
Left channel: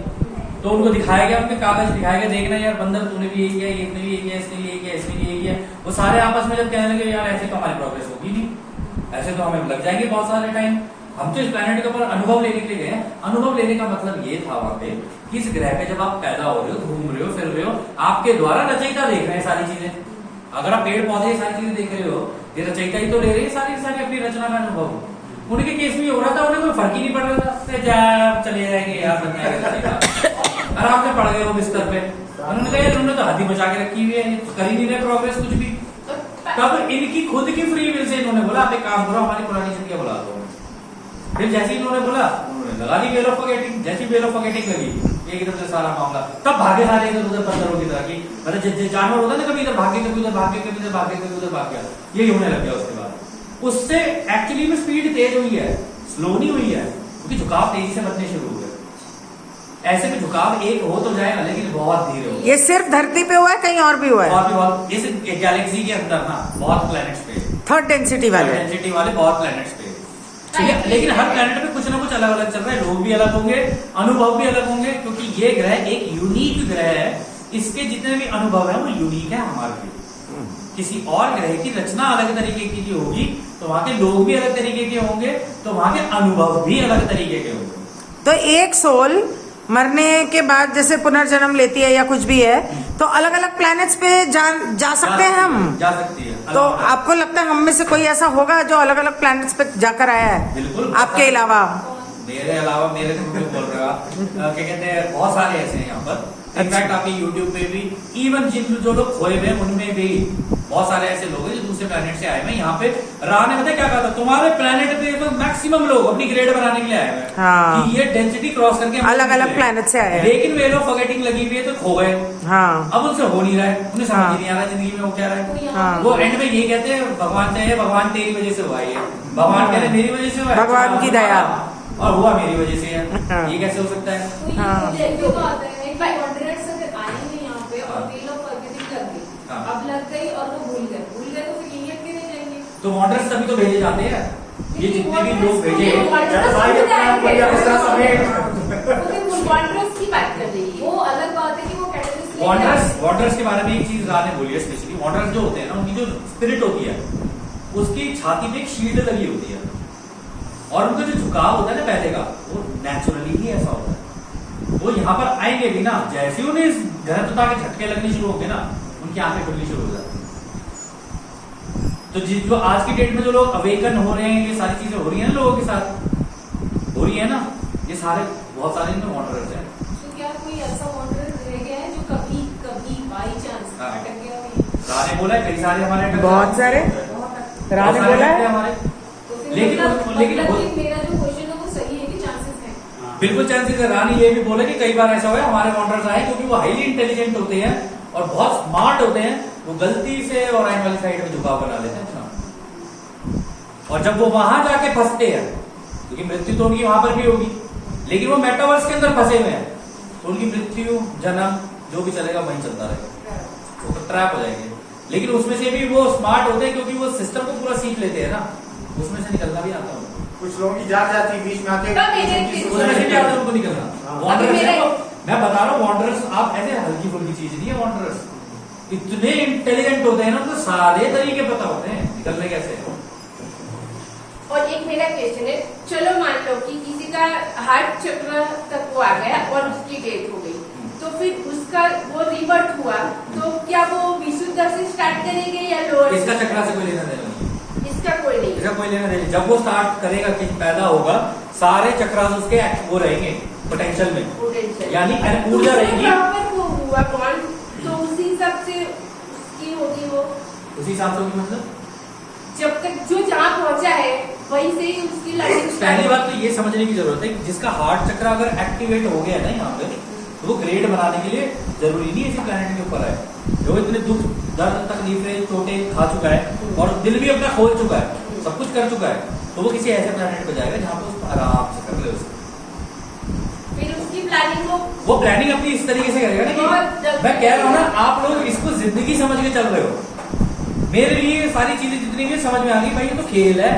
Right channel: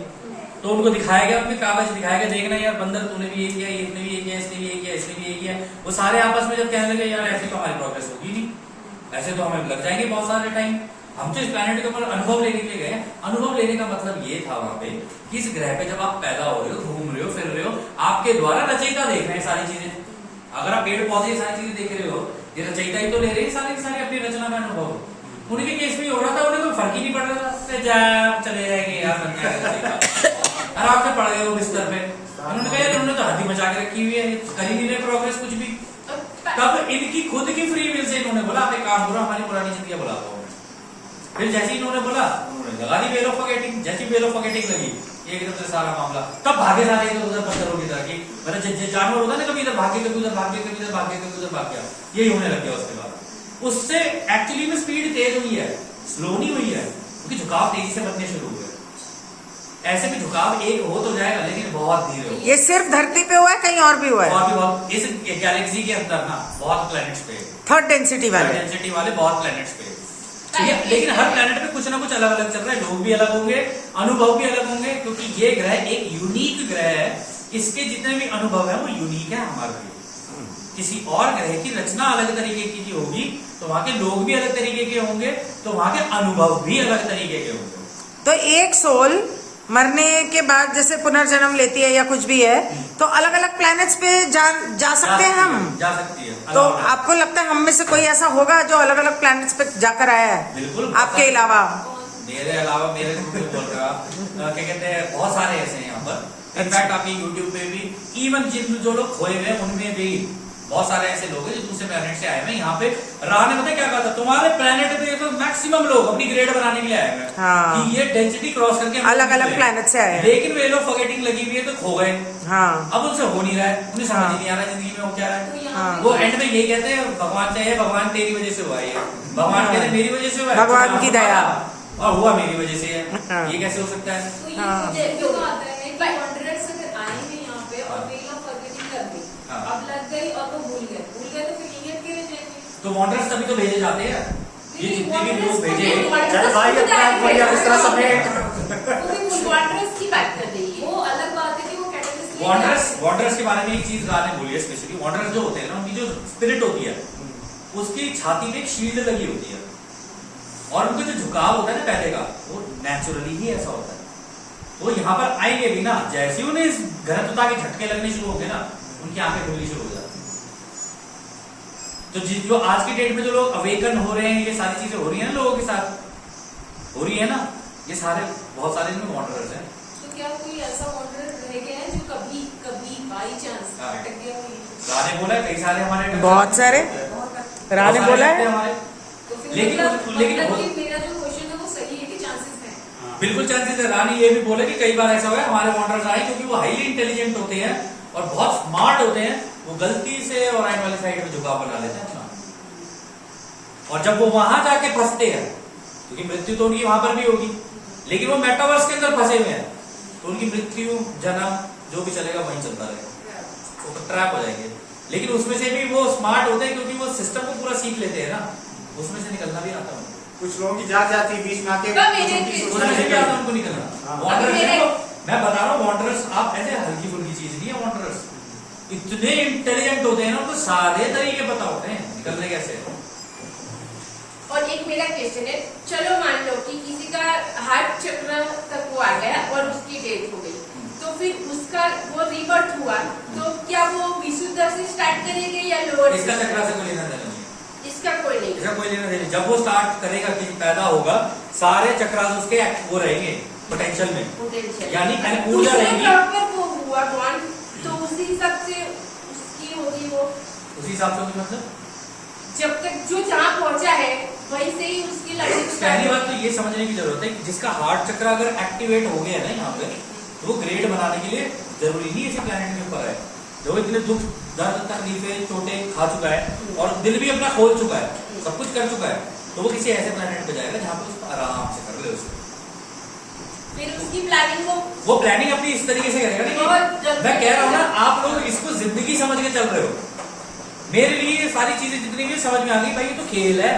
तो उनको दिखाया गया, उनके कागज दिखाया गया, देखना यार बंदर तूने भी यही किया, इसने भी यही किया, इसने भी यही किया, इसने भी यही किया। वो सारे आपस में जब कहने लगे यार ऐसे तो हमारी प्रोग्रेस होगी नहीं, ऐसे तो हमें लग जाएंगे बहुत सारे टाइम, हम तो इस प्लेनेट के ऊपर अनुभव लेने के लिए गए। अनुभव लेने का मतलब ये था वहां पे कि इस ग्रह पे जब आप पैदा हो रहे हो, घूम रहे हो, फिर रहे हो, आपके द्वारा रचयिता देख रहे हैं सारी चीजें। अगर आप पेड़ पौधे सारी चीजें देख रहे हो, ये रचयिता ही तो ले रहे हैं सारी सारी अपनी रचना का अनुभव। उनके केस में हो रहा था, उन्हें कोई फर्क ही नहीं पड़ रहा था, चले जाएंगे यार, बन जाएगा, आराम से पड़ गए वो बिस्तर पे। उन्होंने कहा तुमने तो हड्डी मचा के रखी हुई है, कर ही नहीं रहे प्रोग्रेस कुछ भी। तब इनकी खुद की फ्री विल से इन्होंने बोला आप एक काम करो, हमारी पुरानी जिंदगी बुला दो। फिर जैसे ही इन्होंने बोला, उन्होंने लगा दी वेल ऑफ फॉरगेटिंग। जैसी वेल ऑफ फॉरगेटिंग लगी, एकदम से सारा मामला तब भागे सारे इधर उधर पत्थरों की तरह की, मतलब जानवर होता है ना, कभी इधर भागे, कभी उधर भागे, कभी इधर भागे, कभी उधर भाग गया, यही होने लग गया। उसके बाद उससे एक्चुअली में स्पीड तेज हुई है, स्लो नहीं हुई है, क्योंकि झुकाव तेजी से बनने शुरू हुए। ऐसे में झुकाव एक हो तो जाएगा, लेकिन बहुत धीरे हो। ये सिर्फ धरती पे हुआ है, कहीं और भी हुआ है? और भी बहुत इस गैलेक्सी के अंदर ना बहुत प्लैनेट्स पे, थर्ड डेंसिटी वाले। डेंसिटी वाले बहुत प्लैनेट्स पे, ठीक है। लेकिन हर प्लैनेट पे कुछ ना कुछ अलग अलग चल रहा है, लोग भी अलग होंगे, अनुभव भी अलग होंगे, क्योंकि ये ग्रह एक यूनिक ग्रह है। इसके जितने भी अनुभव है वो यूनिक है हमारे लिए। किसी और ग्रह की रचना अलग तरीके की होगी, तो वहां के लोग भी अलग तरीके के होंगे, तो वहां के अनुभव भी अलग तरीके के होंगे। तो एक सोल मरने के बाद जैसे पुनर्जन्म लेती है या कुछ भी है, तो अलग अलग प्लैनेट्स पे जा सकते हैं हम? जा सकती है। तो आपको लगता है हम में से कोई ऐसा होगा जो अलग अलग प्लैनेट्स पे जाकर आया है? बिल्कुल। आपके अलावा? मेरे अलावा, मेरे तो क्यों बोल रहे हो आप, क्या कहते हैं, बहुत सारे ऐसे हैं यहाँ पर। इनफैक्ट आपके यूट्यूब पे भी इवन जिन जो लोग खोए हुए हैं उनमें भी बहुत सारे ऐसे लोग हैं जो दूसरे प्लेनेट से आए हुए हैं। यहाँ पे राह ने पता है क्या कहा था, तुम्हारे प्लेनेट पे तो मैक्सिमम लोग अपनी ग्रेड बनाने के लिए आए हुए हैं हाँ। कि ये डेंसिटी क्रॉस करके हम अलग अलग निकले। प्लेनेट से आए हैं। लेकिन वे लोग फॉरगेटिंग लगी हुई है तो खो गए। हाँ अब उनसे हो नहीं रहा है, उन्हें समझ हाँ। ही नहीं आ रहा है जिंदगी में वो क्या रहा है। तो यहाँ हाँ। वो एंड में यही कहते हैं भगवान चाहे भगवान तेरी वजह से हुआ ये, भगवान हाँ। कहते मेरी वजह से हुआ है, भगवान की दया। और हुआ मेरी वजह से है। हाँ। ये कैसे हो सकता है? तो ये हाँ। मुझे क्यों आता है कि wanderers अगर आएंगे यहाँ पे और वे लोग forgetting लग गई, हाँ। अब लग गई और वो भूल गए तो फिर यहीं अटके रह जाएंगे। तो वॉन्डर्स तभी तो भेजे जाते हैं, ये जितने भी लोग भेजे चाहे भाई अपने आप को या इस तरह समेट wanderers की बात कर रही है। वो अलग बात है कि वो catalyst वॉन्डर्स के बारे में एक चीज राह ने बोली है स्पेशली, वॉन्डर्स जो होते हैं ना उनकी जो स्पिरिट होती है उसकी छाती पे एक शील्ड लगी होती है और उनका जो झुकाव होता है ना पहले का वो नेचुरली ही ऐसा होता है। वो यहाँ पर आएंगे भी ना, जैसे उन्हें इस घनत्वता के झटके लगने शुरू होते हैं ना उनकी आंखें खुलनी शुरू हो जाती हैं। तो जो आज की डेट में जो लोग अवेकन हो रहे हैं, ये सारी चीजें हो रही है ना लोगों के साथ हो रही है ना, ये सारे बहुत सारे इनमें वॉन्डरर्स हैं। तो क्या कोई ऐसा wanderer रह गया है जो कभी कभी बाई चांस हाँ। अटक गया हो? राह ने बोला है कई सारे हमारे बहुत सारे राह ने बहुत सारे बोला लगते हैं है। हमारे। तो फिर लेकिन मतलब कि मेरा जो क्वेश्चन है वो सही है कि चांसेस है? बिल्कुल चांसेस है। रानी ये भी बोले कि कई बार ऐसा हुआ है हमारे वॉन्डर्स आए क्योंकि वो हाईली इंटेलिजेंट होते हैं और बहुत स्मार्ट होते हैं, वो गलती से और आने वाली साइड में झुकाव बना लेते हैं और जब वो वहां जाके फंसते हैं क्योंकि मृत्यु तो उनकी वहां पर भी होगी लेकिन वो मेटावर्स के अंदर फंसे हुए हैं तो उनकी मृत्यु जन्म जो भी चलेगा वहीं चलता रहेगा, वो ट्रैप हो जाएंगे। लेकिन उसमें से भी वो स्मार्ट होते हैं क्योंकि वो सिस्टम को पूरा सीख लेते हैं ना, उसमें से निकलना भी आता है उनको। कुछ लोगों की जात जाती है बीच में आके तो मेरे उनकी किस- सोच उसमें से नहीं क्या आता है निकलती। उनको निकलना। हाँ। वॉन्डरर्स अभी मेरे- देखो, मैं बता रहा हूँ वॉन्डरर्स आप ऐसे हल्की फुल्की चीज नहीं है। वॉन्डरर्स इतने इंटेलिजेंट होते हैं ना, उनको सारे तरीके पता होते हैं निकलने कैसे हैं। और एक मेरा क्वेश्चन है, चलो मान लो कि किसी का हार्ट चक्र तक वो आ गया और उसकी डेथ हो गई, तो फिर उसका वो रिबर्थ हुआ, तो क्या वो विशुद्ध से स्टार्ट करेगा या लोअर? इसका चक्रा से कोई लेना देना नहीं, इसका कोई नहीं। इसका कोई लेना देना नहीं। जब वो स्टार्ट करेगा कि पैदा होगा सारे चक्रास उसके वो रहेंगे पोटेंशियल में, Potential। यानी ऊर्जा दूसरे रहेगी। ग्रह पर वो हुआ कौन, तो उसी हिसाब से उसकी होगी वो, उसी हिसाब से होगी। मतलब जब तक जो जहाँ पहुंचा है वहीं से ही उसकी लाइफ पहली बात तो ये समझने की जरूरत है कि जिसका हार्ट चक्र अगर एक्टिवेट हो गया ना यहाँ पे तो वो ग्रेड बनाने के लिए जरूरी नहीं है इसी प्लेनेट के ऊपर है। जो इतने दुख दर्द तकलीफें चोटें खा चुका है और दिल भी अपना खोल चुका है, सब कुछ कर चुका है, तो वो किसी ऐसे प्लेनेट पे जाएगा जहाँ पे उसको आराम से कर ले उसको। फिर उसकी प्लानिंग वो प्लानिंग अपनी इस तरीके से करेगा ना कि मैं कह रहा हूँ ना, आप लोग इसको जिंदगी समझ के चल रहे हो। मेरे लिए सारी चीजें जितनी भी समझ में आ गई, भाई ये तो खेल है।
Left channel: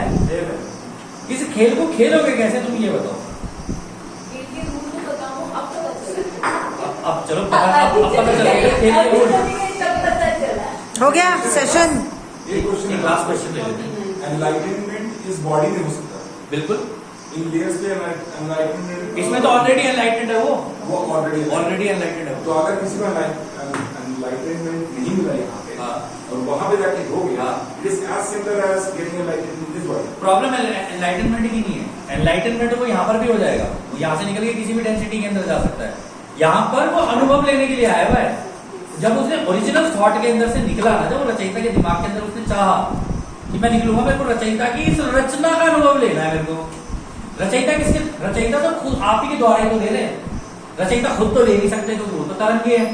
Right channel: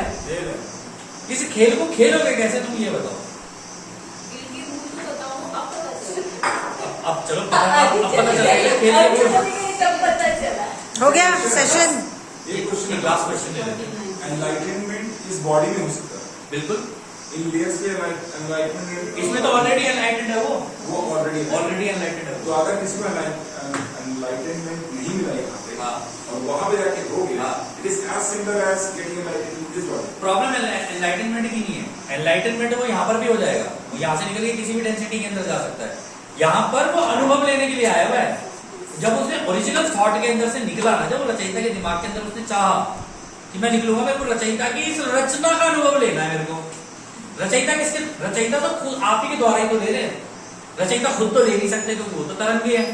इस खेल को खेलोगे कैसे तुम ये बताओ। खेल के रूल तो बताओ, अब पता चला। अब चलो अब पता चल गया खेल के रूल। सब पता चला। हो गया सेशन। एक क्वेश्चन एक लास्ट क्वेश्चन ले लेते हैं। एनलाइटनमेंट इस बॉडी में हो सकता है बिल्कुल, इन लेयर्स पे एनलाइटनमेंट इसमें तो ऑलरेडी एनलाइटेड है, वो ऑलरेडी ऑलरेडी एनलाइटेड है। तो अगर किसी को एनलाइटनमेंट नहीं मिला यहाँ पे हाँ। और वहां पे जाके हो गया, हाँ। It is as simple as getting enlightened in this body. Problem enlightenment की नहीं है। एनलाइटनमेंट वो यहाँ पर भी हो जाएगा, वो यहाँ से निकल के किसी भी डेंसिटी के अंदर जा सकता है। यहाँ पर वो अनुभव लेने के लिए आया हुआ है। जब उसने ओरिजिनल थॉट के अंदर से निकला ना, जब वो रचयिता के दिमाग के अंदर उसने चाहा कि मैं निकलूंगा, मेरे को रचयिता की इस रचना का अनुभव लेना है। मेरे को रचयिता किसके, रचयिता तो खुद आप ही के द्वारा ही तो दे रहे हैं। रचयिता खुद तो ले नहीं सकते क्योंकि वो तो तरंगी है।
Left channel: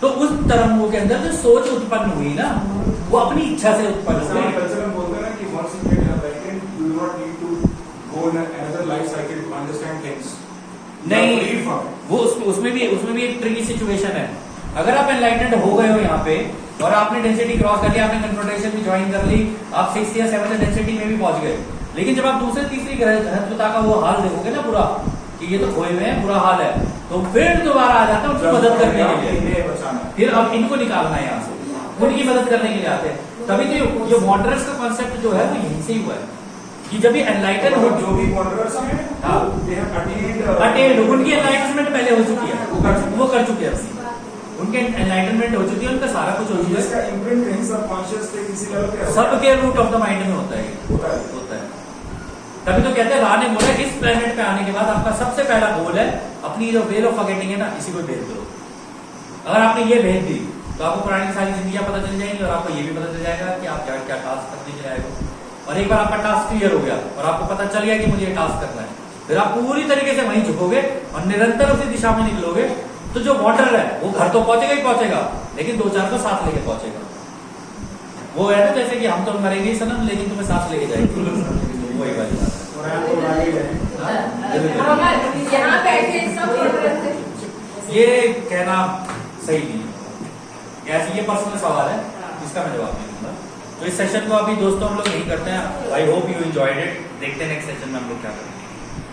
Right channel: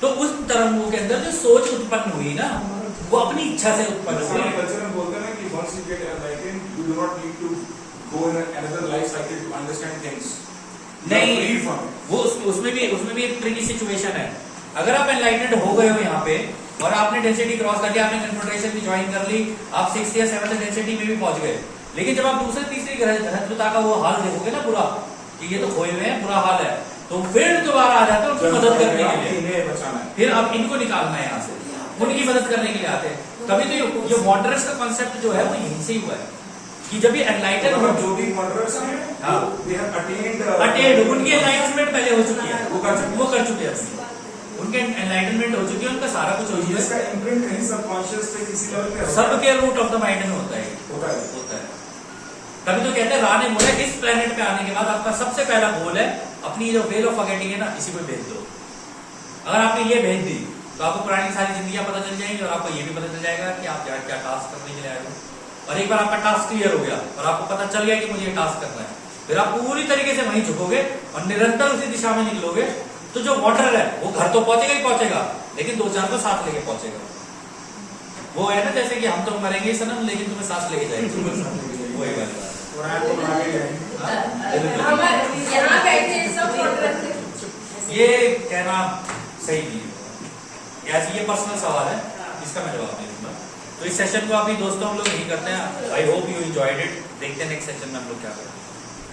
तो उस तरंगों के अंदर जो सोच उत्पन्न हुई ना, वो अपनी इच्छा से उत्पन्न हुई। कल्चर में बोलते हैं ना कि once you get enlightened, you do not need to go in another life cycle to understand things. You are नहीं, free from it. वो उसमें भी एक ट्रिकी सिचुएशन है। अगर आप एनलाइटेड हो गए हो यहाँ पे और आपने डेंसिटी क्रॉस कर लिया, आपने कन्फ्रंटेशन भी ज्वाइन कर ली, आप 6th या 7th डेंसिटी में भी पहुंच गए, लेकिन जब आप दूसरे तीसरी घनत्वता का वो हाल देखोगे ना पूरा कि ये तो खोए हुए हैं, बुरा हाल है, तो फिर दोबारा आ जाता है उनकी मदद करने के लिए। इन्हें बचाना है। फिर अब इनको निकालना है यहाँ से, उनकी मदद करने के लिए आते हैं। तभी तो ये वॉन्डरर्स का कॉन्सेप्ट जो है वो यहीं से ही हुआ है कि जब ये एनलाइटेड हो, जो भी wanderers हैं, हाँ। they have attained, अटेंड उनकी एनलाइटमेंट पहले हो चुकी है, वो कर चुके हैं। वो कर चुके हैं अपनी। उनके एनलाइटमेंट हो चुकी है, उनका सारा कुछ हो चुका जिसका है। इम्प्रिंट कहीं सबकॉन्शियस पे किसी लेवल पे होता है। सबके रूट ऑफ द माइंड में होता है, होता है। होता है। तभी तो कहते हैं, राह ने बोला इस प्लेनेट पे आने के बाद आपका सबसे पहला गोल है अपनी जो वेल ऑफ फॉरगेटिंग है ना, इसी को भेज दो। अगर आपने ये भेज दी तो आपको पुरानी की सारी जिंदगियां पता चल जाएंगी और आपको ये भी पता चल जाएगा कि आप क्या टास्क करने के लिए आए हो। और एक बार आपका टास्क क्लियर हो गया और आपको पता चल गया कि मुझे ये टास्क करना है, फिर आप पूरी तरीके से वहीं झुकोगे और निरंतर उसी दिशा में निकलोगे। तो जो वाटर है वो घर तो पहुंचेगा ही पहुंचेगा, लेकिन 2-4 को साथ लेके पहुंचेगा। वो है ना जैसे कि हम तो मरेंगे ही सनम, लेकिन तुम्हें साथ लेके जाएंगे, वही वाली बात है। यहाँ बैठे सब वाटर ये कहना सही नहीं है, कैसे ये पर्सनल सवाल है, इसका मैं जवाब नहीं दूंगा। तो इस सेशन को अभी दोस्तों हम लोग यही करते हैं। I hope you enjoyed it. देखते हैं नेक्स्ट सेशन में हम लोग क्या करेंगे।